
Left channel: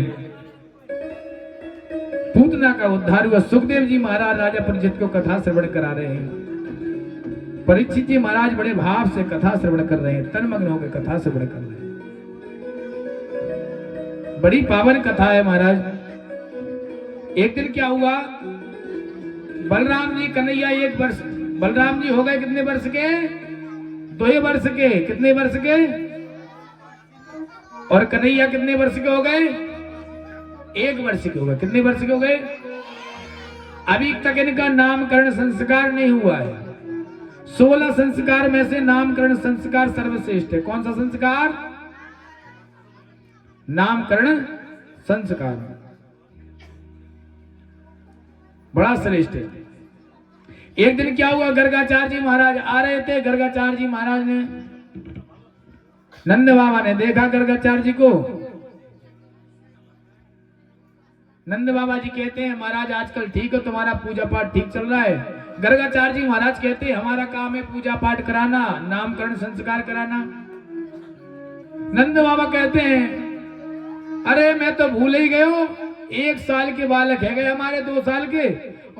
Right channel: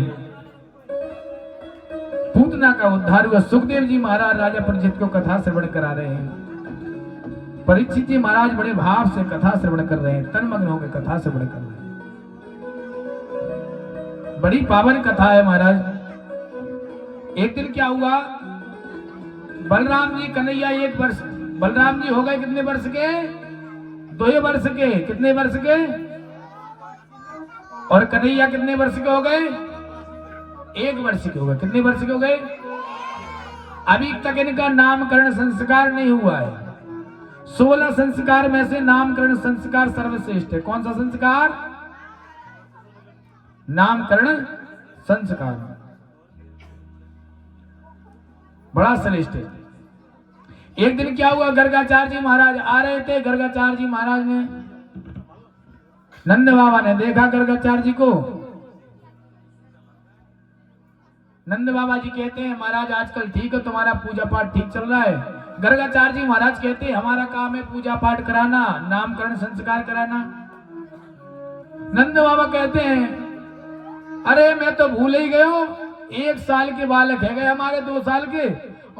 पूतना का उद्धार हुआ। सुखदेव जी महाराज राजा परीक्षित को कथा श्रवण करा रहे हैं। परीक्षित जी महाराज बड़े भाव से कथा श्रवण कर रहे हैं, तन्मग्न होकर कथा श्रवण कर रहे हैं। बड़ी पावन कथा है महाराज। एक दिन क्या हुआ, बलराम जी कन्हैया 1 वर्ष, बलराम जी हो गए कितने वर्ष के? 2 वर्ष के। कितने वर्ष के? और कन्हैया कितने वर्ष के हो गए? 1 वर्ष के हो गए। कितने वर्ष के हो गए? अभी तक इनका नामकरण संस्कार नहीं हुआ है। 16 संस्कार में से नामकरण संस्कार सर्वश्रेष्ठ है। कौन सा संस्कार? नामकरण संस्कार बड़ा श्रेष्ठ है। एक दिन क्या हुआ, गर्गाचार्य जी महाराज आ रहे थे। गर्गाचार्य जी महाराज ने, नंद बाबा ने देखा गर्गाचार्य जी को, नंद बाबा जी कहते हैं महाराज आजकल ठीक है, तुम्हारा पूजा पाठ ठीक चल रहा है। गर्गाचार्य जी महाराज कहते हैं हमारा काम है पूजा पाठ कराना, नामकरण संस्कार कराना। नंद बाबा कहते हैं अरे मैं तो भूल ही गए हो, 1 साल के बालक है गए हमारे 2 साल के,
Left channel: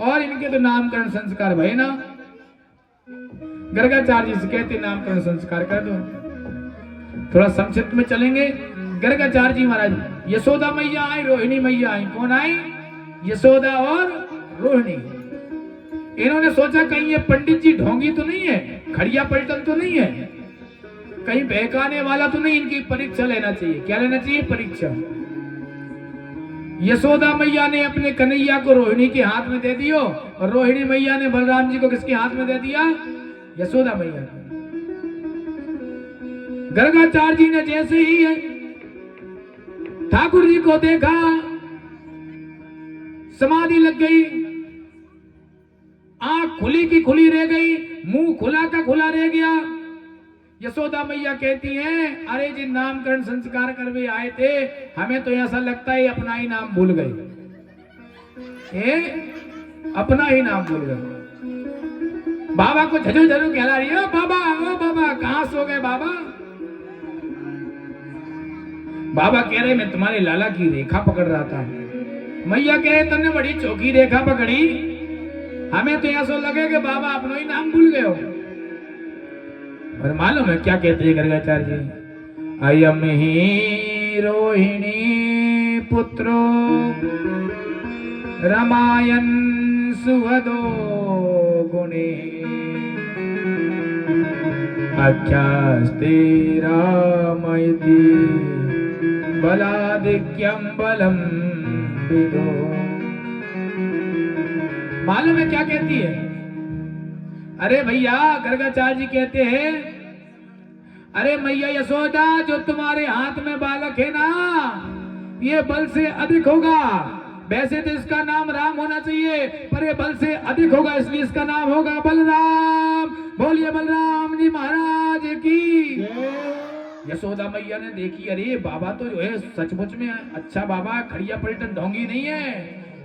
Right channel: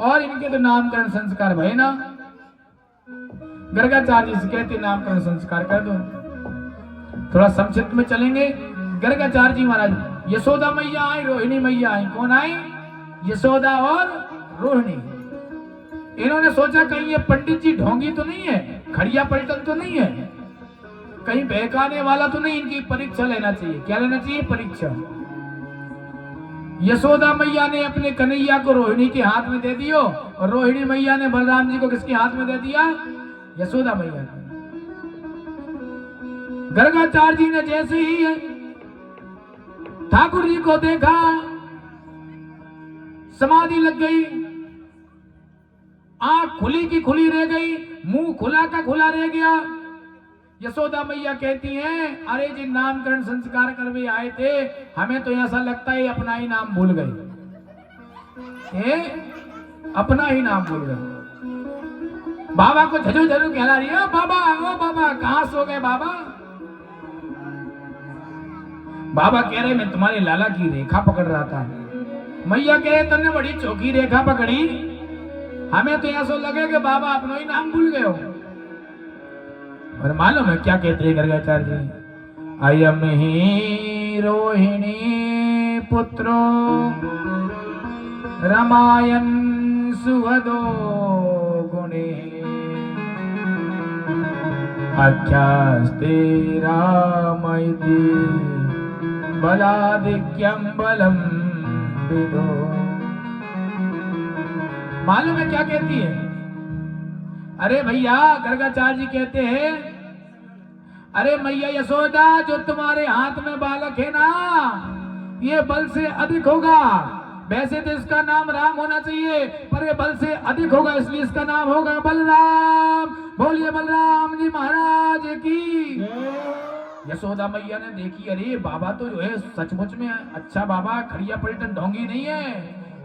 और इनके तो नामकरण संस्कार भय ना। गर्गाचार्य जी से कहते नामकरण संस्कार कर दो। थोड़ा संक्षिप्त में चलेंगे। गर्गाचार्य जी महाराज, यशोदा मैया आई, रोहिणी मैया आई। कौन आई? यशोदा और रोहिणी। इन्होंने सोचा कहीं ये पंडित जी ढोंगी तो नहीं है, खड़िया पलटन तो नहीं है, कहीं बहकाने वाला तो नहीं, इनकी परीक्षा लेना चाहिए। क्या लेना चाहिए? परीक्षा। यशोदा मैया ने अपने कन्हैया को रोहिणी के हाथ में दे दियो, और रोहिणी मैया ने बलराम जी को किसके हाथ में दे दिया? यशोदा मैया। गर्गाचार्य जी ने जैसे ही ठाकुर जी को देखा, समाधि लग गई, आंख खुली की खुली रह गई, मुंह खुला का खुला रह गया। यशोदा मैया कहती हैं अरे जी नामकरण संस्कार करवे आए थे, हमें तो ऐसा लगता है अपना ही नाम भूल गए, अपना ही नाम भूल गए। बाबा को झजो झजो कहला रही है, ओ बाबा कहां सो गए बाबा? बाबा कह रहे मैं तुम्हारे लाला की रेखा पकड़ रहा था। मैया कह रहे तुमने बड़ी चौकी रेखा पकड़ी, हमें तो ऐसा लगे कि बाबा अपना ही नाम भूल गए हो। और मालूम है क्या कहते हैं गर्गाचार्य जी? अयम ही रोहिणी पुत्रो रामायण सुहदो गुणे आख्यास्ते रामयति बलादिक्यम बलम विदो। मालूम है क्या कहती है? अरे भैया गर्गाचार्य जी कहते हैं अरे मैया यशोदा, जो तुम्हारे हाथ में बालक है ना, ये बल से अधिक होगा। वैसे तो इसका नाम राम होना चाहिए, पर ये बल से अधिक होगा, इसलिए इसका नाम होगा बलराम। बोलिए बलराम जी महाराज की। यशोदा मैया ने देखी अरे बाबा तो जो है सचमुच में अच्छा बाबा, खड़िया पलटन ढोंगी नहीं है।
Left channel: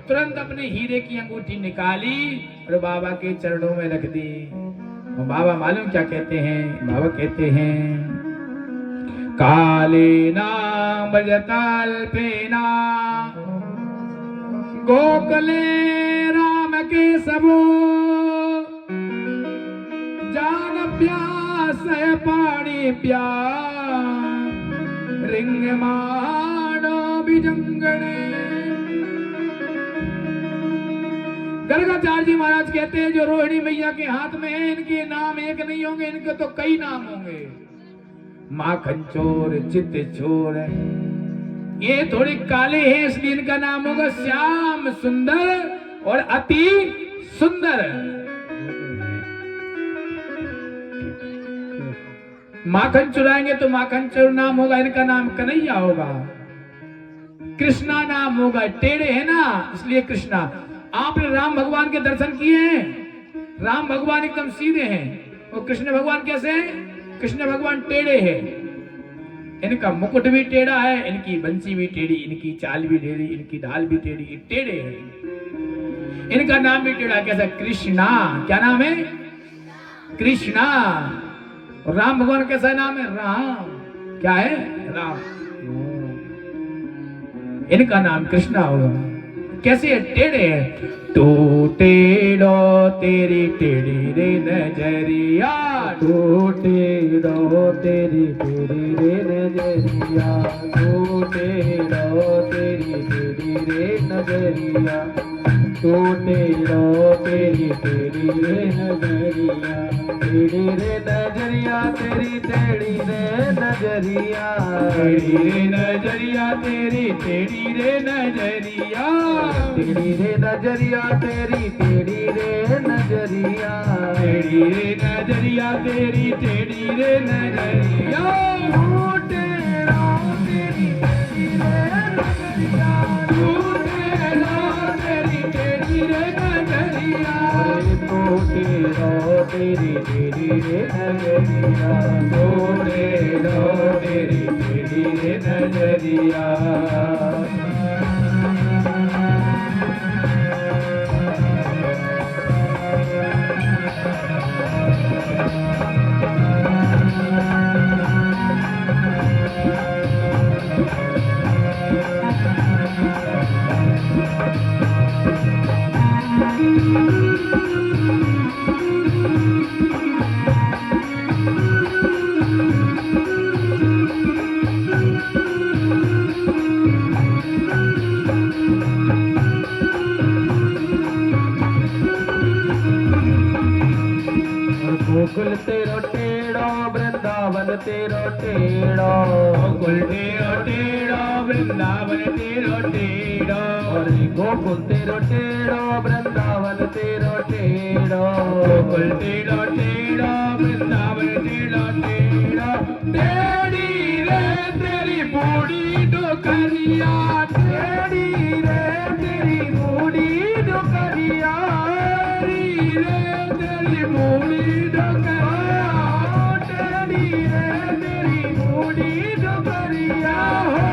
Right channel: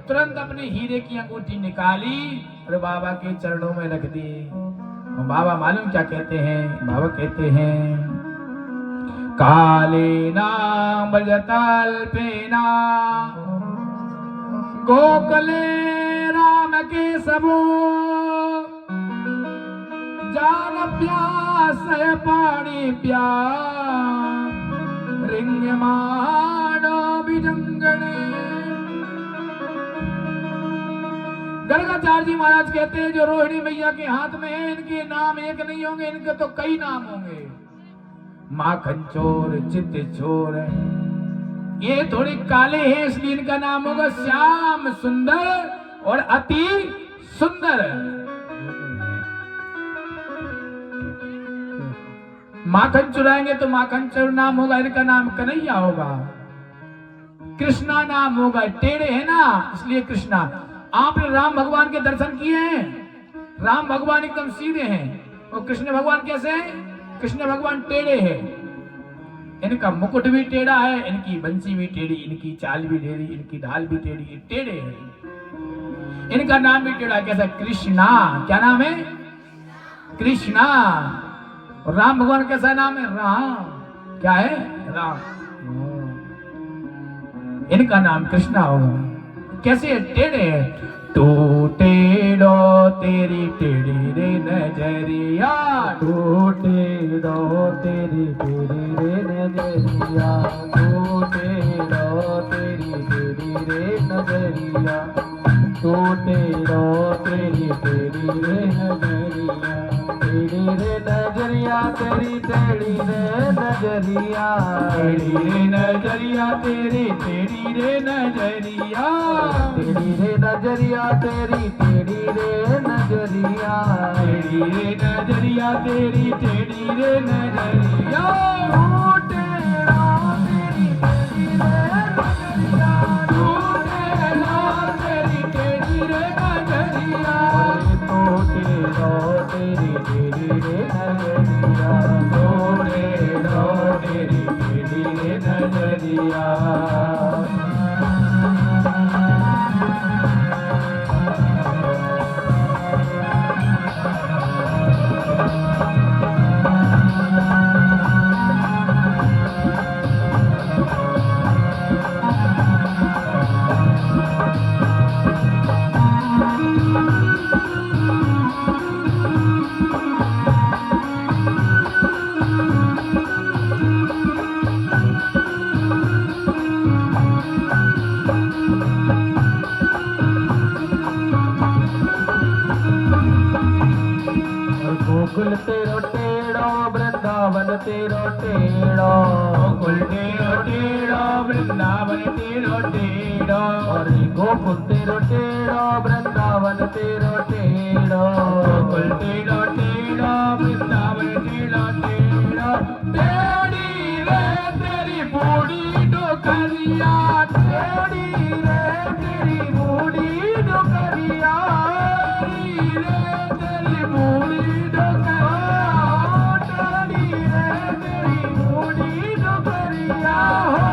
तुरंत अपने हीरे की अंगूठी निकाली और बाबा के चरणों में रख दी। बाबा मालूम क्या कहते हैं? बाबा कहते हैं काले नाम बजतल्पेना गोकुले राम के सबो जान प्यास पानी प्यार रिंग मानो बिजंगड़े। गर्गाचार्य जी महाराज कहते हैं जो रोहिणी मैया के हाथ में है, इनके नाम एक नहीं होंगे, इनके तो कई नाम होंगे। माखन चोर, चित्त चोर, ये थोड़ी काले हैं इसलिए इनका नाम होगा श्याम सुंदर और अति सुंदर। माखन चुराएंगे तो माखन चोर नाम होगा, इनका नाम कन्हैया होगा। कृष्णा नाम होगा, टेढ़े है ना इसलिए कृष्णा। आपने राम भगवान के दर्शन किए हैं? राम भगवान एकदम सीधे हैं, और कृष्ण भगवान कैसे हैं? कृष्ण भगवान टेढ़े हैं। इनका मुकुट भी टेढ़ा है, इनकी बंसी भी टेढ़ी, इनकी चाल भी टेढ़ी, इनकी ढाल भी टेढ़ी, टेढ़े हैं। इनका नाम भी टेढ़ा। कैसा? कृष्णा। क्या नाम है? कृष्णा। राम भगवान कैसा नाम है? राम। क्या है? राम। इनका नाम कृष्णा हो। कैसे? टेढ़े हैं। तू टेढ़ो तेरी टेढ़ी रे नजरिया, तू टेढ़ो तेरी टेढ़ी रे नजरिया, तू टेढ़ो तेरी टेढ़ी रे नजरिया, तू टेढ़ो तेरी टेढ़ी रे नजरिया, टेढ़ी रे नजरिया तेरी टेढ़ी रे नजरिया, टेढ़ी रे नजरिया तेरी टेढ़ी रे नजरिया, टेढ़ी रे नजरिया तेरी टेढ़ी रे नजरिया, टेढ़ी रे नजरिया तेरी टेढ़ी रे नजरिया, तू टेढ़ो तेरी टेढ़ी रे नजरिया, तू टेढ़ो तेरी टेढ़ी रे नजरिया, तू टेढ़ो तेरी टेढ़ी रे नजरिया, तू टेढ़ो तेरी टेढ़ी रे नजरिया। तेरो टेढ़ो वृंदावन तेरो टेढ़ो गोकुल टेढ़ो टेढ़ो वृंदावन टेढ़ो टेढ़ो टेढ़ी रे तेरी बूढ़ी डोकरिया टेढ़ी रे तेरी बूढ़ी डोकरिया टेढ़ी रे तेरी बूढ़ी डोकरिया टेढ़ी रे तेरी बूढ़ी डोकरिया हो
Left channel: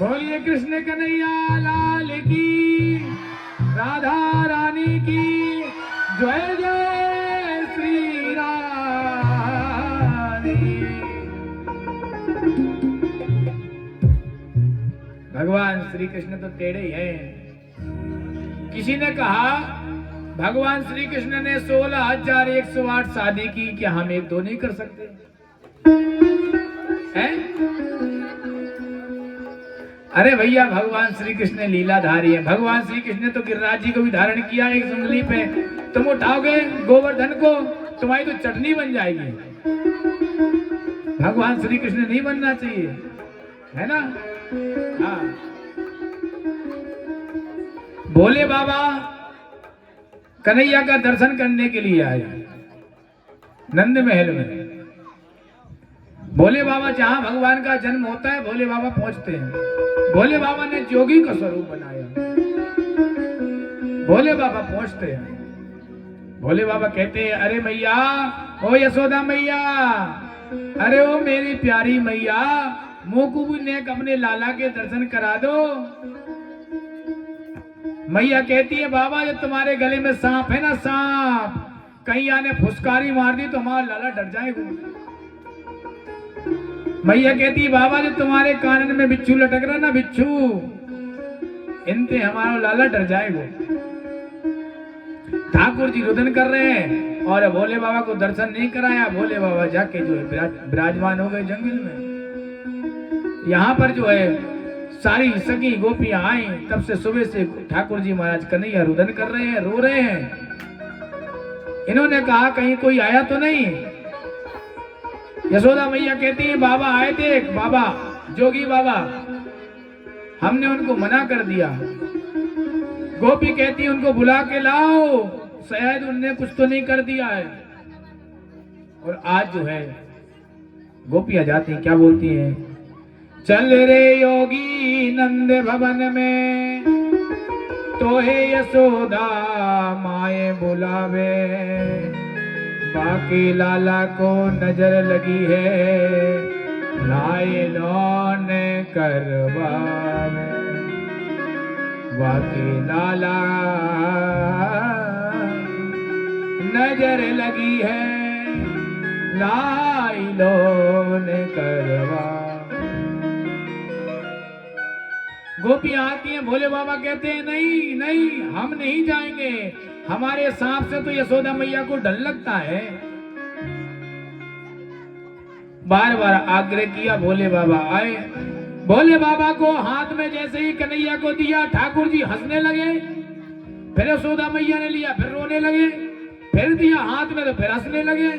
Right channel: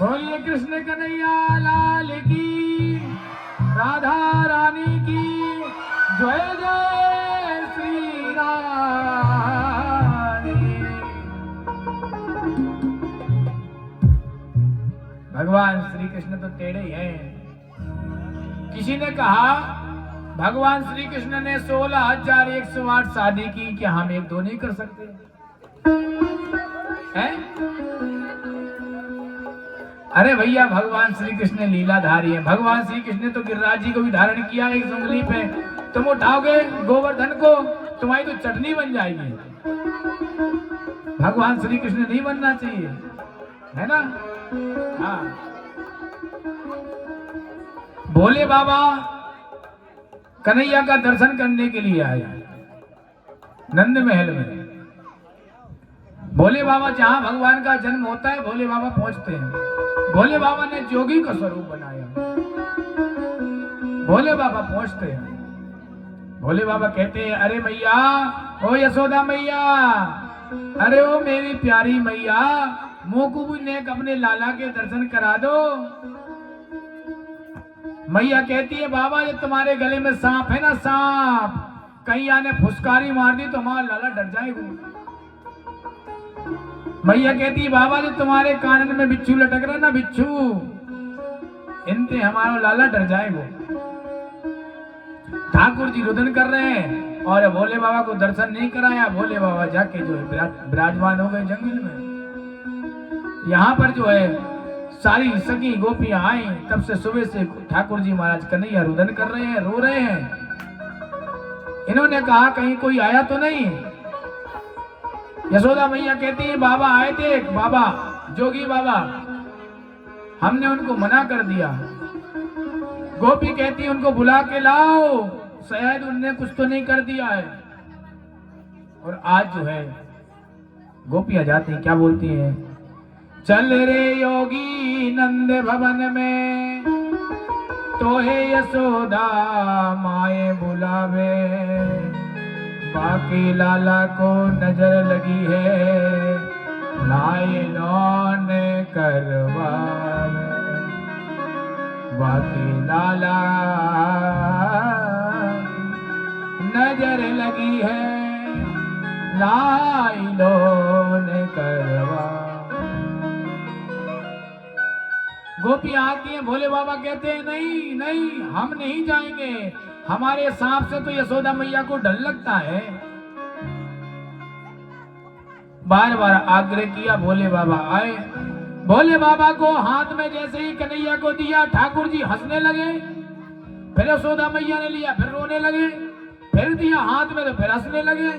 बोलिए कृष्ण कन्हैया लाल की, राधा रानी की जय जय श्री रानी। भगवान श्री कृष्ण तो टेढ़े ही हैं। किसी ने कहा भगवान श्री कृष्ण ने 16,108 शादी की, क्या हम 1-2 नहीं कर सकते हैं? अरे भैया भगवान श्री कृष्ण लीलाधारी है। भगवान श्री कृष्ण ने तो गिरिराज जी को भी धारण किया एक उंगली पे। तुम उठाओगे गोवर्धन को तुम्हारी तो चटनी बन जाएगी। भगवान श्री कृष्ण नहीं बनना चाहिए, है ना? हाँ। भोले बाबा कन्हैया का दर्शन करने के लिए आए नंद महल में। भोले बाबा जहां भगवान का जन्म होता है भोले बाबा पहुंचते हैं। भोले बाबा ने जोगी का स्वरूप बनाया। भोले बाबा पहुंचते हैं। भोले बाबा कहते हैं अरे मैया, ओ यशोदा मैया, अरे ओ मेरी प्यारी मैया, मोकू ने अपने लाला के दर्शन करा दो। मैया कहती है बाबा ये तुम्हारे गले में सांप है ना, सांप, कहीं आने फुसकारी मार दी तो हमारा लाला डर जाएगा। मैया कहती है बाबा ये तुम्हारे कानन में बिच्छू लटक रहा है ना, बिच्छू, इनसे हमारा लाला डर जाएगा। ठाकुर जी रुदन कर रहे हैं और भोले बाबा को दर्शन नहीं कराया। भोले बाबा जाके जो है विराजमान हो गए जंगल में। यहाँ पर जो है सारी सगी गोपियां आई। तब से सुबह से ठाकुर जी महाराज कन्हैया रुदन कर रहे हैं, रो रहे हैं। इन्होंने कहा कहीं कोई आया तो नहीं। यशोदा मैया कहती है बाबा आए थे, बाबा जोगी बाबा, हमने उनको मना कर दिया। गोपी कहती है उनको बुला के लाओ, शायद उनने कुछ तो नहीं कर दिया है। और आज जो है गोपियां जाती क्या बोलती हैं, चल रे योगी नंद भवन में, तो हे यशोदा माए बुलावे, बाके लाला को नजर लगी है, लाए लौन करवावे। बाके लाला नजर लगी है, लाई लोन करवा। गोपियां आती हैं, भोले बाबा कहते हैं नहीं नहीं हम नहीं जाएंगे, हमारे सांप से तो यशोदा मैया को डर लगता है। बार बार आग्रह किया, भोले बाबा आए। भोले बाबा को हाथ में जैसे ही कन्हैया को दिया, ठाकुर जी हंसने लगे। फिर यशोदा मैया ने लिया, फिर रोने लगे। फिर दिया हाथ में तो फिर हंसने लगे,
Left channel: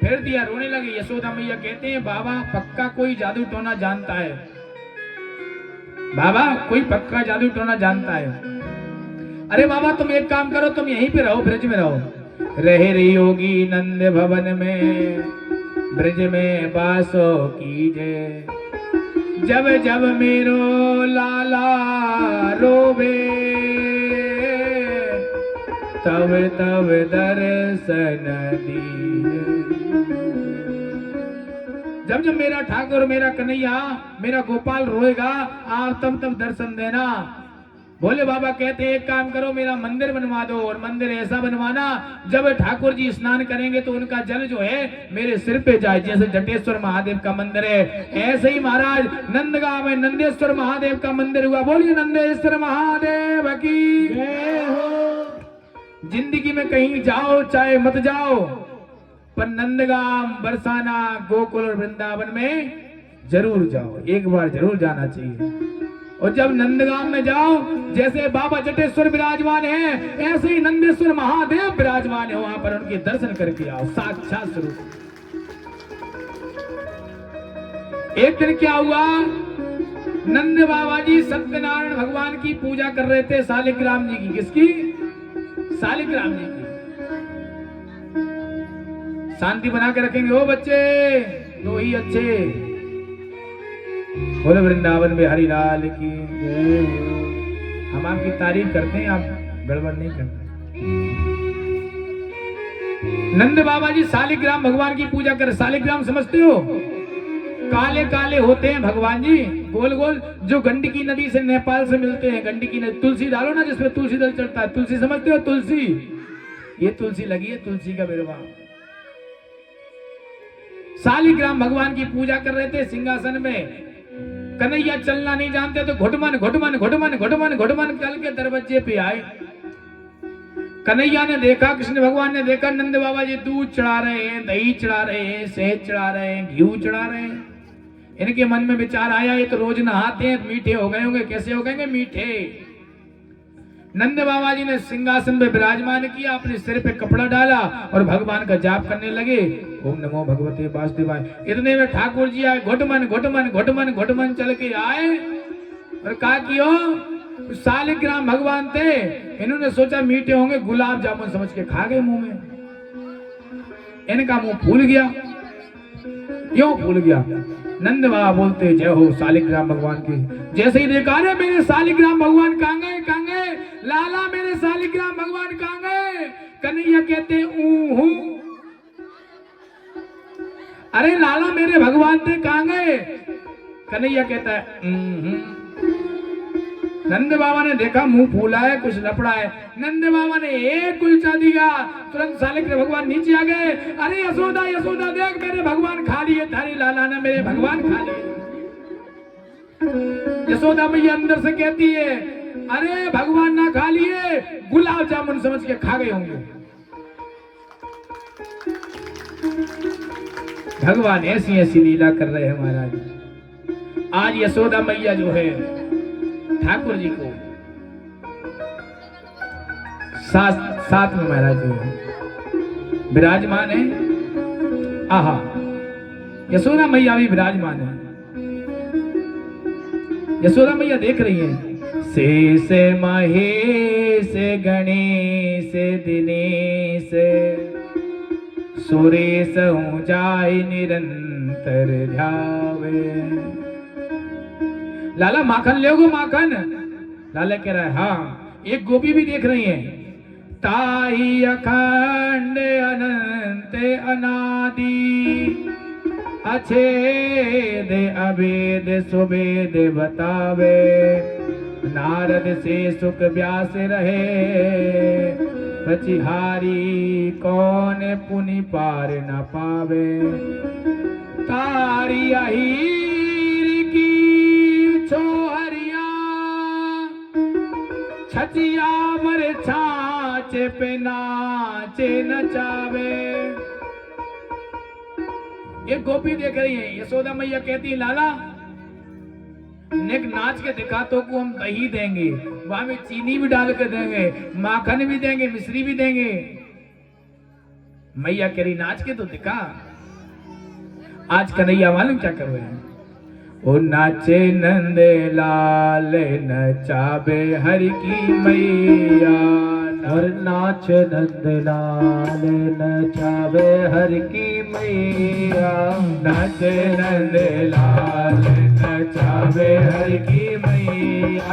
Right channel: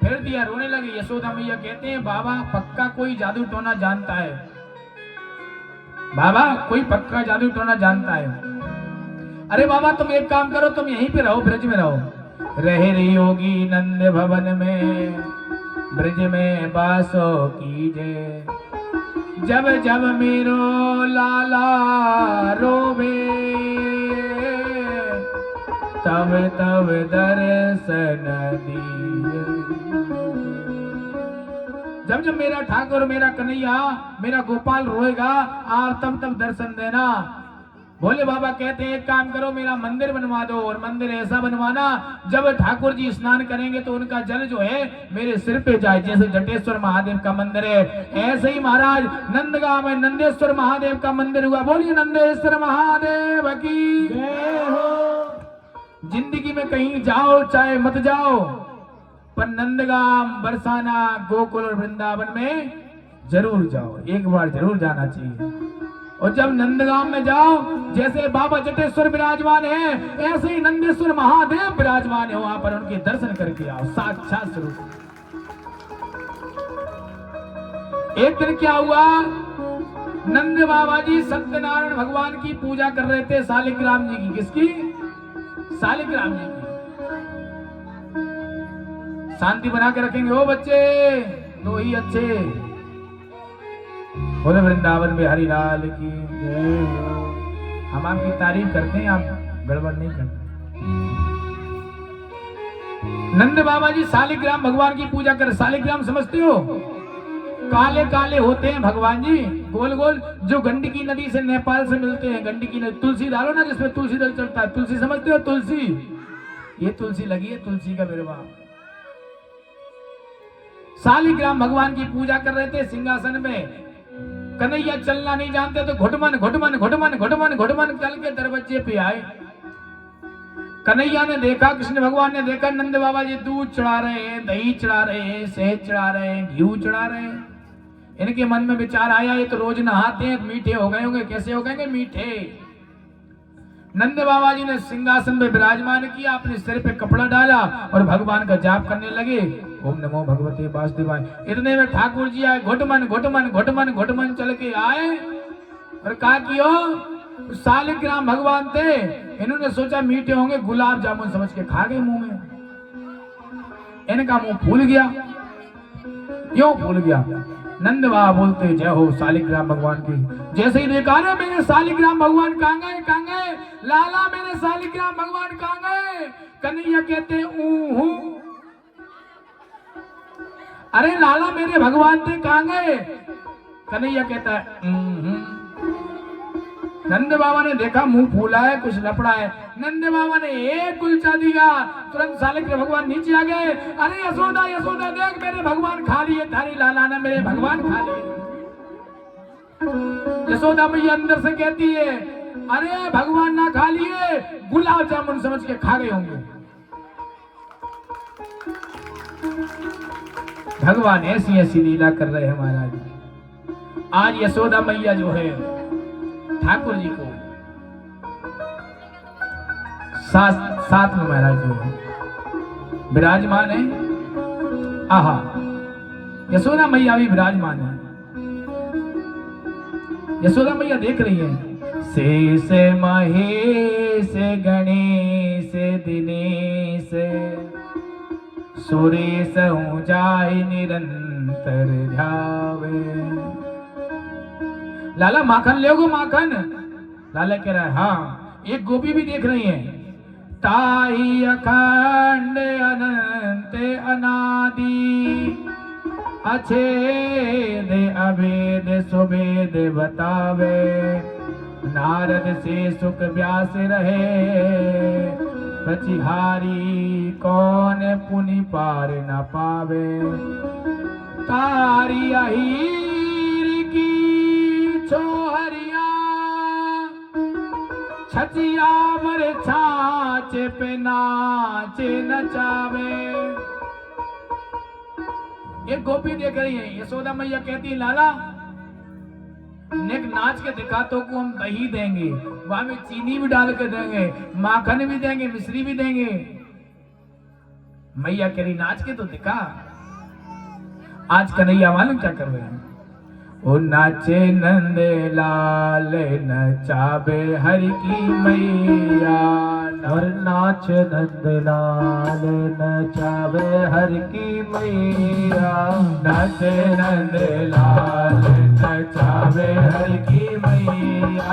फिर दिया रोने लगे। यशोदा मैया कहते हैं बाबा पक्का कोई जादू टोना जानता है, बाबा कोई पक्का जादू टोना जानता है। अरे बाबा तुम एक काम करो, तुम यहीं पे रहो, ब्रज में रहो। रह रही होगी नंद भवन में, ब्रज में बासो कीजे। जब जब मेरो लाला रोवे, तब तब दर्शन दिए। जब जब मेरा ठाकुर, मेरा कन्हैया, मेरा गोपाल रोएगा, आप तब तब दर्शन देना। भोले बाबा कहते हैं एक काम करो, मेरा मंदिर बनवा दो, और मंदिर ऐसा बनवाना जब ठाकुर जी स्नान करेंगे तो उनका जल जो है मेरे सिर पे जाए, जैसे जटेश्वर महादेव का मंदिर है। ऐसे ही महाराज नंदगांव में नंदेश्वर महादेव का मंदिर हुआ। बोलिए नंदेश्वर महादेव की जय हो। जिंदगी में कहीं जाओ चाहे मत जाओ, पर नंदगांव, बरसाना, गोकुल और वृंदावन में जरूर जाओ, एक बार जरूर जाना चाहिए। और जब नंदगांव में जाओ, जैसे बाबा जटेश्वर विराजमान है, ऐसे ही नंदेश्वर महादेव विराजमान है, वहां पर उनके दर्शन करके आओ साक्षात स्वरूप। एक दिन क्या हुआ, नंद बाबा जी सत्यनारायण भगवान की पूजा कर रहे थे, शालिग्राम जी की। किसकी? शालिग्राम जी की। शांति बना के रखेंगे ओ बच्चे, दो ही अच्छे। बोले वृंदावन में हरि लाल की जय। हम आपकी तारीफ करते हैं, आप गड़बड़ नहीं करते। नंद बाबा जी शालिग्राम भगवान की पूजा कर। शालिग्राम समझते हो? काले काले होते हैं भगवान जी, गोल गोल, जो गंडकी नदी से, नेपाल से मिलते हैं। गंडकी नदी, तुलसी डालो ना जिसमें तुलसी दल चढ़ता है। तुलसी समझते हो? तुलसी, ये तुलसी लगी है, तुलसी का मेरे बाप। शालिग्राम भगवान की पूजा कर रहे थे सिंहासन में। कन्हैया चलना नहीं जानते तो घुटमन घुटमन घुटमन घुटमन घुटमन कल के दरवाजे पे आए। कन्हैया ने देखा, कृष्ण भगवान ने देखा, नंद बाबा जी दूध चढ़ा रहे हैं, दही चढ़ा रहे हैं, शहद चढ़ा रहे हैं, घी चढ़ा रहे हैं। इनके मन में विचार आया, ये तो रोज नहाते हैं, मीठे हो गए होंगे। कैसे हो गए? मीठे। नंद बाबा जी ने सिंहासन में विराजमान किया, अपने सिर पे कपड़ा डाला और भगवान का जाप करने लगे। ओम नमो भगवते वासुदेवाय। इतने में ठाकुर जी आए, घुटमन घुटमन घुटमन घुटमन चल के आए और कहा कि ओ शालिग्राम भगवान थे, इन्होंने सोचा मीठे होंगे, गुलाब जामुन समझ के खा गए मुंह में। इनका मुंह फूल गया। क्यों फूल गया? नंद बाबा बोलते जय हो शालिग्राम भगवान की। जैसे ही देखा ना, मेरे शालिग्राम भगवान कहाँ गए? कहाँ गए? लाला मेरे शालिग्राम भगवान कहाँ गए? कन्हैया कहते ऊहू। अरे लाला मेरे भगवान थे, कहाँ गए? कन्हैया कहता है नंद बाबा ने देखा मुंह फूला है, कुछ लफड़ा है। नंद बाबा ने एक कुलचा दिया, तुरंत शालिग्राम भगवान नीचे आ गए। अरे यशोदा यशोदा देख, मेरे भगवान खा लिए, थारी लाला ने मेरे भगवान खा लिए। यशोदा मैया अंदर से कहती है अरे भगवान ना खा लिए, गुलाब जामुन समझ के खा गए होंगे। भगवान ऐसी ऐसी लीला कर रहे हैं महाराज। आज यशोदा मैया जो है ठाकुर जी को साथ में महाराज जो है विराजमान है। आहा, यशोदा मैया भी विराजमान है। यशोदा मैया देख रही है। शेष महेश गणेश दिनेश सुरेश हूँ जाय निरंतर ध्यावे। लाला माखन लोगो माखन। लाला कह रहा है हाँ। एक गोपी भी देख रही है। ताई अखंड अनंत अनंत अनादि अछेद अभेद सुभेद बतावे। नारद से सुख व्यास रहे पचिहारी कौन पुनि पार न पावे। तारी अहीर की छोहरिया छचिया मर छाछ पे नाचे नचावे। एक गोपी देख रही है, यशोदा मैया कहती है लाला नेक नाच के दिखा तो को हम दही देंगे, वहां में चीनी भी डाल के देंगे, माखन भी देंगे, मिश्री भी देंगे। मैया कह रही नाच के तो दिखा। आज कन्हैया मालूम क्या कर रहे हैं? ओ नाचे नंद लाल नचावे हरि की मैया। और नाच नंद लाल नचावे हर की मैया। नाचे नंद लाल नचावे हरि की मैया।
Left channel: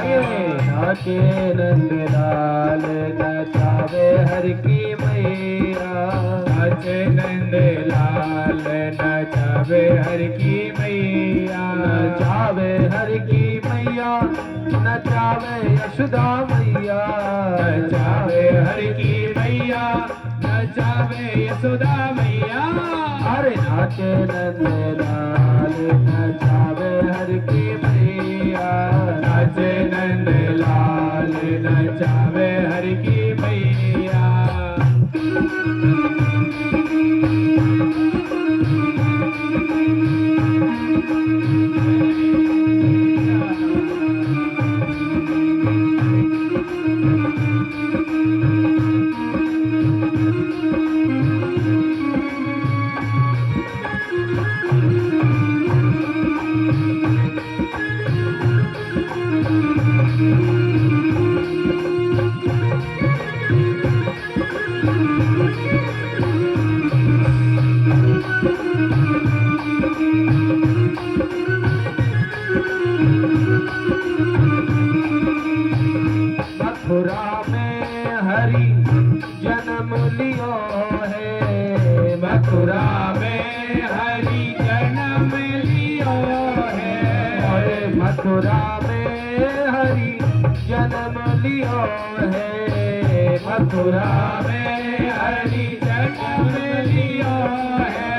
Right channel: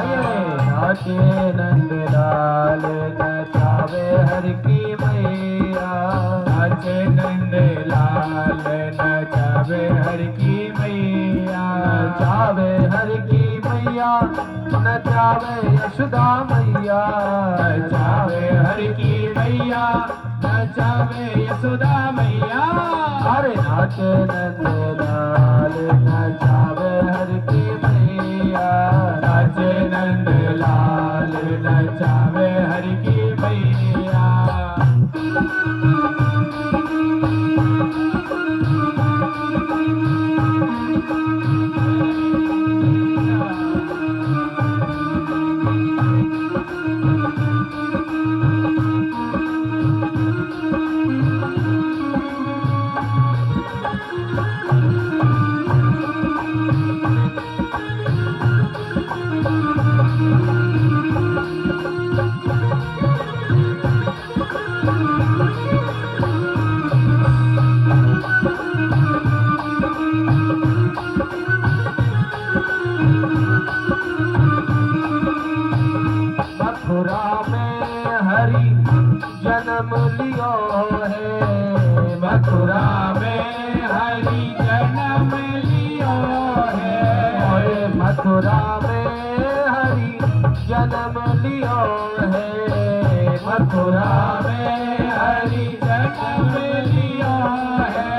नाचे नंद लाल नचावे हर की मैया। नाचे नंद लाल नचावे हरि की मैया। नचावे हर की मैया। नचावे यशोदा मैया। नचावे हरि की मैया। नचावे यशोदा मैया। अरे नाचे नंद लाल नचावे हर की मैया। नाचे नंद लाल नचावे हरि की मैया। मथुरा में हरि जन्म लियो है। मथुरा में हरि जन्म लियो है। अरे मथुरा में हरि जन्म लियो है। मथुरा में हरि जन्म लियो है।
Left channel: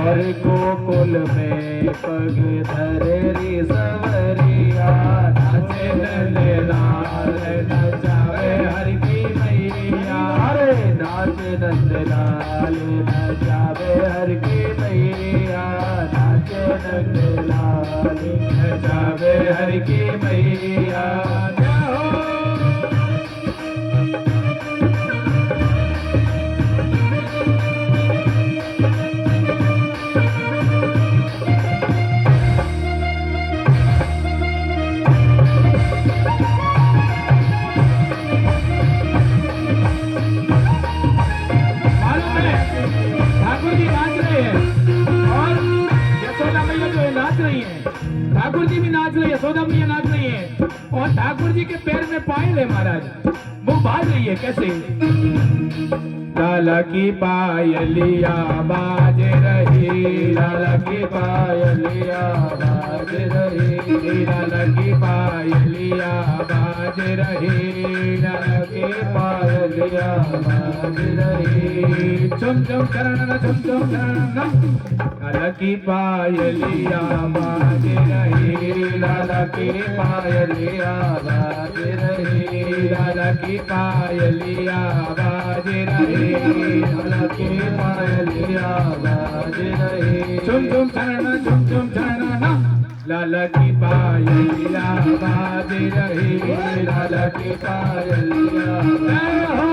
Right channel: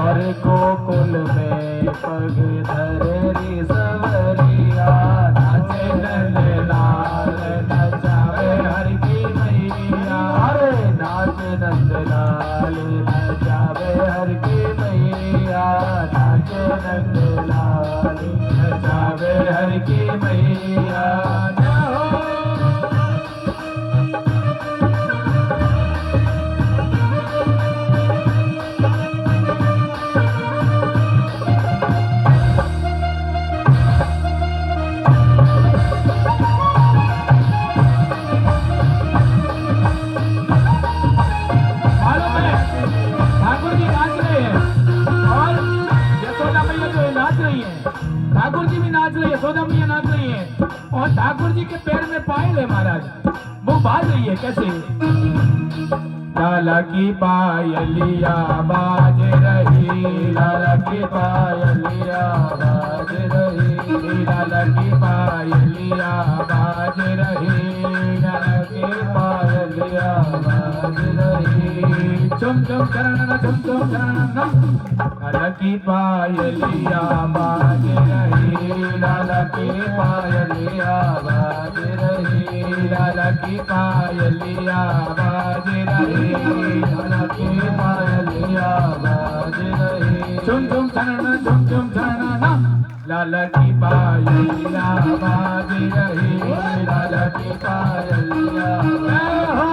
और गोकुल में पग धरे री संवरिया। नाचे नंद लाल नचावे हरि की मैया। अरे नाच नंद लाल नचावे हर की मैया। नाच नंद लाल नचावे हरि की मैया। मालूम है ठाकुर जी नाच रहे हैं और यशोदा मैया जो है नाच रही है। ठाकुर जी भी नाच रही है, यशोदा मैया नाच रही है और ठाकुर जी के पैर में पायल है महाराज, वो बाज रही है कैसे? लाला की पायलिया बाज रही। लाला की पायलिया बाज रही। लाला की पायलिया बाज रही। लाला की पायलिया बाज रही। चुम चुम करना चुम चुम करना। लाला की पायलिया बाज रही। लाला की पायलिया बाज रही। लाला की पायलिया बाज रही। लाला की पायलिया बाज रही। चुम चुम करना चुम चुम करना। लाला की पायलिया बाज रही। लाला की पायलिया जय हो।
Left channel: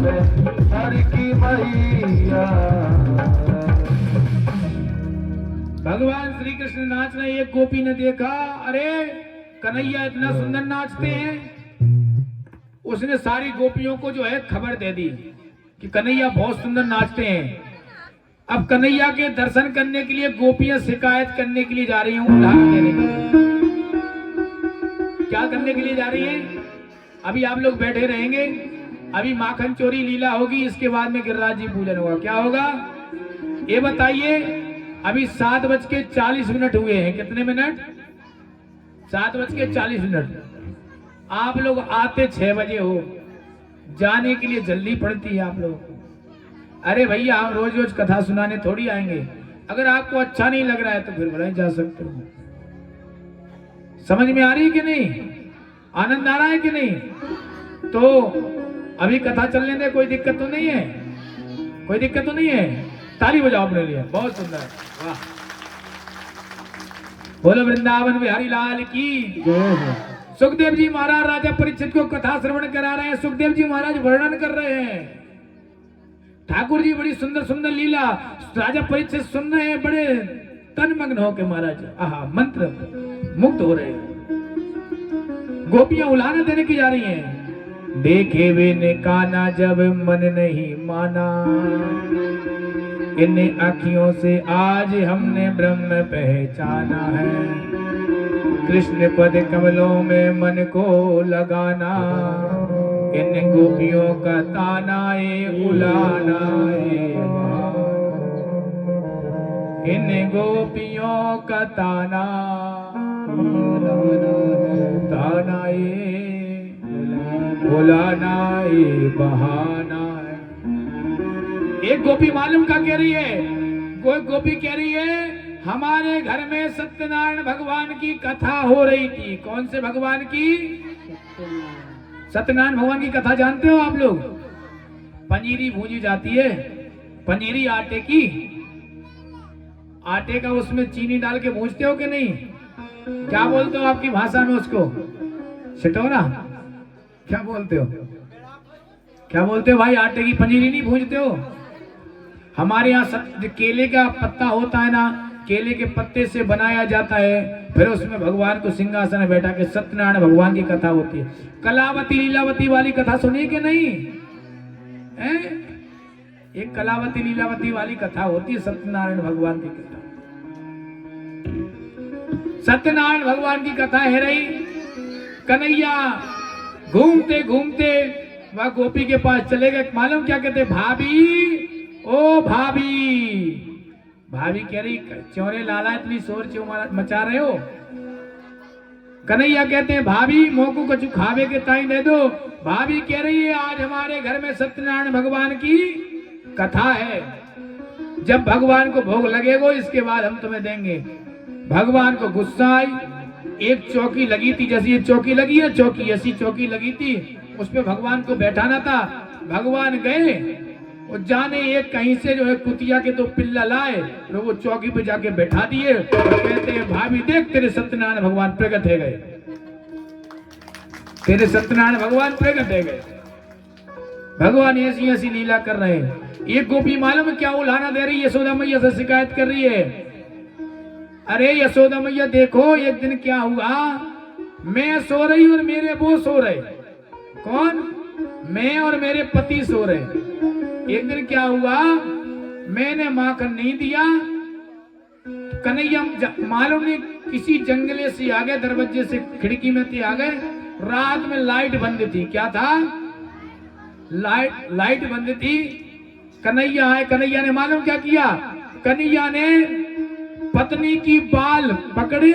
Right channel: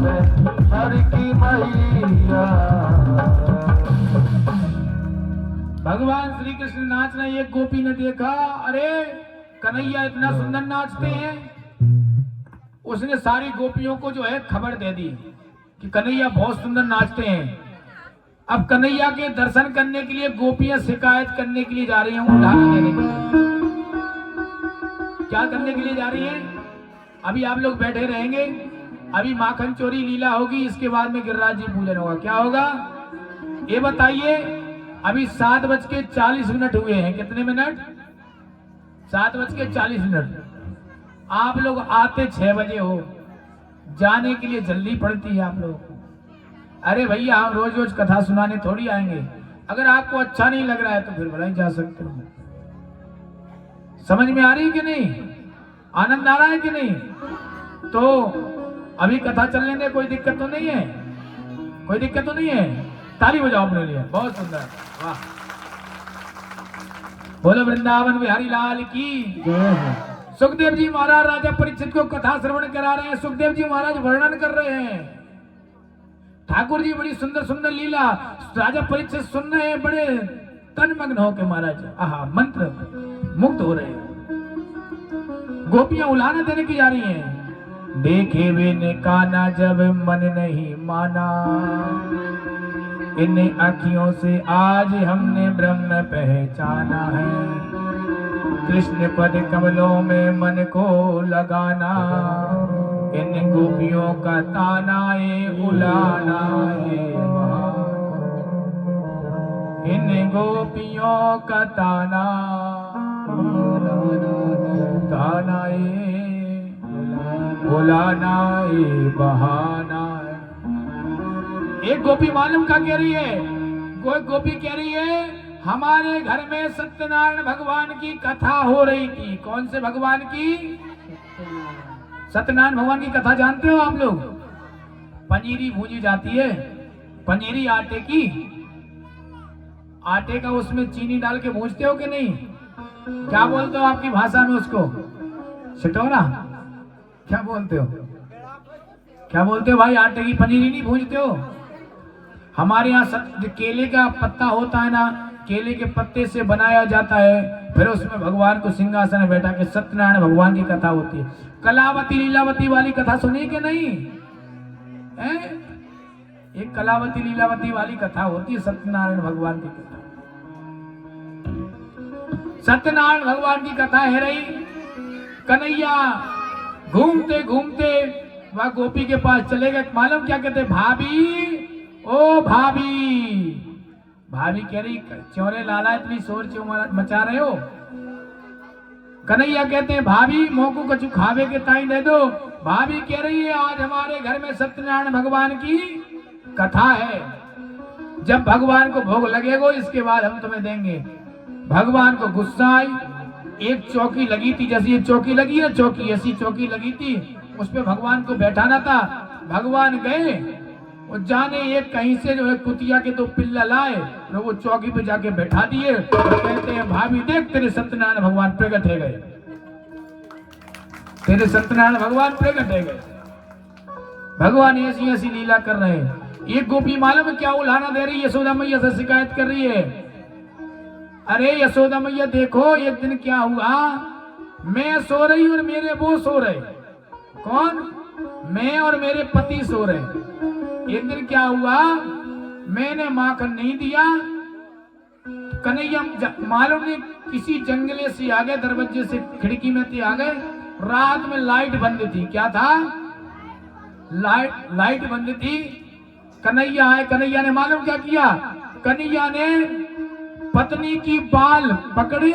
गावे हर की मैया। भगवान श्री कृष्ण नाच रहे, एक गोपी ने देखा, अरे कन्हैया इतना सुंदर नाचते हैं। उसने सारी गोपियों को जो है खबर दे दी कि कन्हैया बहुत सुंदर नाचते हैं। अब कन्हैया के दर्शन करने के लिए गोपियां शिकायत करने के लिए जा रही हूँ, उदाहरण देने के लिए। क्या करने के लिए जा रही है? अभी आप लोग बैठे रहेंगे, अभी माखन चोरी लीला होगी, इसके बाद में गिरिराज जी पूजन होगा। क्या होगा ये बताइए? अभी 7:40 हुए हैं। कितने मिनट? 7:40। आप लोग आते 6 बजे हो, जाने के लिए जल्दी पड़ती है आप लोग। अरे भैया, हम रोज रोज कथा सुनाने थोड़ी आएंगे। अगर आपको अच्छा नहीं लग रहा है तो फिर बुलाए जा सकते हो। समझ में आ रही है कि नहीं? आनंद आ रहा है कि नहीं? तो अभी कथा चलने में कोई दिक्कत तो नहीं है? कोई दिक्कत तो नहीं है? ताली बजाओ अपने लिए। बहुत सुंदर, वाह। बोलो वृंदावन बिहारी लाल की। सुखदेव जी महाराज राजा परीक्षित को कथा श्रवण करा रहे हैं। सुखदेव जी महाराज वर्णन कर रहे हैं। ठाकुर जी बड़ी सुंदर सुंदर लीला राजा परीक्षित सुन रहे हैं, बड़े तन्मग्न होकर महाराज आहा मंत्र मुक्त हो रहे हैं। गोपियां उलाहना देने की जा रही हैं। देखे वे ने काना जब मन नहीं माना, इन अखियों से आज हमने ब्रह्म पहचाना है। कृष्ण पद कमलों में मन को लगाना, इन गोपियों का ताना ए उलाना ए। इन गोपियों का ताना ताना ए उलाना ए बहाना ए। एक गोपी मालूम क्या कह रही है? कोई गोपी कह रही है, हमारे घर में सत्यनारायण भगवान की कथा हो रही थी। कौन से भगवान की? सत्यनारायण भगवान की कथा जानते हो आप लोग? पंजीरी भूजी जाती है, पंजीरी आटे की, आटे का उसमें चीनी डाल के भूजते हो कि नहीं? क्या बोलते हो आपकी भाषा में उसको? सिटोना? क्या बोलते हो? क्या बोलते हो भाई? आटे की पनीरी नहीं भूजते हो? हमारे यहाँ केले का पत्ता होता है ना, केले के पत्ते से बनाया जाता है, फिर उसमें भगवान को सिंहासन में बैठा के सत्यनारायण भगवान की कथा होती है। कलावती लीलावती वाली कथा सुनी कि नहीं? एक कलावती लीलावती वाली कथा होती है, सत्यनारायण भगवान की कथा। सत्यनारायण भगवान की कथा है रही। कन्हैया घूमते घूमते वह गोपी के पास चले गए। मालूम क्या कहते? भाभी, ओ भाभी। भाभी कह रही, चोरे लाला इतनी शोर क्यों मचा रहे हो? कन्हैया कहते हैं, भाभी मोको कछु खावे के ताई दे दो। भाभी कह रही है, आज हमारे घर में सत्यनारायण भगवान की कथा है, जब भगवान को भोग लगेगा इसके बाद हम तुम्हें देंगे। भगवान को गुस्सा आई। एक चौकी लगी थी, जैसी ये चौकी लगी है, चौकी ऐसी चौकी लगी थी, उस पे भगवान को बैठाना था। भगवान गए, वो जाने एक कहीं से जो है कुतिया के तो पिल्ला लाए, तो वो चौकी पे जाके बैठा दिए। तो कहते हैं, भाभी देख तेरे सत्यनारायण भगवान प्रकट है गए, तेरे सत्यनारायण भगवान प्रकट है गए। भगवान ऐसी ऐसी लीला कर रहे हैं। एक गोपी मालूम क्या उलाहना दे रही है? यशोदा मैया से शिकायत कर रही है। अरे यशोदा मैया देखो, एक दिन क्या हुआ, मैं सो रही और मेरे वो सो रहे। कौन? मैं और मेरे पति सो रहे। एक दिन क्या हुआ, मैंने माखन नहीं दिया, कन्हैया मालूम नहीं किसी जंगले से आ गए, दरवाजे से खिड़की में थे आ गए। रात में लाइट बंद थी। क्या था? लाइट बंद थी। कन्हैया आए। कन्हैया ने मालूम क्या किया? कन्हैया ने पत्नी की बाल पकड़े,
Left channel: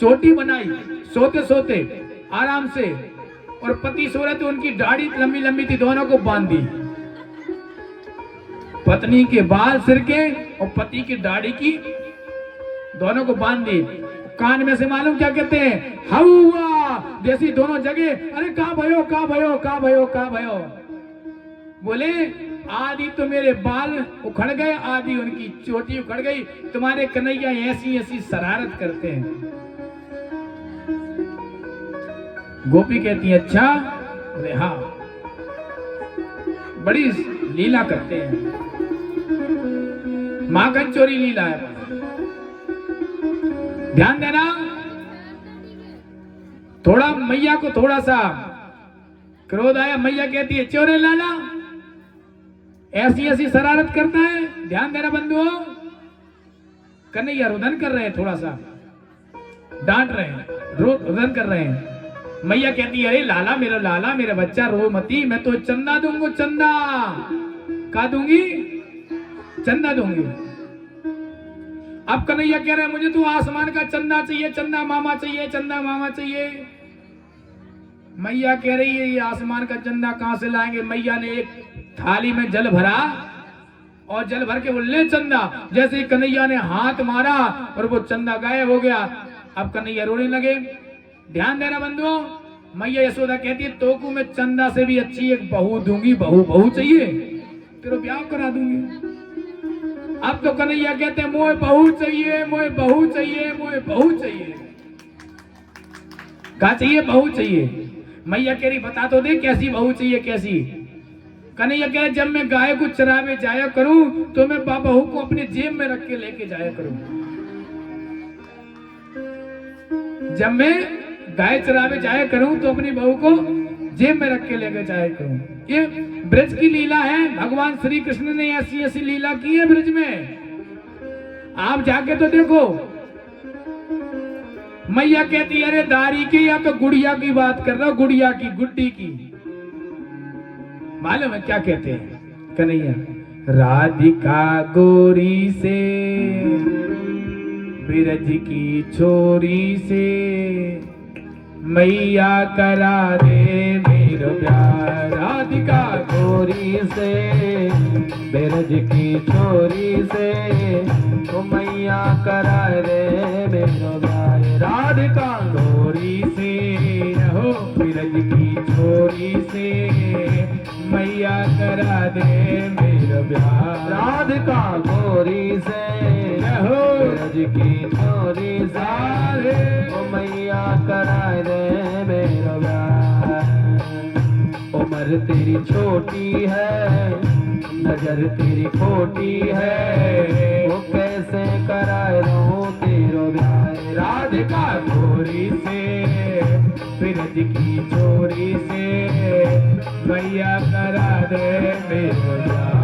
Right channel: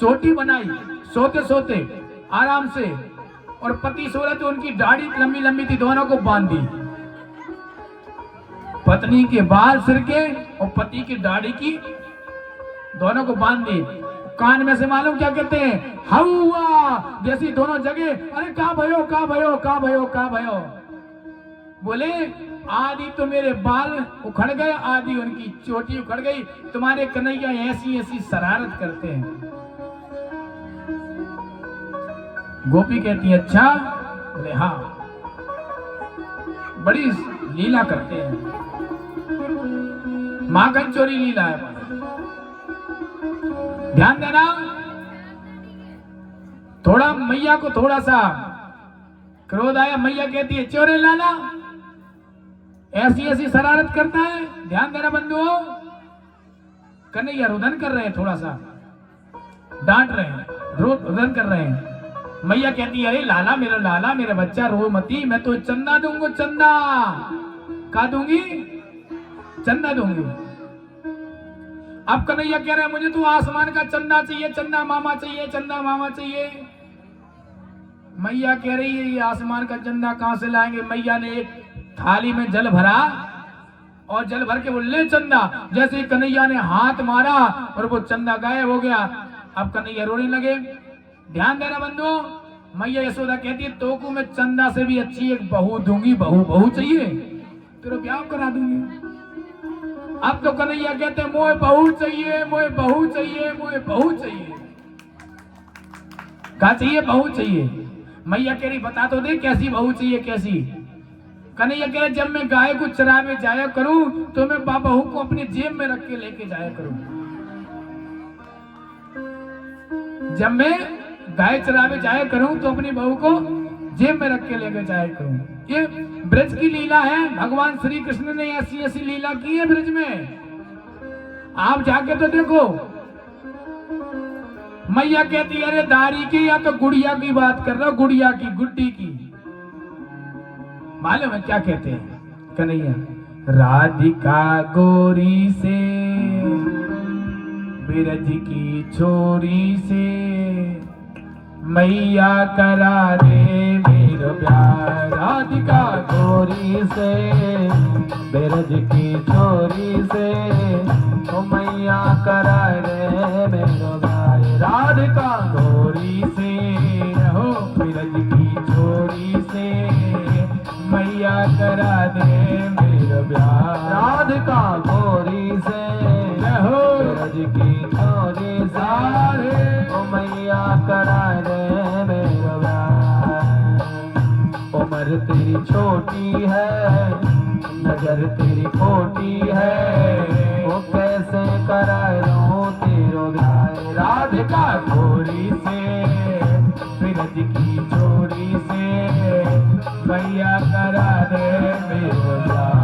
चोटी बनाई, सोते सोते आराम से, और पति सो रहे थे, उनकी दाढ़ी लंबी लंबी थी, दोनों को बांध दी। पत्नी के बाल सिर के और पति की दाढ़ी की, दोनों को बांध दी। कान में से मालूम क्या कहते हैं? हवा जैसी दोनों जगह। अरे कहाँ भयो, कहाँ भयो, कहाँ भयो, कहाँ भयो। बोले, आदि तो मेरे बाल उखड़ गए, आदि उनकी चोटी उखड़ गई। तुम्हारे कन्हैया ऐसी ऐसी शरारत करते हैं। गोपी कहती है, अच्छा? हाँ। बड़ी लीला करते हैं। माखन चोरी लीला है। ध्यान देना, थोड़ा मैया को थोड़ा सा क्रोध आया, मैया कहती है चोरी लाला, ऐसी ऐसी शरारत करता है। ध्यान देना बंधुओं, कन्हैया रुदन कर रहे हैं, थोड़ा सा डांट रहे हैं, रुदन कर रहे हैं। मैया कहती है अरे लाला मेरा बच्चा रो मती, मैं तो चंदा दूंगी, चंदा का दूंगी, चंदा दूंगी। अब कन्हैया कह रहे हैं मुझे तो आसमान का चंदा चाहिए, चंदा मामा चाहिए, चंदा मामा चाहिए। मैया कह रही है ये आसमान का चंदा कहां से लाएंगे। मैया ने एक थाली में जल भरा और जल भर के बोले चंदा। जैसे कन्हैया ने हाथ मारा और वो चंदा गायब हो गया। अब कन्हैया रोने लगे। ध्यान देना बंधुओं, मैया यशोदा कहती है तोकू में चंदा से भी अच्छी एक बहू दूंगी, बहू चाहिए तेरे ब्याह करा दूंगी। अब तो कन्हैया कहते मोए बहू चाहिए, मोए बहू चाहिए, मोए बहू चाहिए। क्या चाहिए? बहू चाहिए। मैया कह रही बता तो दे कैसी बहू चाहिए, कैसी। कन्हैया कह रहे जब मैं गाय को चरावे जाया करूं तो मैं बहू को अपने जेब में रख के लेके जाया करूं। जब मैं गाय चरावे जाया करूं तो अपनी बहू को जेब में रख के लेके जाया करूं। ये ब्रज की लीला है। भगवान श्री कृष्ण ने ऐसी ऐसी लीला की है ब्रज में, आप जाके तो देखो। मैया कहती है अरे दारी की या तो गुड़िया की बात कर रहा हो, गुड़िया की, गुड्डी की। मालूम है क्या कहते हैं कन्हैया? राधिका गोरी से बिरज की छोरी से मैया करा दे मेरो प्यार। राधिका गोरी से बिरज की छोरी से तो मैया करा दे मेरो प्यार। राधिका गोरी से रहो बिरज की छोरी से मैया करा दे मेरो प्यार। राधिका गोरी से रहो बिरज की छोरी सारे तो मैया करा दे मेरो प्यार। उम्र तेरी छोटी है, नजर तेरी खोटी है, वो कैसे कराए लो तेरो प्यार। राधिका गोरी से बिरज की छोरी से मैया करा दे मेरो प्यार।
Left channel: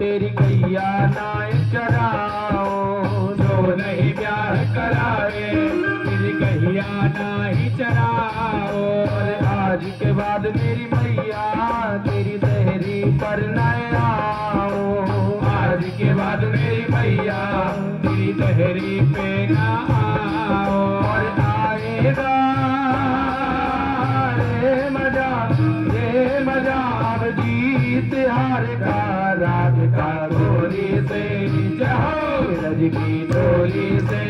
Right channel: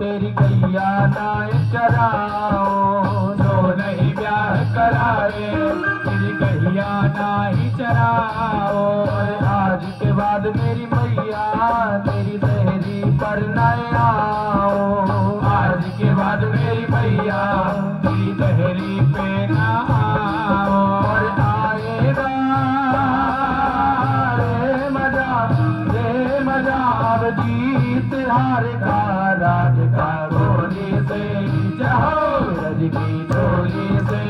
तेरी गैया नाय चराओ, जो नहीं ब्याह कराए तेरी गैया नाय चराओ। अरे आज के बाद मेरी मैया तेरी देहरी पर न आओ। आज के बाद मेरी मैया तेरी देहरी पे न आओ। और आएगा मजा और जीत हार का। राधिका गोरी से जाओ बिरज की छोरी से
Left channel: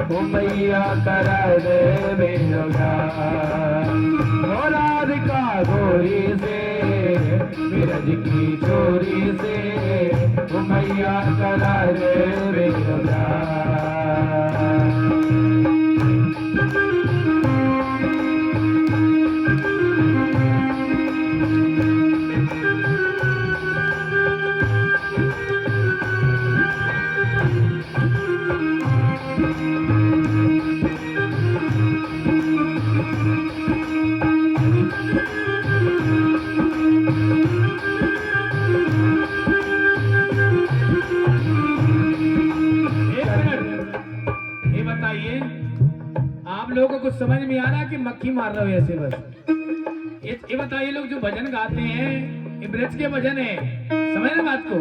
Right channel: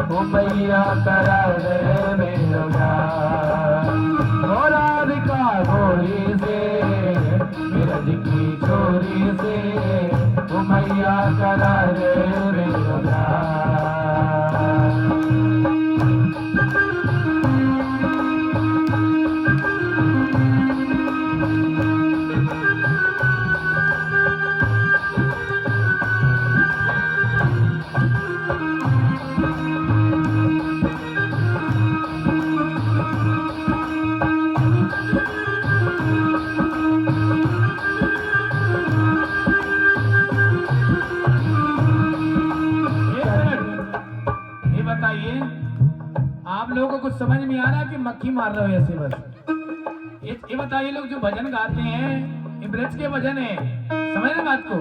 तो मैया करा दे मेरो प्यार। राधिका गोरी से बिरज की छोरी से तो मैया करा दे मेरो प्यार। समझ में आ रहा है कि मक्खी मार रहा हो ऐसे बस। ये बताइए लोग जो भजन गाते हैं ये ब्रज के भजन है, समझ ना बात को,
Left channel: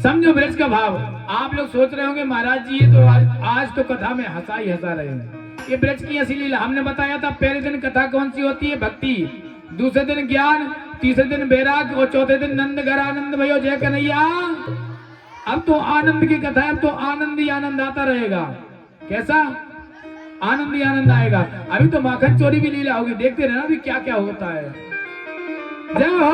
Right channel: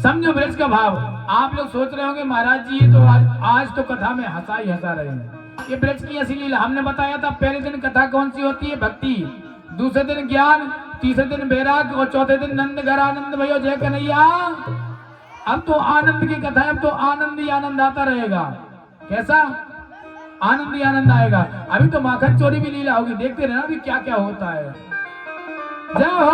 समझो ब्रज का भाव। आप लोग सोच रहे होंगे महाराज जी ये तो आज तो कथा में हंसा ही हंसा रहे हैं। ये ब्रज की असली लीला हमने बताया था। पहले दिन कथा कौन सी होती है? भक्ति। दूसरे दिन ज्ञान, तीसरे दिन बैराग और चौथे दिन नंद घर आनंद भयो जय कन्हैया। अब तो आनंद की कथा है, अब तो आनंद ही आनंद आता रहेगा। कैसा आनंद ही आनंद आएगा। अभी तो माखन चोरी भी लीला होगी, देखते रहना अभी क्या क्या होता है। जय हो।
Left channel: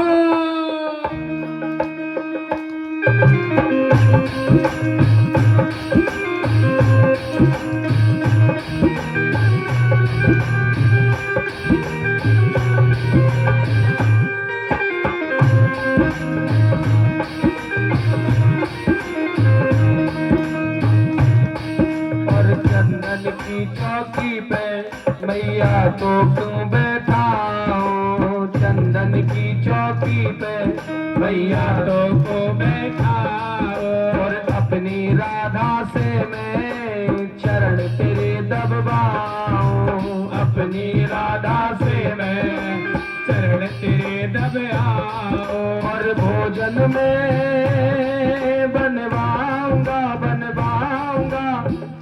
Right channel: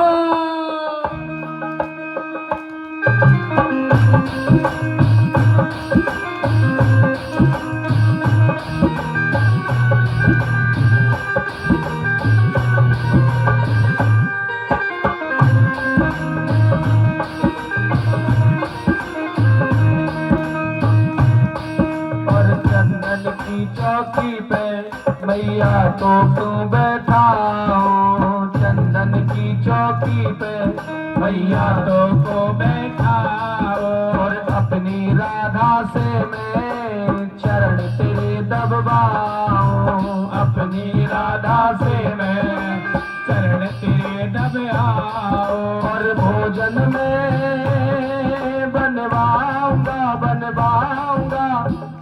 मैया को बैठाओ और अपनी राधा से मैं चरण तेरे दबाऊं, अपनी राधा से मैं चरण तेरे दबाऊं। और भोजन में बनवाऊंगा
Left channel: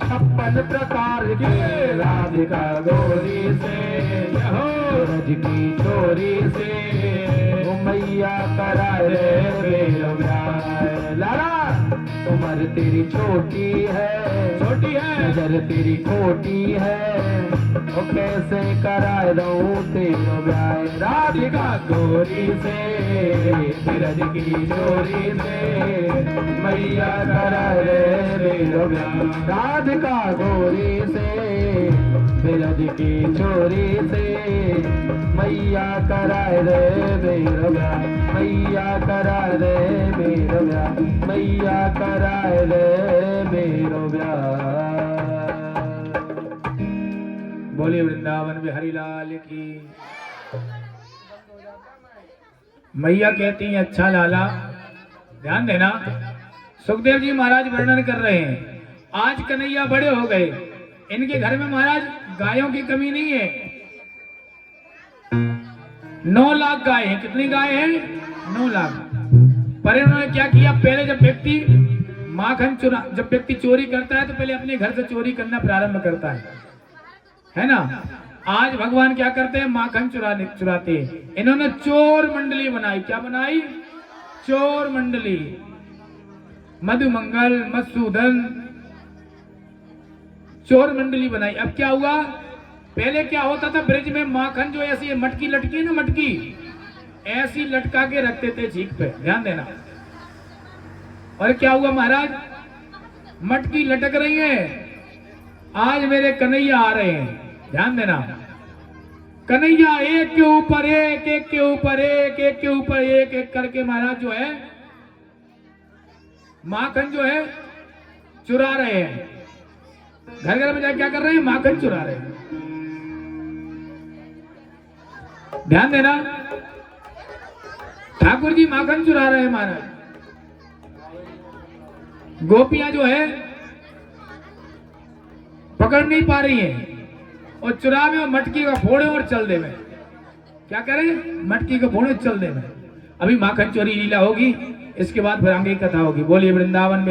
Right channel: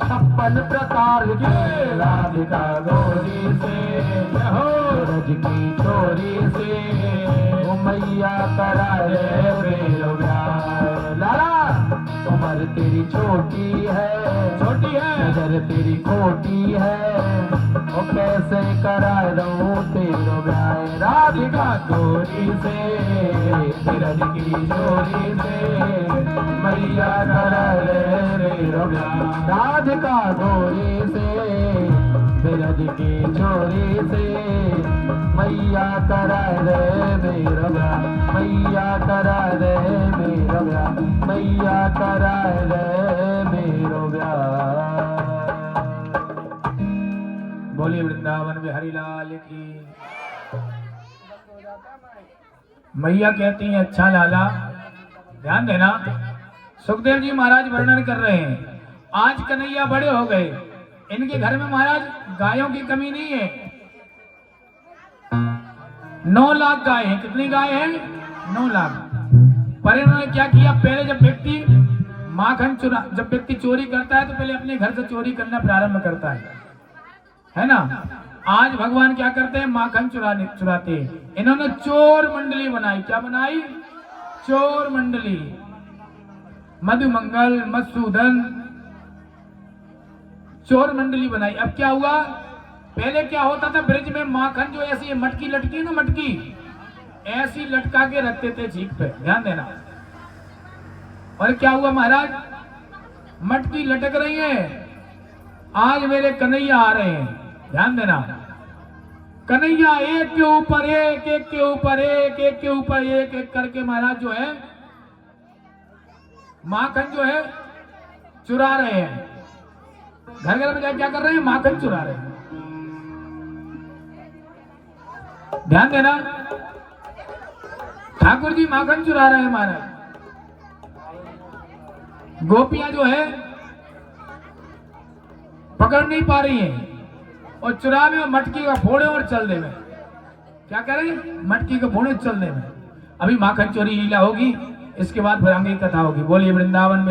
56 प्रकार के राधिका गोरी से, रोज की चोरी से मैया कराए प्रेम लाला। उम्र तेरी छोटी है नजर तेरी खोटी है, और कैसे कराए रहूं तेरो ब्याह राधिका गोरी से, बिरज की चोरी से मैया कराए प्रेम ब्याह राधिका गोरी से, बिरज की चोरी से मैया कराए रे मेरा ब्याह, मैया कराए रे मेरा ब्याह, मैया कराए रे मेरा ब्याह। बोलिए वृंदावन बिहारी लाल की। मैया कहती हैं अच्छा लाला, ध्यान देना। सुखदेव जी महाराज वर्णन कर रहे हैं, आज कन्हैया बड़े हो गए, इनके घर में महाराज गायों की कमी नहीं है। 9 लाख गाय हैं। कितनी गाय हैं? 9 लाख। पर इन्होंने क्या किया, पहले जब व्यक्ति चोरी करता है तो पहले अपने घर से चोरी करना प्रारंभ करता है ना। आज भगवान क्या करते हैं, माखन चुराते हैं। इन्होंने चोर मंडली बनाई। क्या बनाई? चोर मंडली। मधुमंगल, मधुसूदन, चोर मंडली बनाई। अब क्या हुआ, पहले क्या होता था, ब्रिज में माखन जो ऐसी मटकी लटकी ना, मटकी ऐसी लटका के रखते थे झीक पे, ध्यान देना। और क्या हुआ महाराज, मटकी लटक रही है, आज मेरे कन्हैया आ रहे हैं, ध्यान देना। कन्हैया एक के ऊपर एक, एक के ऊपर एक, एक के ऊपर एक, एक करके महाराज जो है माखन जो है चुरा रहे हैं। घर घर में जाकर क्या कर रहे हैं, माखन चुरा रहे हैं। ध्यान देना, ठाकुर जी माखन चुरा रहे हैं महाराज। गोपियां जो है पकड़ नहीं पा रही हैं, और चुरावे और मटकी का फोड़े और चल दे में। क्या करें, मटकी का फोड़े चल दे में। अभी माखन चोरी लीला होगी, इसके बाद फिर आगे कथा होगी। बोलिए वृंदावन में।